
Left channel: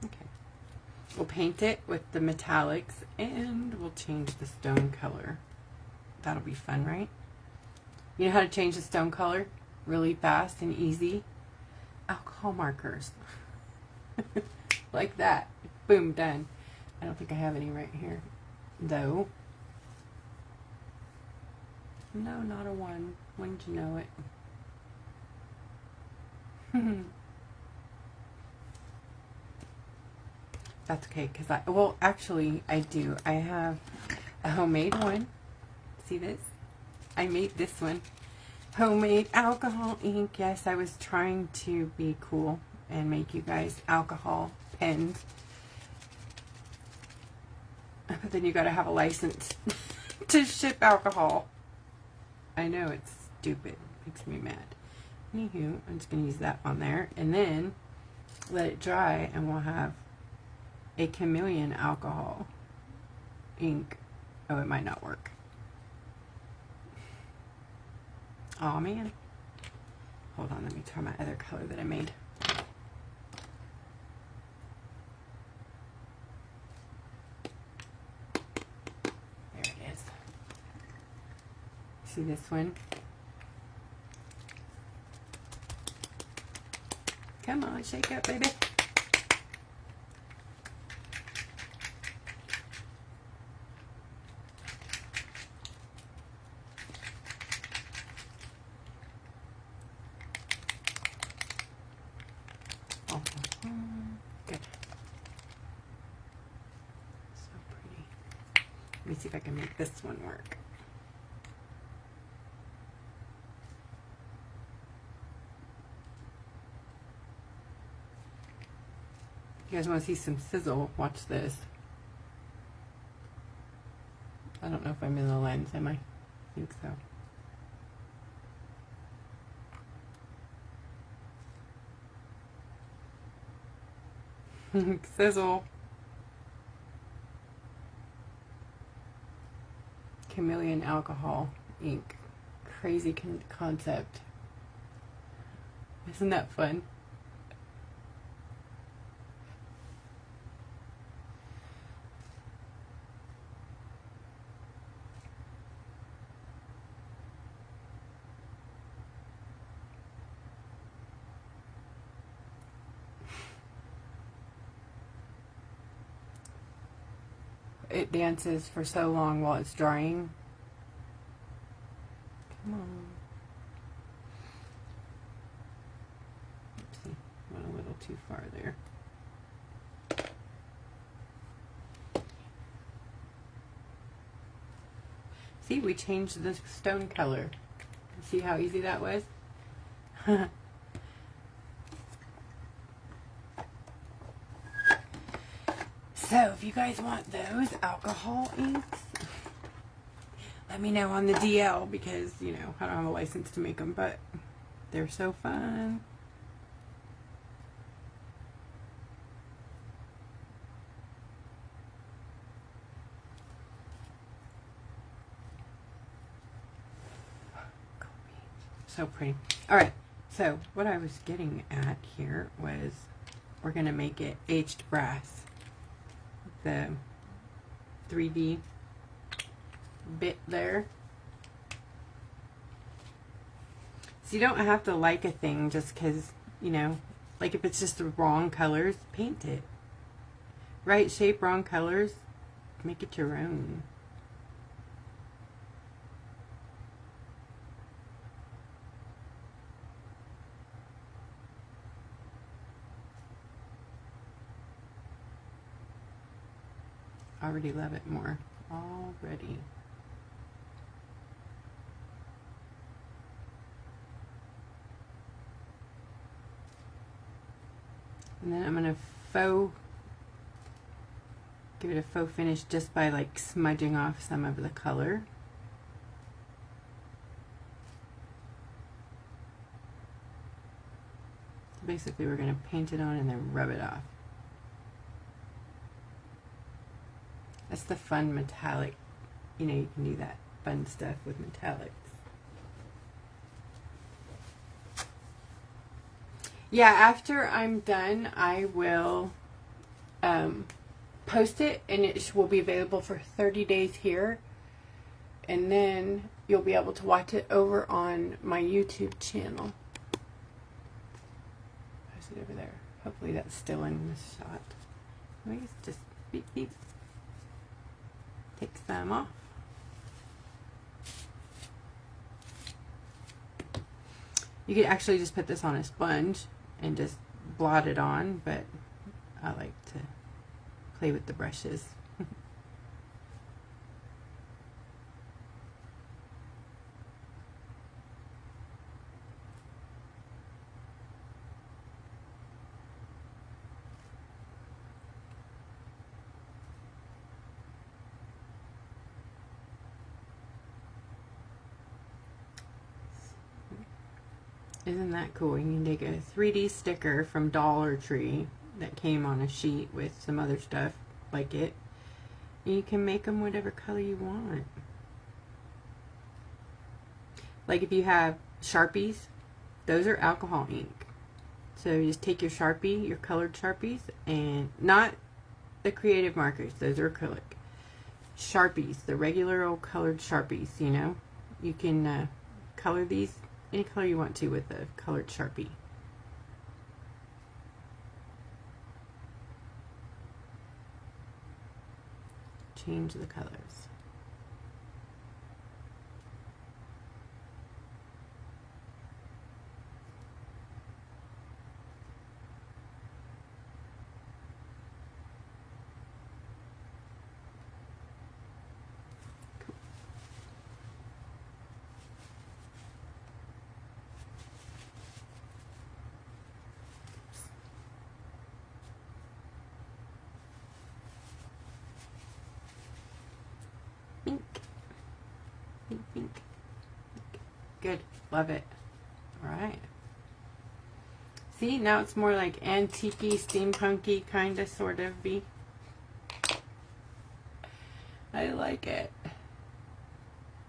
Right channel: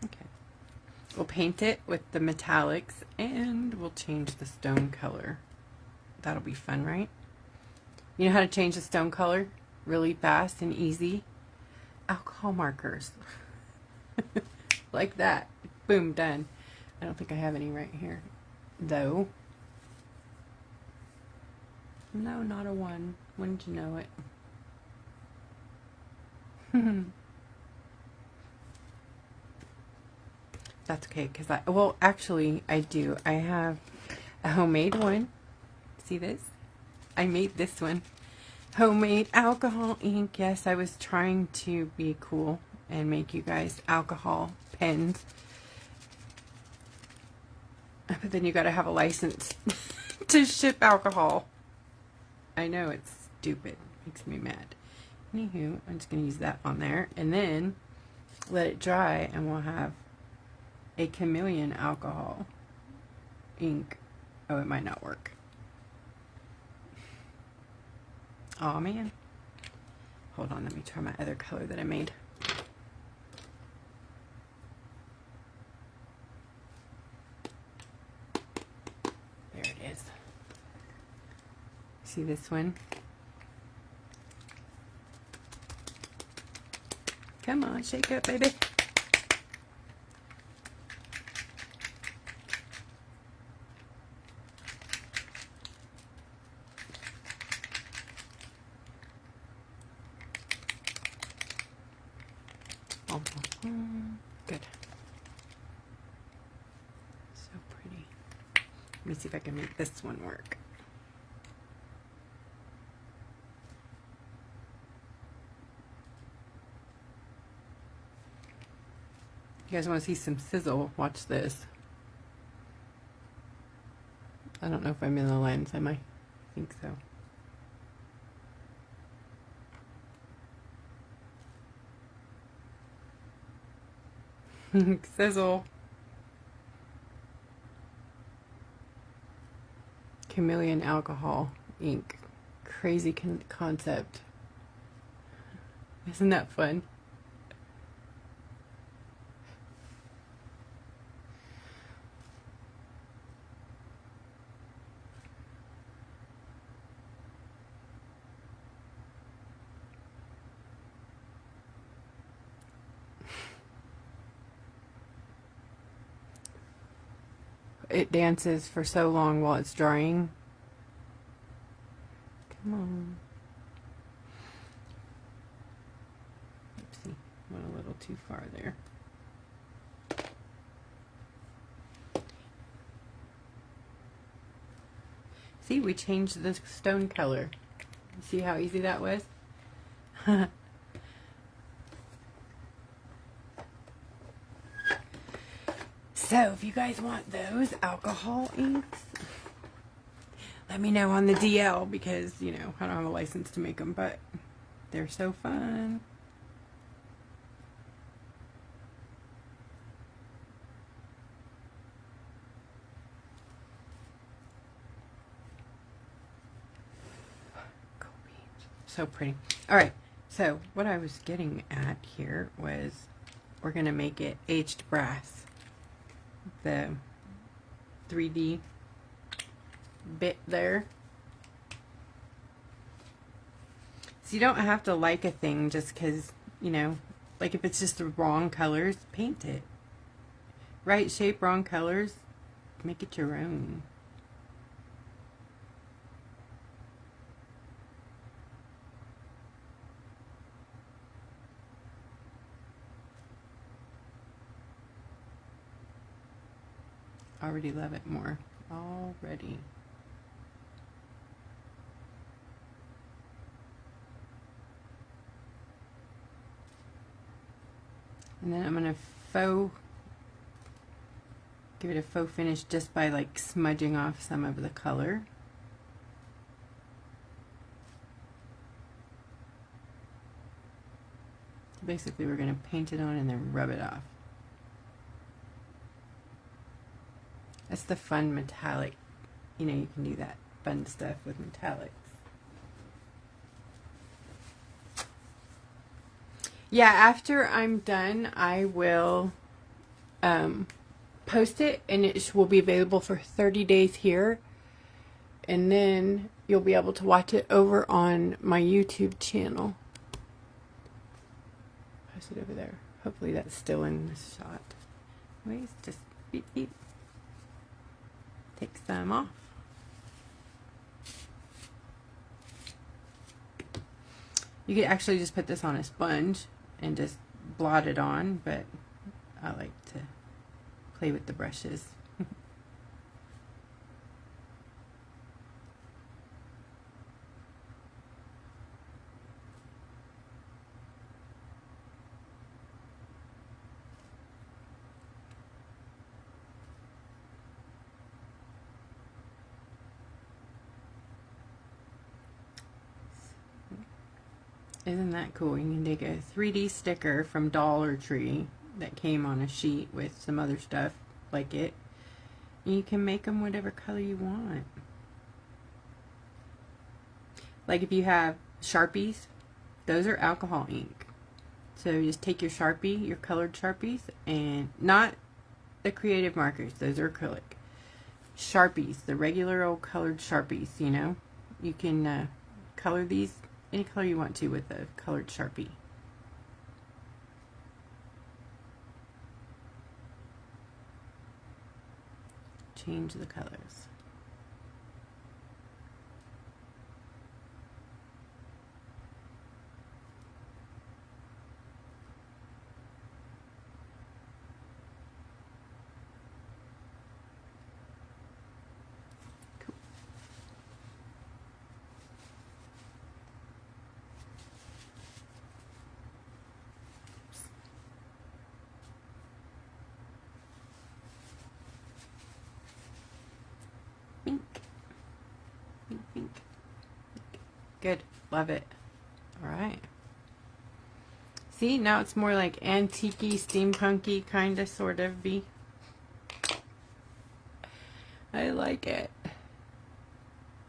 Okay. We'll paint it with the metallics, and we'll change the stone color. That'll be fun, right? You know how to change the stone color really fast and easy? Alcohol markers. Like that. Boom, done. I don't think I have any right here, though. No, not a 1. Wouldn't you know it? That's okay, because well, actually, I do. I have a homemade one. See this? I made this one. Homemade alcohol ink. Yes, I was trying to be cool and make you guys alcohol pens. But then you gotta have a license to ship alcohol. I know, it's stupid. It makes me mad. Anywho, I'm just gonna use that on there and then let it dry, and we'll have a chameleon alcohol ink. Oh, it might not work. Oh man. Hold on, let me try my other color that I made. There it is. See this one? Come on, shake up, baby. Good. So pretty. Let me see if I can make this one work. If you guys want to see some sizzle, watch this. I don't know if I'm in the lens, am I? I think so. Sizzle. Chameleon alcohol ink. Crazy concept. Isn't that fun? It dances for so long while it's drying. Come on. Oopsie, went a little too far there. See, we changed the stone color. See how easy that was? So, if you guys want those alcohol inks, let me know on the DL, because, you know, I don't have a license to make them, but they're so fun. So pretty. All right, so what I was getting at here was we're going to make it aged brass. The 3D bit there. So you don't have to like a thing just because, you know, like if it's just the wrong colors, paint it. Right shape, wrong colors, make it your own. Already love it more. Already. And then I'm going to give it a faux finish just by like smudging off some of the color. So basically we're going to paint it on and then rub it off. That's the fun metallic, you know, you can do that fun stuff with metallics. Yeah, after I'm done, I will post it, and it will be available for 30 days here. And then you'll be able to watch it over on my YouTube channel. Post it over there. Hopefully that's still in the shot. Anyways, just beep beep. Take some off. You could actually just put this on a sponge and just blot it on, but I like to play with the brushes. Isn't that cool? You can take a 3D sticker from Dollar Tree that came on a sheet with some other stuff like it. And you can make them whatever color you want. Like if you have Sharpies, those are alcohol ink. So you just take your Sharpie, your colored Sharpies, and not the creative markers, those are acrylic. Sharpies, the regular old colored Sharpies, you know. You can color these any color you want to with a colored Sharpie. Change the colors. Pink. Good. Love it. All right. See, now it's more like antique-y, steampunky kind of sort of be. I like it.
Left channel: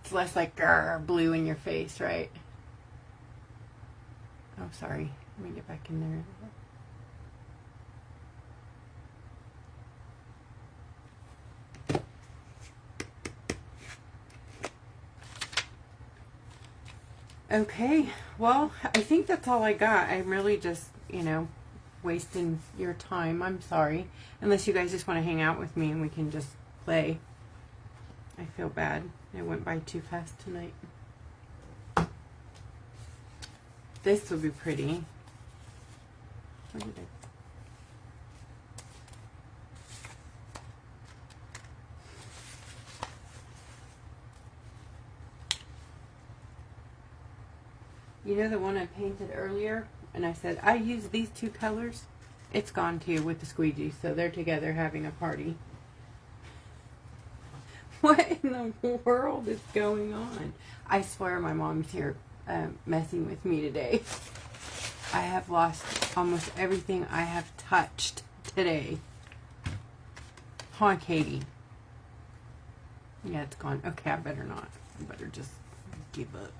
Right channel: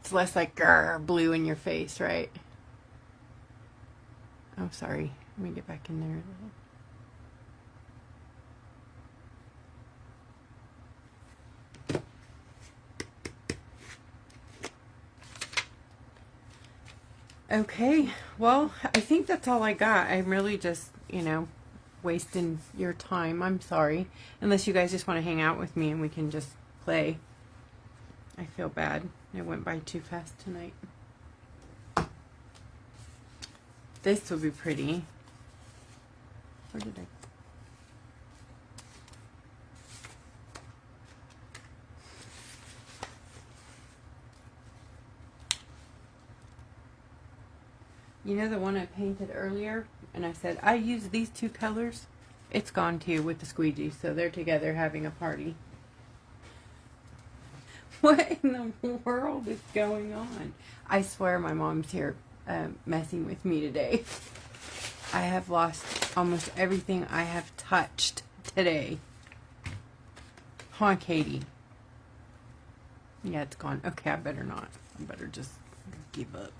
It's less like grr, blue in your face, right? Oh, sorry. Let me get back in there. Okay, well, I think that's all I got. I'm really just, you know, wasting your time. I'm sorry. Unless you guys just want to hang out with me and we can just play. I feel bad. It went by too fast tonight. This will be pretty. Where did I? You know the one I painted earlier? And I said, I use these two colors. It's gone too with the squeegee. So they're together having a party. What in the world is going on? I swear my mom's here messing with me today. I have lost almost everything I have touched today. Come on, Katie. Yeah, it's gone. Okay, I better not. I better just give up.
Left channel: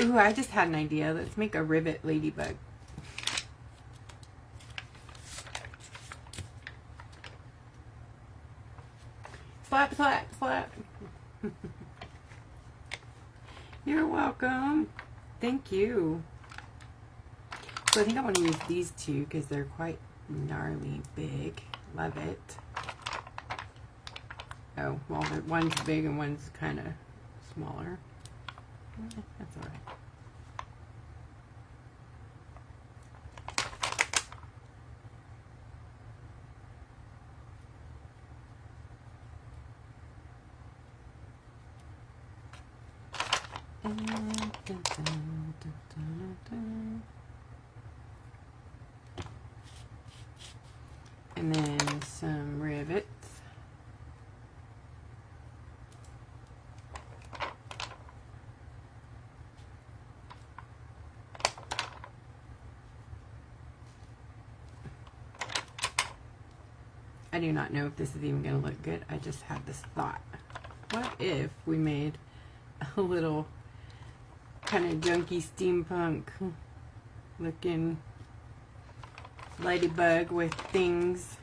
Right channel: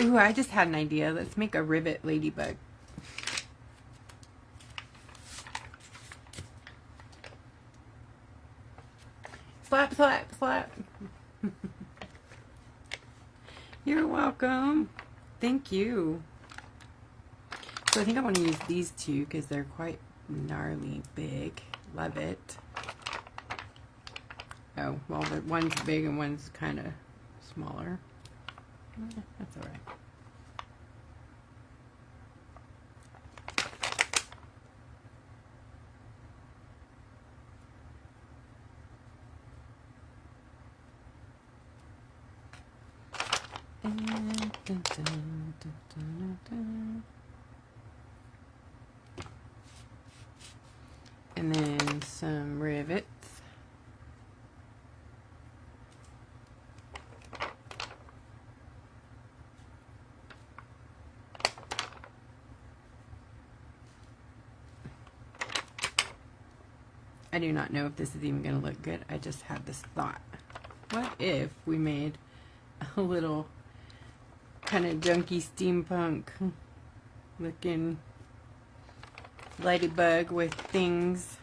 Ooh, I just had an idea. Let's make a ribbit ladybug. Slap, slap, slap. You're welcome. Thank you. So I think I want to use these two because they're quite gnarly big. Love it. Oh, well, one's big and one's kind of smaller. That's all right. And then some rivets. I do not know if this is even going to look good. I just had this thought. What if we made a little kind of junky steampunk looking ladybug with things,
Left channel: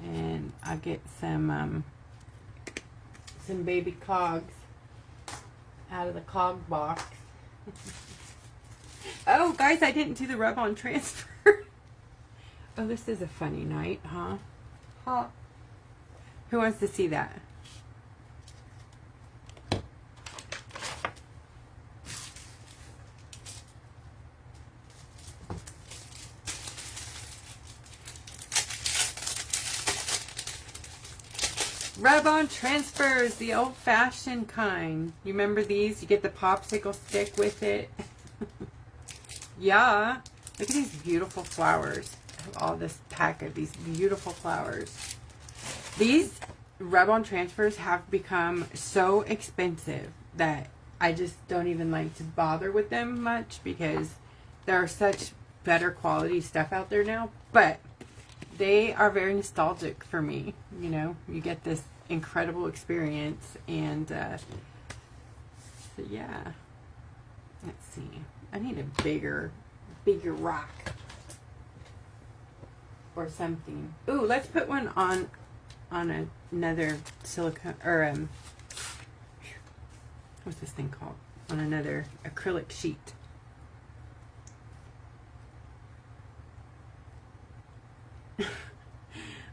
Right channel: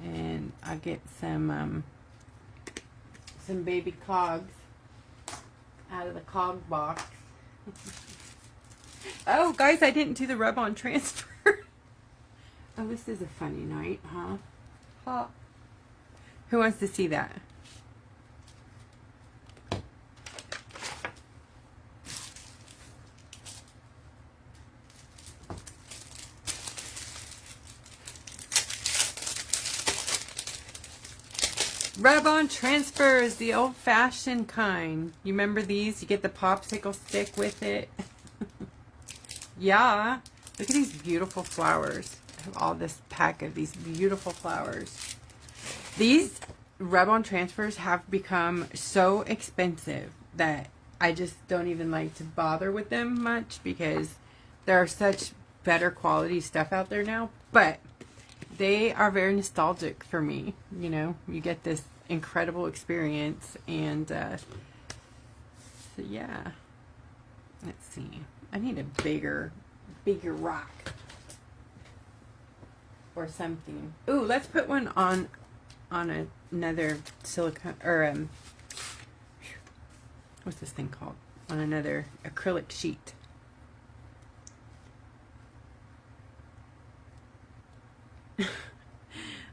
and I'll get some baby cogs out of the cog box. Oh, guys, I didn't do the rub-on transfer. Oh, this is a funny night, huh? Who wants to see that? Rub-on transfers, the old-fashioned kind. You remember these? You get the popsicle stick with it. Yeah. Look at these beautiful flowers. I have all this pack of these beautiful flowers. These rub-on transfers have become so expensive that I just don't even like to bother with them much because there are such better quality stuff out there now. But they are very nostalgic for me. You know, you get this incredible experience, and so yeah. Let's see. I need a bigger rock or something. Ooh, let's put one on another silicone, or what's this thing called? On another acrylic sheet.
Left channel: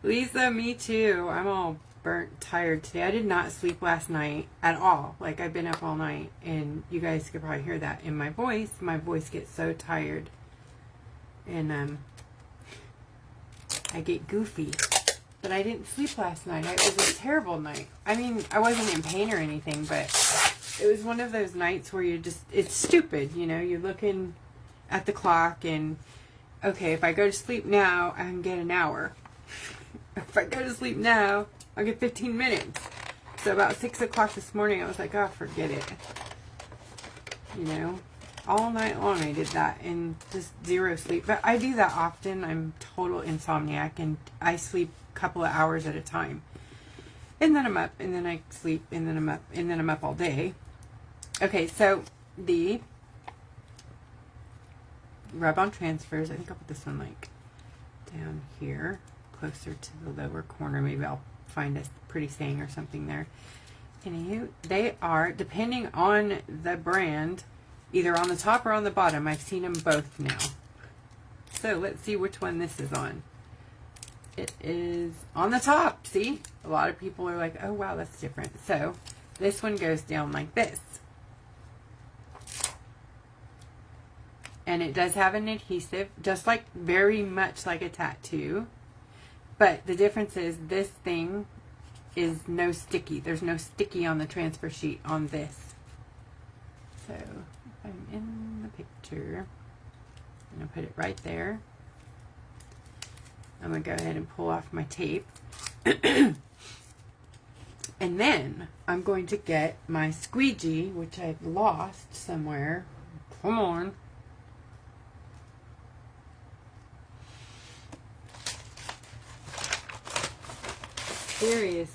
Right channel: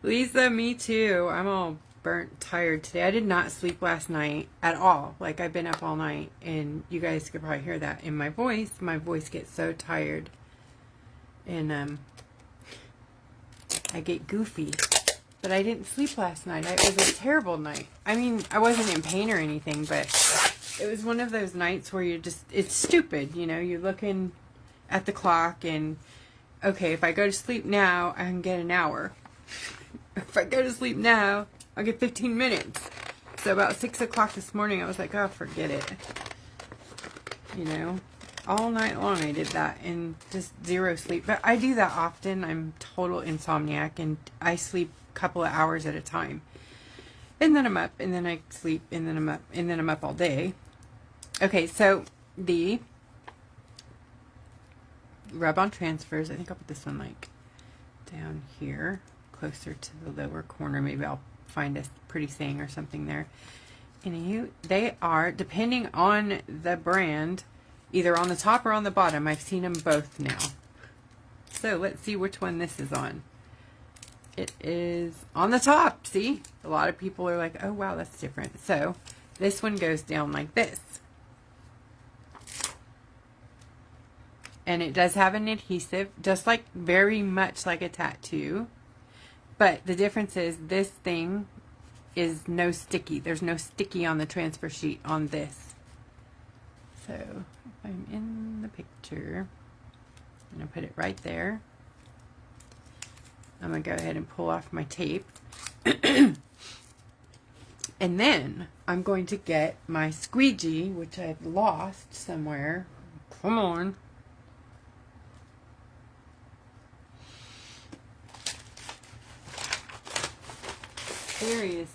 Lisa, me too. I'm all burnt, tired today. I did not sleep last night at all. Like, I've been up all night, and you guys could probably hear that in my voice. My voice gets so tired, and I get goofy. But I didn't sleep last night. It was a terrible night. I mean, I wasn't in pain or anything, but it was one of those nights where you're just, it's stupid, you know, you're looking at the clock and, okay, if I go to sleep now, I can get an hour. If I go to sleep now, I'll get 15 minutes. So about 6 o'clock this morning, I was like, oh, forget it. You know, all night long I did that and just zero sleep. But I do that often. I'm total insomniac, and I sleep a couple of hours at a time. And then I'm up, and then I sleep, and then I'm up, and then I'm up all day. Okay, so the rub-on transfers, I think I'll put this one like down here, closer to the lower corner. Maybe I'll find a pretty saying or something there. And they are, depending on the brand, either on the top or on the bottom. I've seen them both now. So let's see which one this is on. It is on the top. See? A lot of people are like, oh wow, that's different. So this one goes down like this. And it does have an adhesive, just like, very much like a tattoo. But the difference is this thing is no sticky. There's no sticky on the transfer sheet on this. So if I'm in the picture, I'm going to put it right there. I'm going to go ahead and pull off my tape. And then I'm going to get my squeegee, which I've lost somewhere. Come on. Seriously.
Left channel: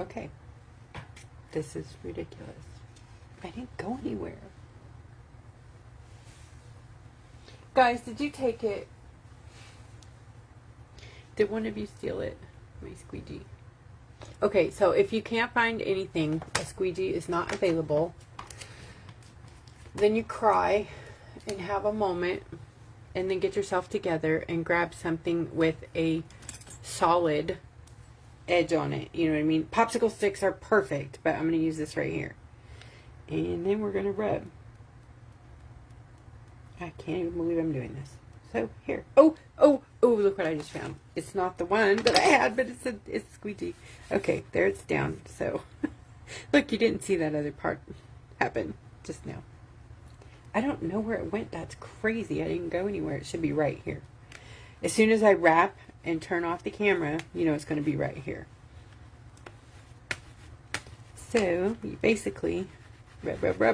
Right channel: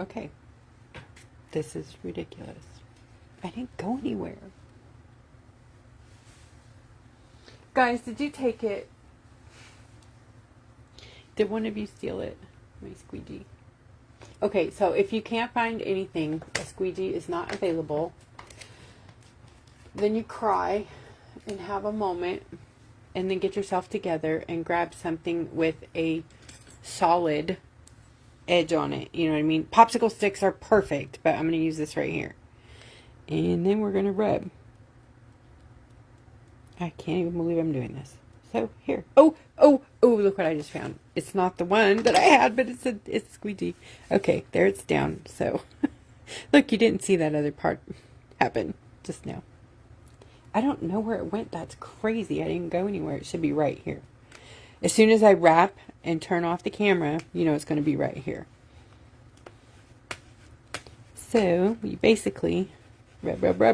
Okay. This is ridiculous. I didn't go anywhere. Guys, did you take it? Did one of you steal it? My squeegee. Okay, so if you can't find anything, a squeegee is not available, then you cry and have a moment, and then get yourself together and grab something with a solid edge on it. You know what I mean? Popsicle sticks are perfect, but I'm going to use this right here. And then we're going to rub. I can't even believe I'm doing this. So here. Oh, look what I just found. It's not the one that I had, but it's squeegee. Okay, there it's down. So look, you didn't see that other part happen just now. I don't know where it went. That's crazy. I didn't go anywhere. It should be right here. As soon as I wrap and turn off the camera, you know it's going to be right here. So you basically rub.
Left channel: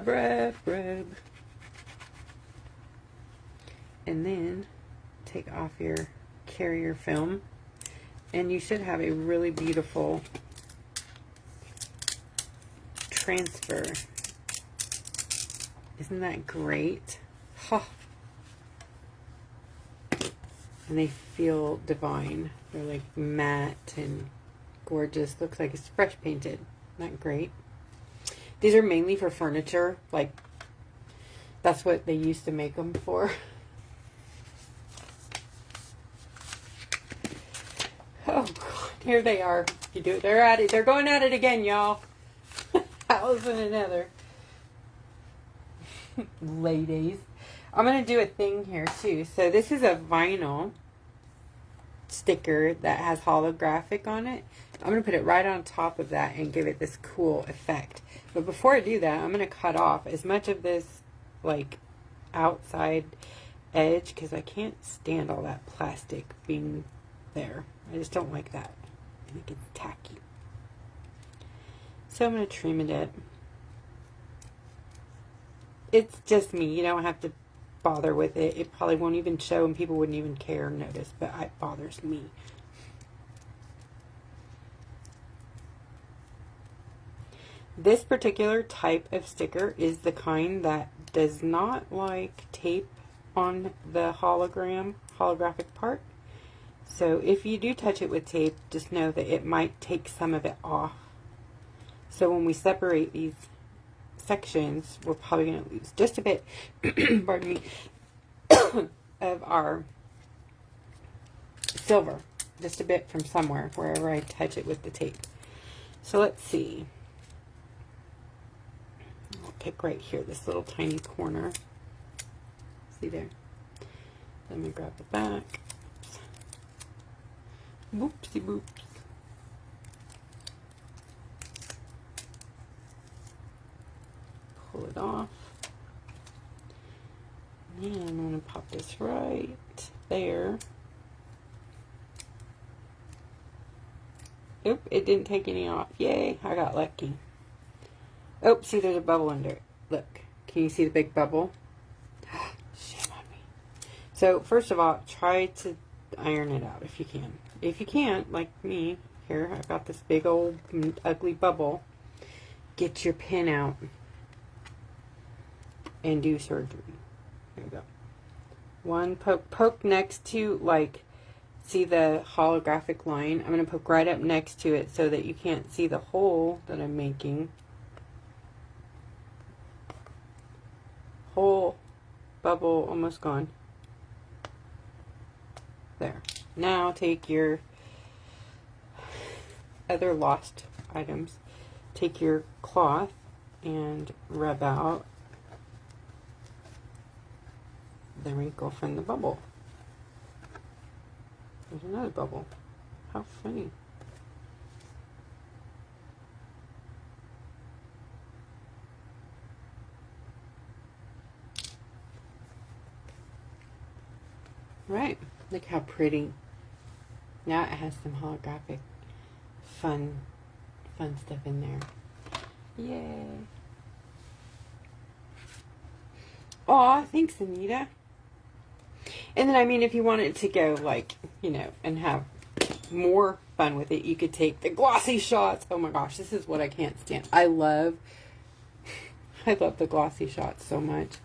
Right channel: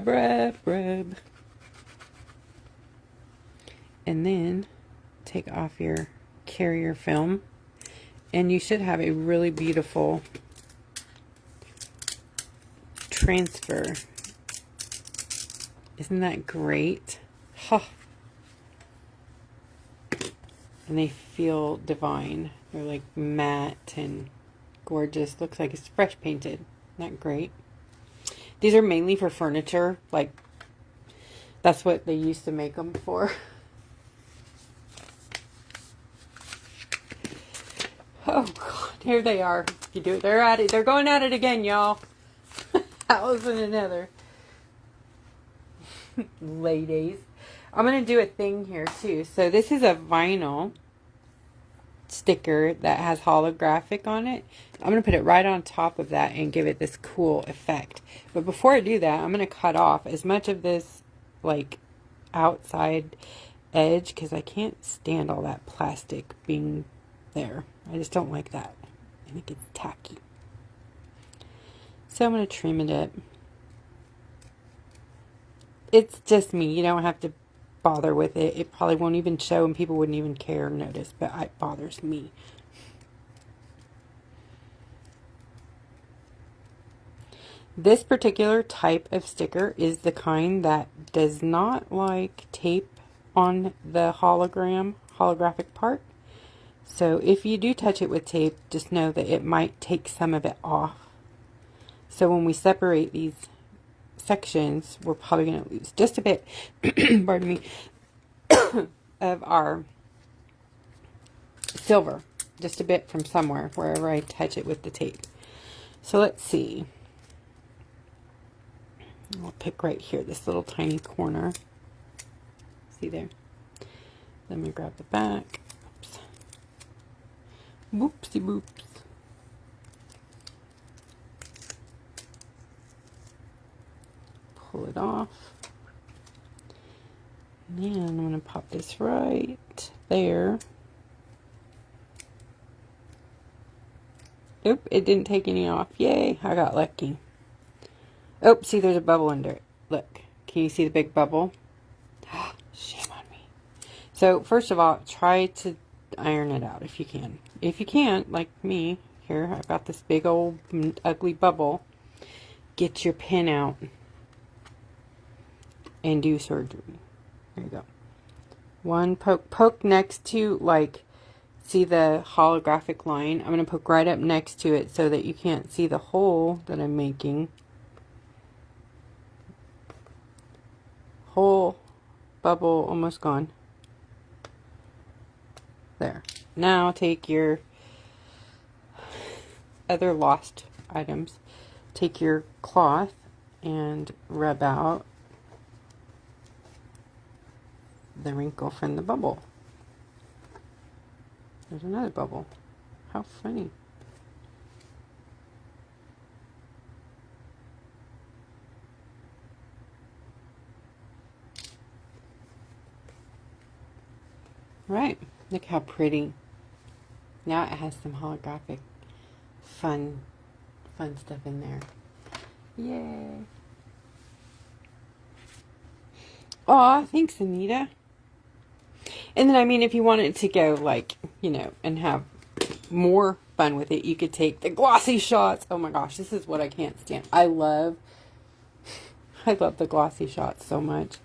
And then take off your carrier film. And you should have a really beautiful transfer. Isn't that great? Huh. And they feel divine. They're like matte and gorgeous. Looks like it's fresh painted. Isn't that great? These are mainly for furniture. Like, that's what they used to make them for. Oh, God. Here they are. You do it. They're at it. They're going at it again, y'all. Allison and Heather. Ladies. I'm going to do a thing here too. So this is a vinyl sticker that has holographic on it. I'm going to put it right on top of that and give it this cool effect. But before I do that, I'm going to cut off as much of this like outside edge because I can't stand all that plastic being there. I just don't like that. I think it's tacky. So I'm going to trim it up. It's just me. You don't have to bother with it. It probably won't even show and people wouldn't even care or notice, but it bothers me. This particular type of sticker is the kind that does not like tape on the holographic part. So if you do touch it with tape, just know that it might take some of it off. So when we separate these sections, we're probably going to lose just a bit, pardon me, of our silver. Just a bit from somewhere, wherever I touch it with the tape. So let's see. I'll pick right here, this little tiny corner. See there? Then we grab the back. Oops. Whoopsie boops. Pull it off. And I'm going to pop this right there. Oop, it didn't take any off. Yay, I got lucky. Oh, see, there's a bubble under it. Look, can you see the big bubble? Shame on me. So, first of all, try to iron it out if you can. If you can't, like me, here, I've got this big old ugly bubble. Get your pin out and do surgery. There you go. One poke next to, like, see the holographic line? I'm going to poke right up next to it so that you can't see the hole that I'm making. Whole bubble almost gone. There. Now take your other lost items. Take your cloth and rub out the wrinkle from the bubble. There's another bubble. How funny. Right, look how pretty. Now it has some holographic fun stuff in there. Yay. Aw, thanks, Anita. And then, I mean, if you wanted to go, like, you know, and have more fun with it, you could take the glossy shots. Oh my gosh, this is what I can't stand. I love the glossy shots so much.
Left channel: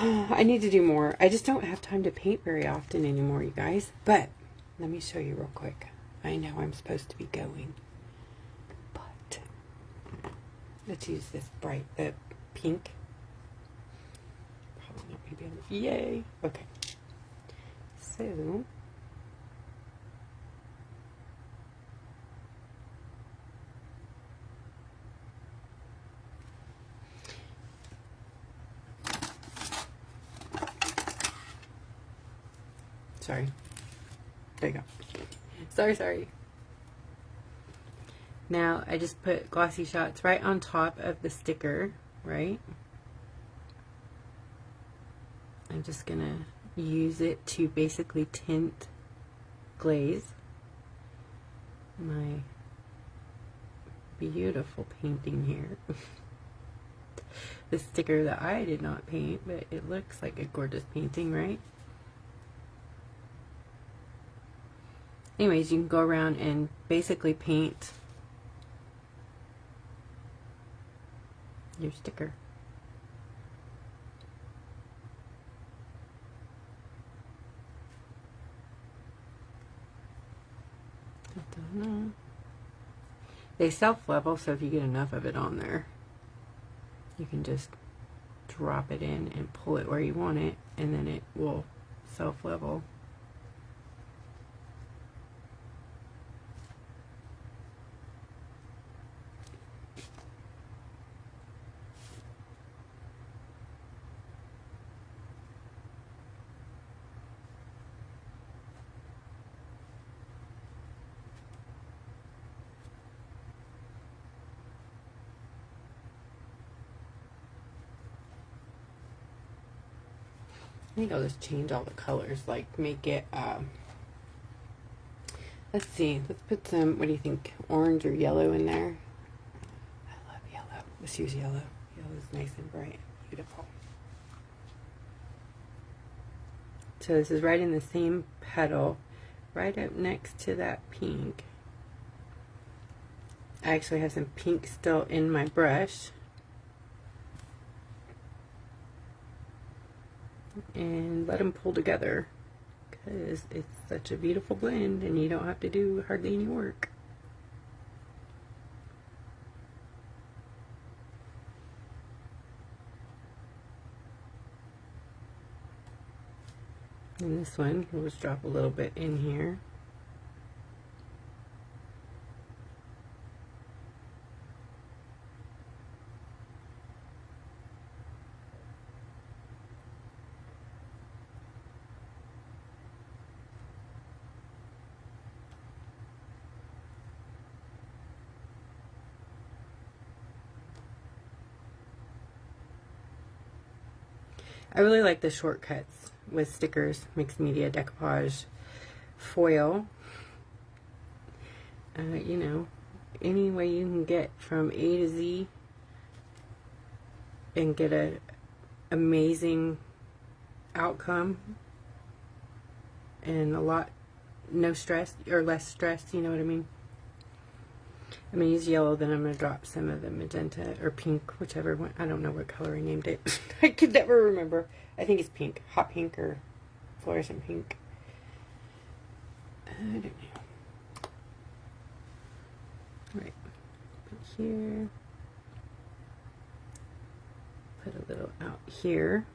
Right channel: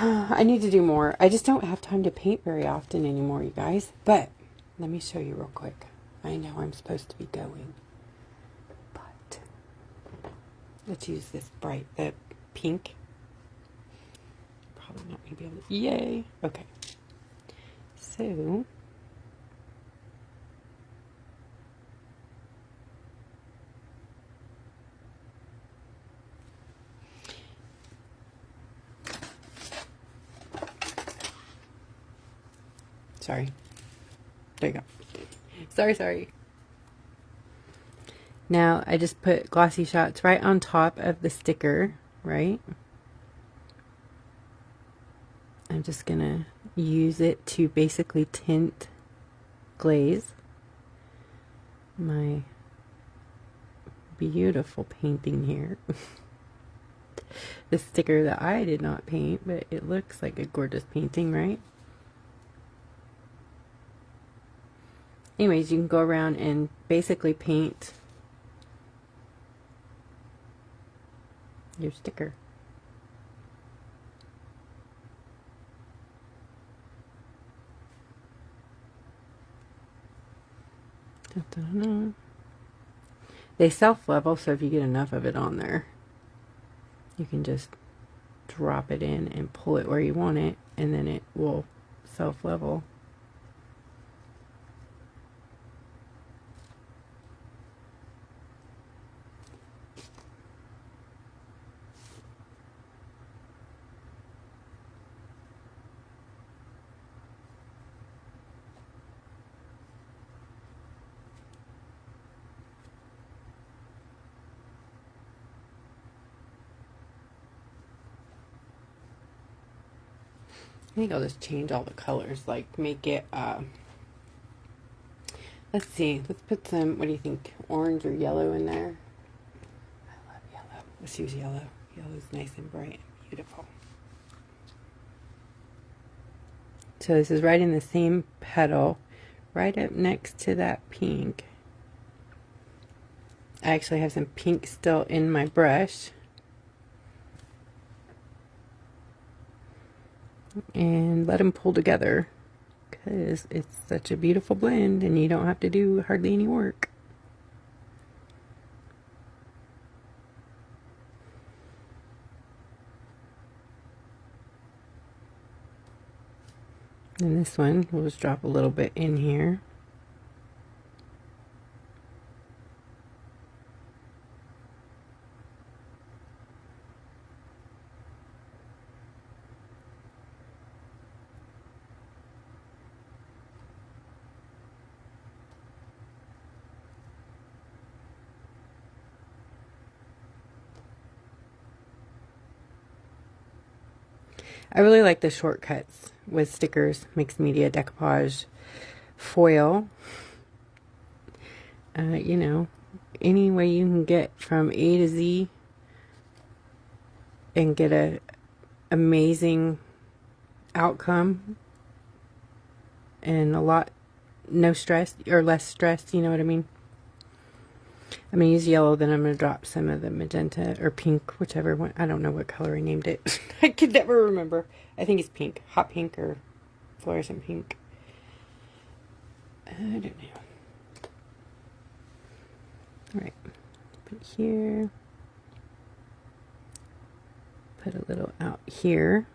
I need to do more. I just don't have time to paint very often anymore, you guys. But let me show you real quick. I know I'm supposed to be going, but let's use this bright, the pink. Probably not going to be able to. Yay! Okay. So sorry. There you go. Sorry. Now, I just put glossy shots right on top of the sticker, right? I'm just going to use it to basically tint glaze my beautiful painting here. The sticker that I did not paint, but it looks like a gorgeous painting, right? Anyways, you can go around and basically paint your sticker. They self-level, so if you get enough of it on there, you can just drop it in and pull it where you want it, and then it will self-level. I think I'll just change all the colors, like make it Let's see. Let's put some, what do you think, orange or yellow in there? I love yellow. Let's use yellow. Yellow's nice and bright and beautiful. So this is right in the same petal, right up next to that pink. I actually have some pink still in my brush. And let them pull together, because it's such a beautiful blend and you don't have to do hardly any work. And this one, we'll just drop a little bit in here. I really like the shortcuts with stickers, mixed media, decoupage, foil. You know, any way you can get from A to Z and get a amazing outcome and a lot, no stress or less stress, you know what I mean? I'm going to use yellow, then I'm going to drop some of the magenta or pink, whichever one. I don't know what color I named it. I could never remember. I think it's pink. Hot pink or fluorescent pink. I don't know. Alright. Put here. Put a little out here.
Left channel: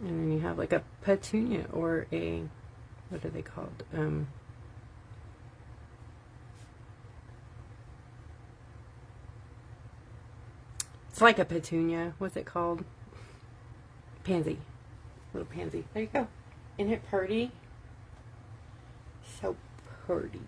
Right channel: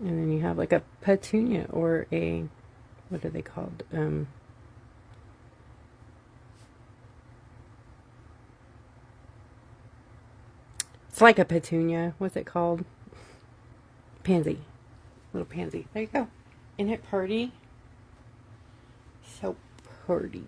And then you have like a petunia or a, what are they called? It's like a petunia. What's it called? Pansy. Little pansy. There you go. Isn't it pretty? So pretty.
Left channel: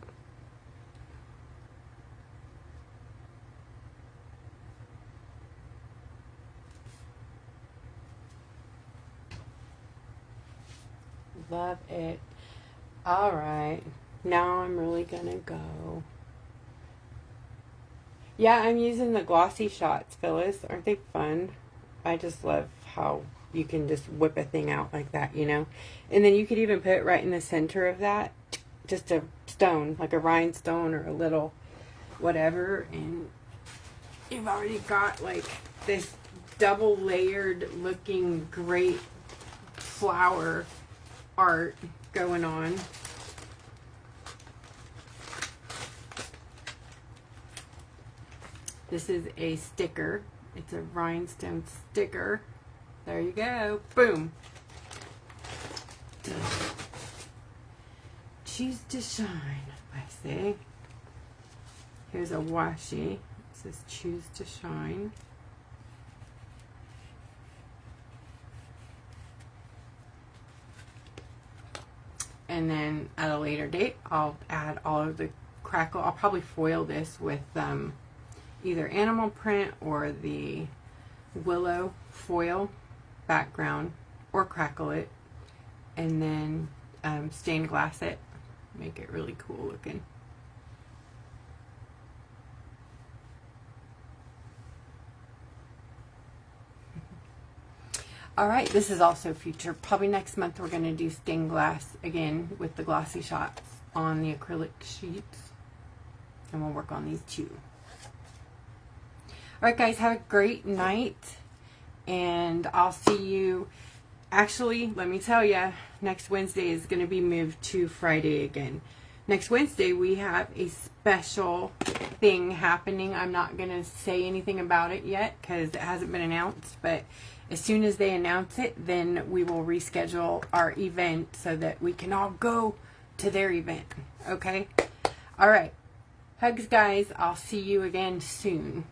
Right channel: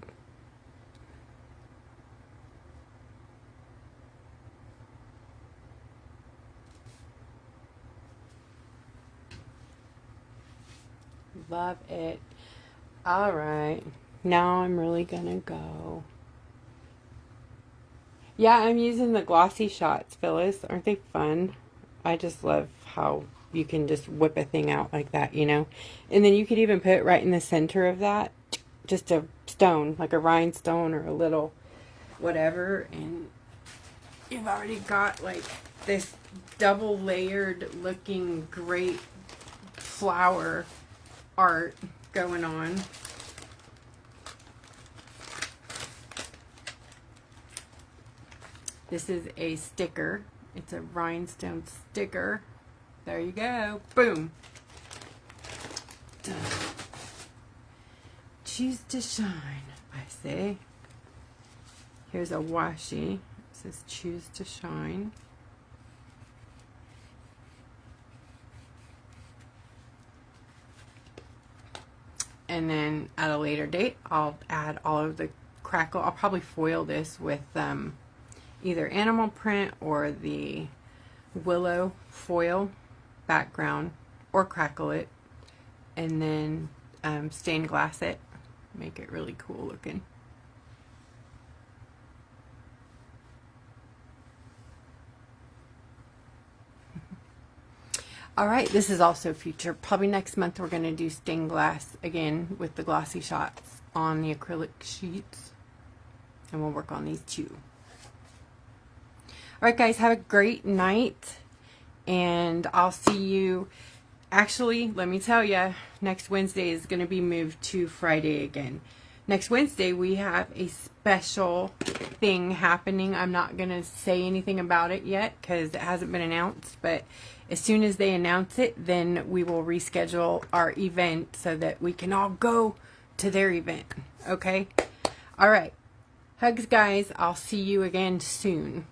Love it. All right, now I'm really gonna go. Yeah, I'm using the glossy shots, Phyllis. Aren't they fun? I just love how you can just whip a thing out like that, you know. And then you could even put right in the center of that just a stone, like a rhinestone or a little whatever, and you've already got like this double layered looking great flower art going on. This is a sticker. It's a rhinestone sticker. There you go. Boom. Choose to shine, I say. Here's a washi. It says choose to shine. And then at a later date, I'll add all of the crackle. I'll probably foil this with either animal print or the willow foil background, or crackle it, and then stained glass it, make it really cool looking. All right, this is also future. Probably next month we're going to do stained glass again with the glossy shots on the acrylic sheets. And we'll work on these too. All right, guys, have a great night. And I'll see you. Actually, let me tell you, next Wednesday is going to be moved to Friday again. Next Wednesday, we have a special thing happening. I'm not going to say anything about it yet because it hasn't been announced. But as soon as they announce it, then we will reschedule our event so that we can all go to their event. Okay? All right. Hugs, guys. I'll see you again soon.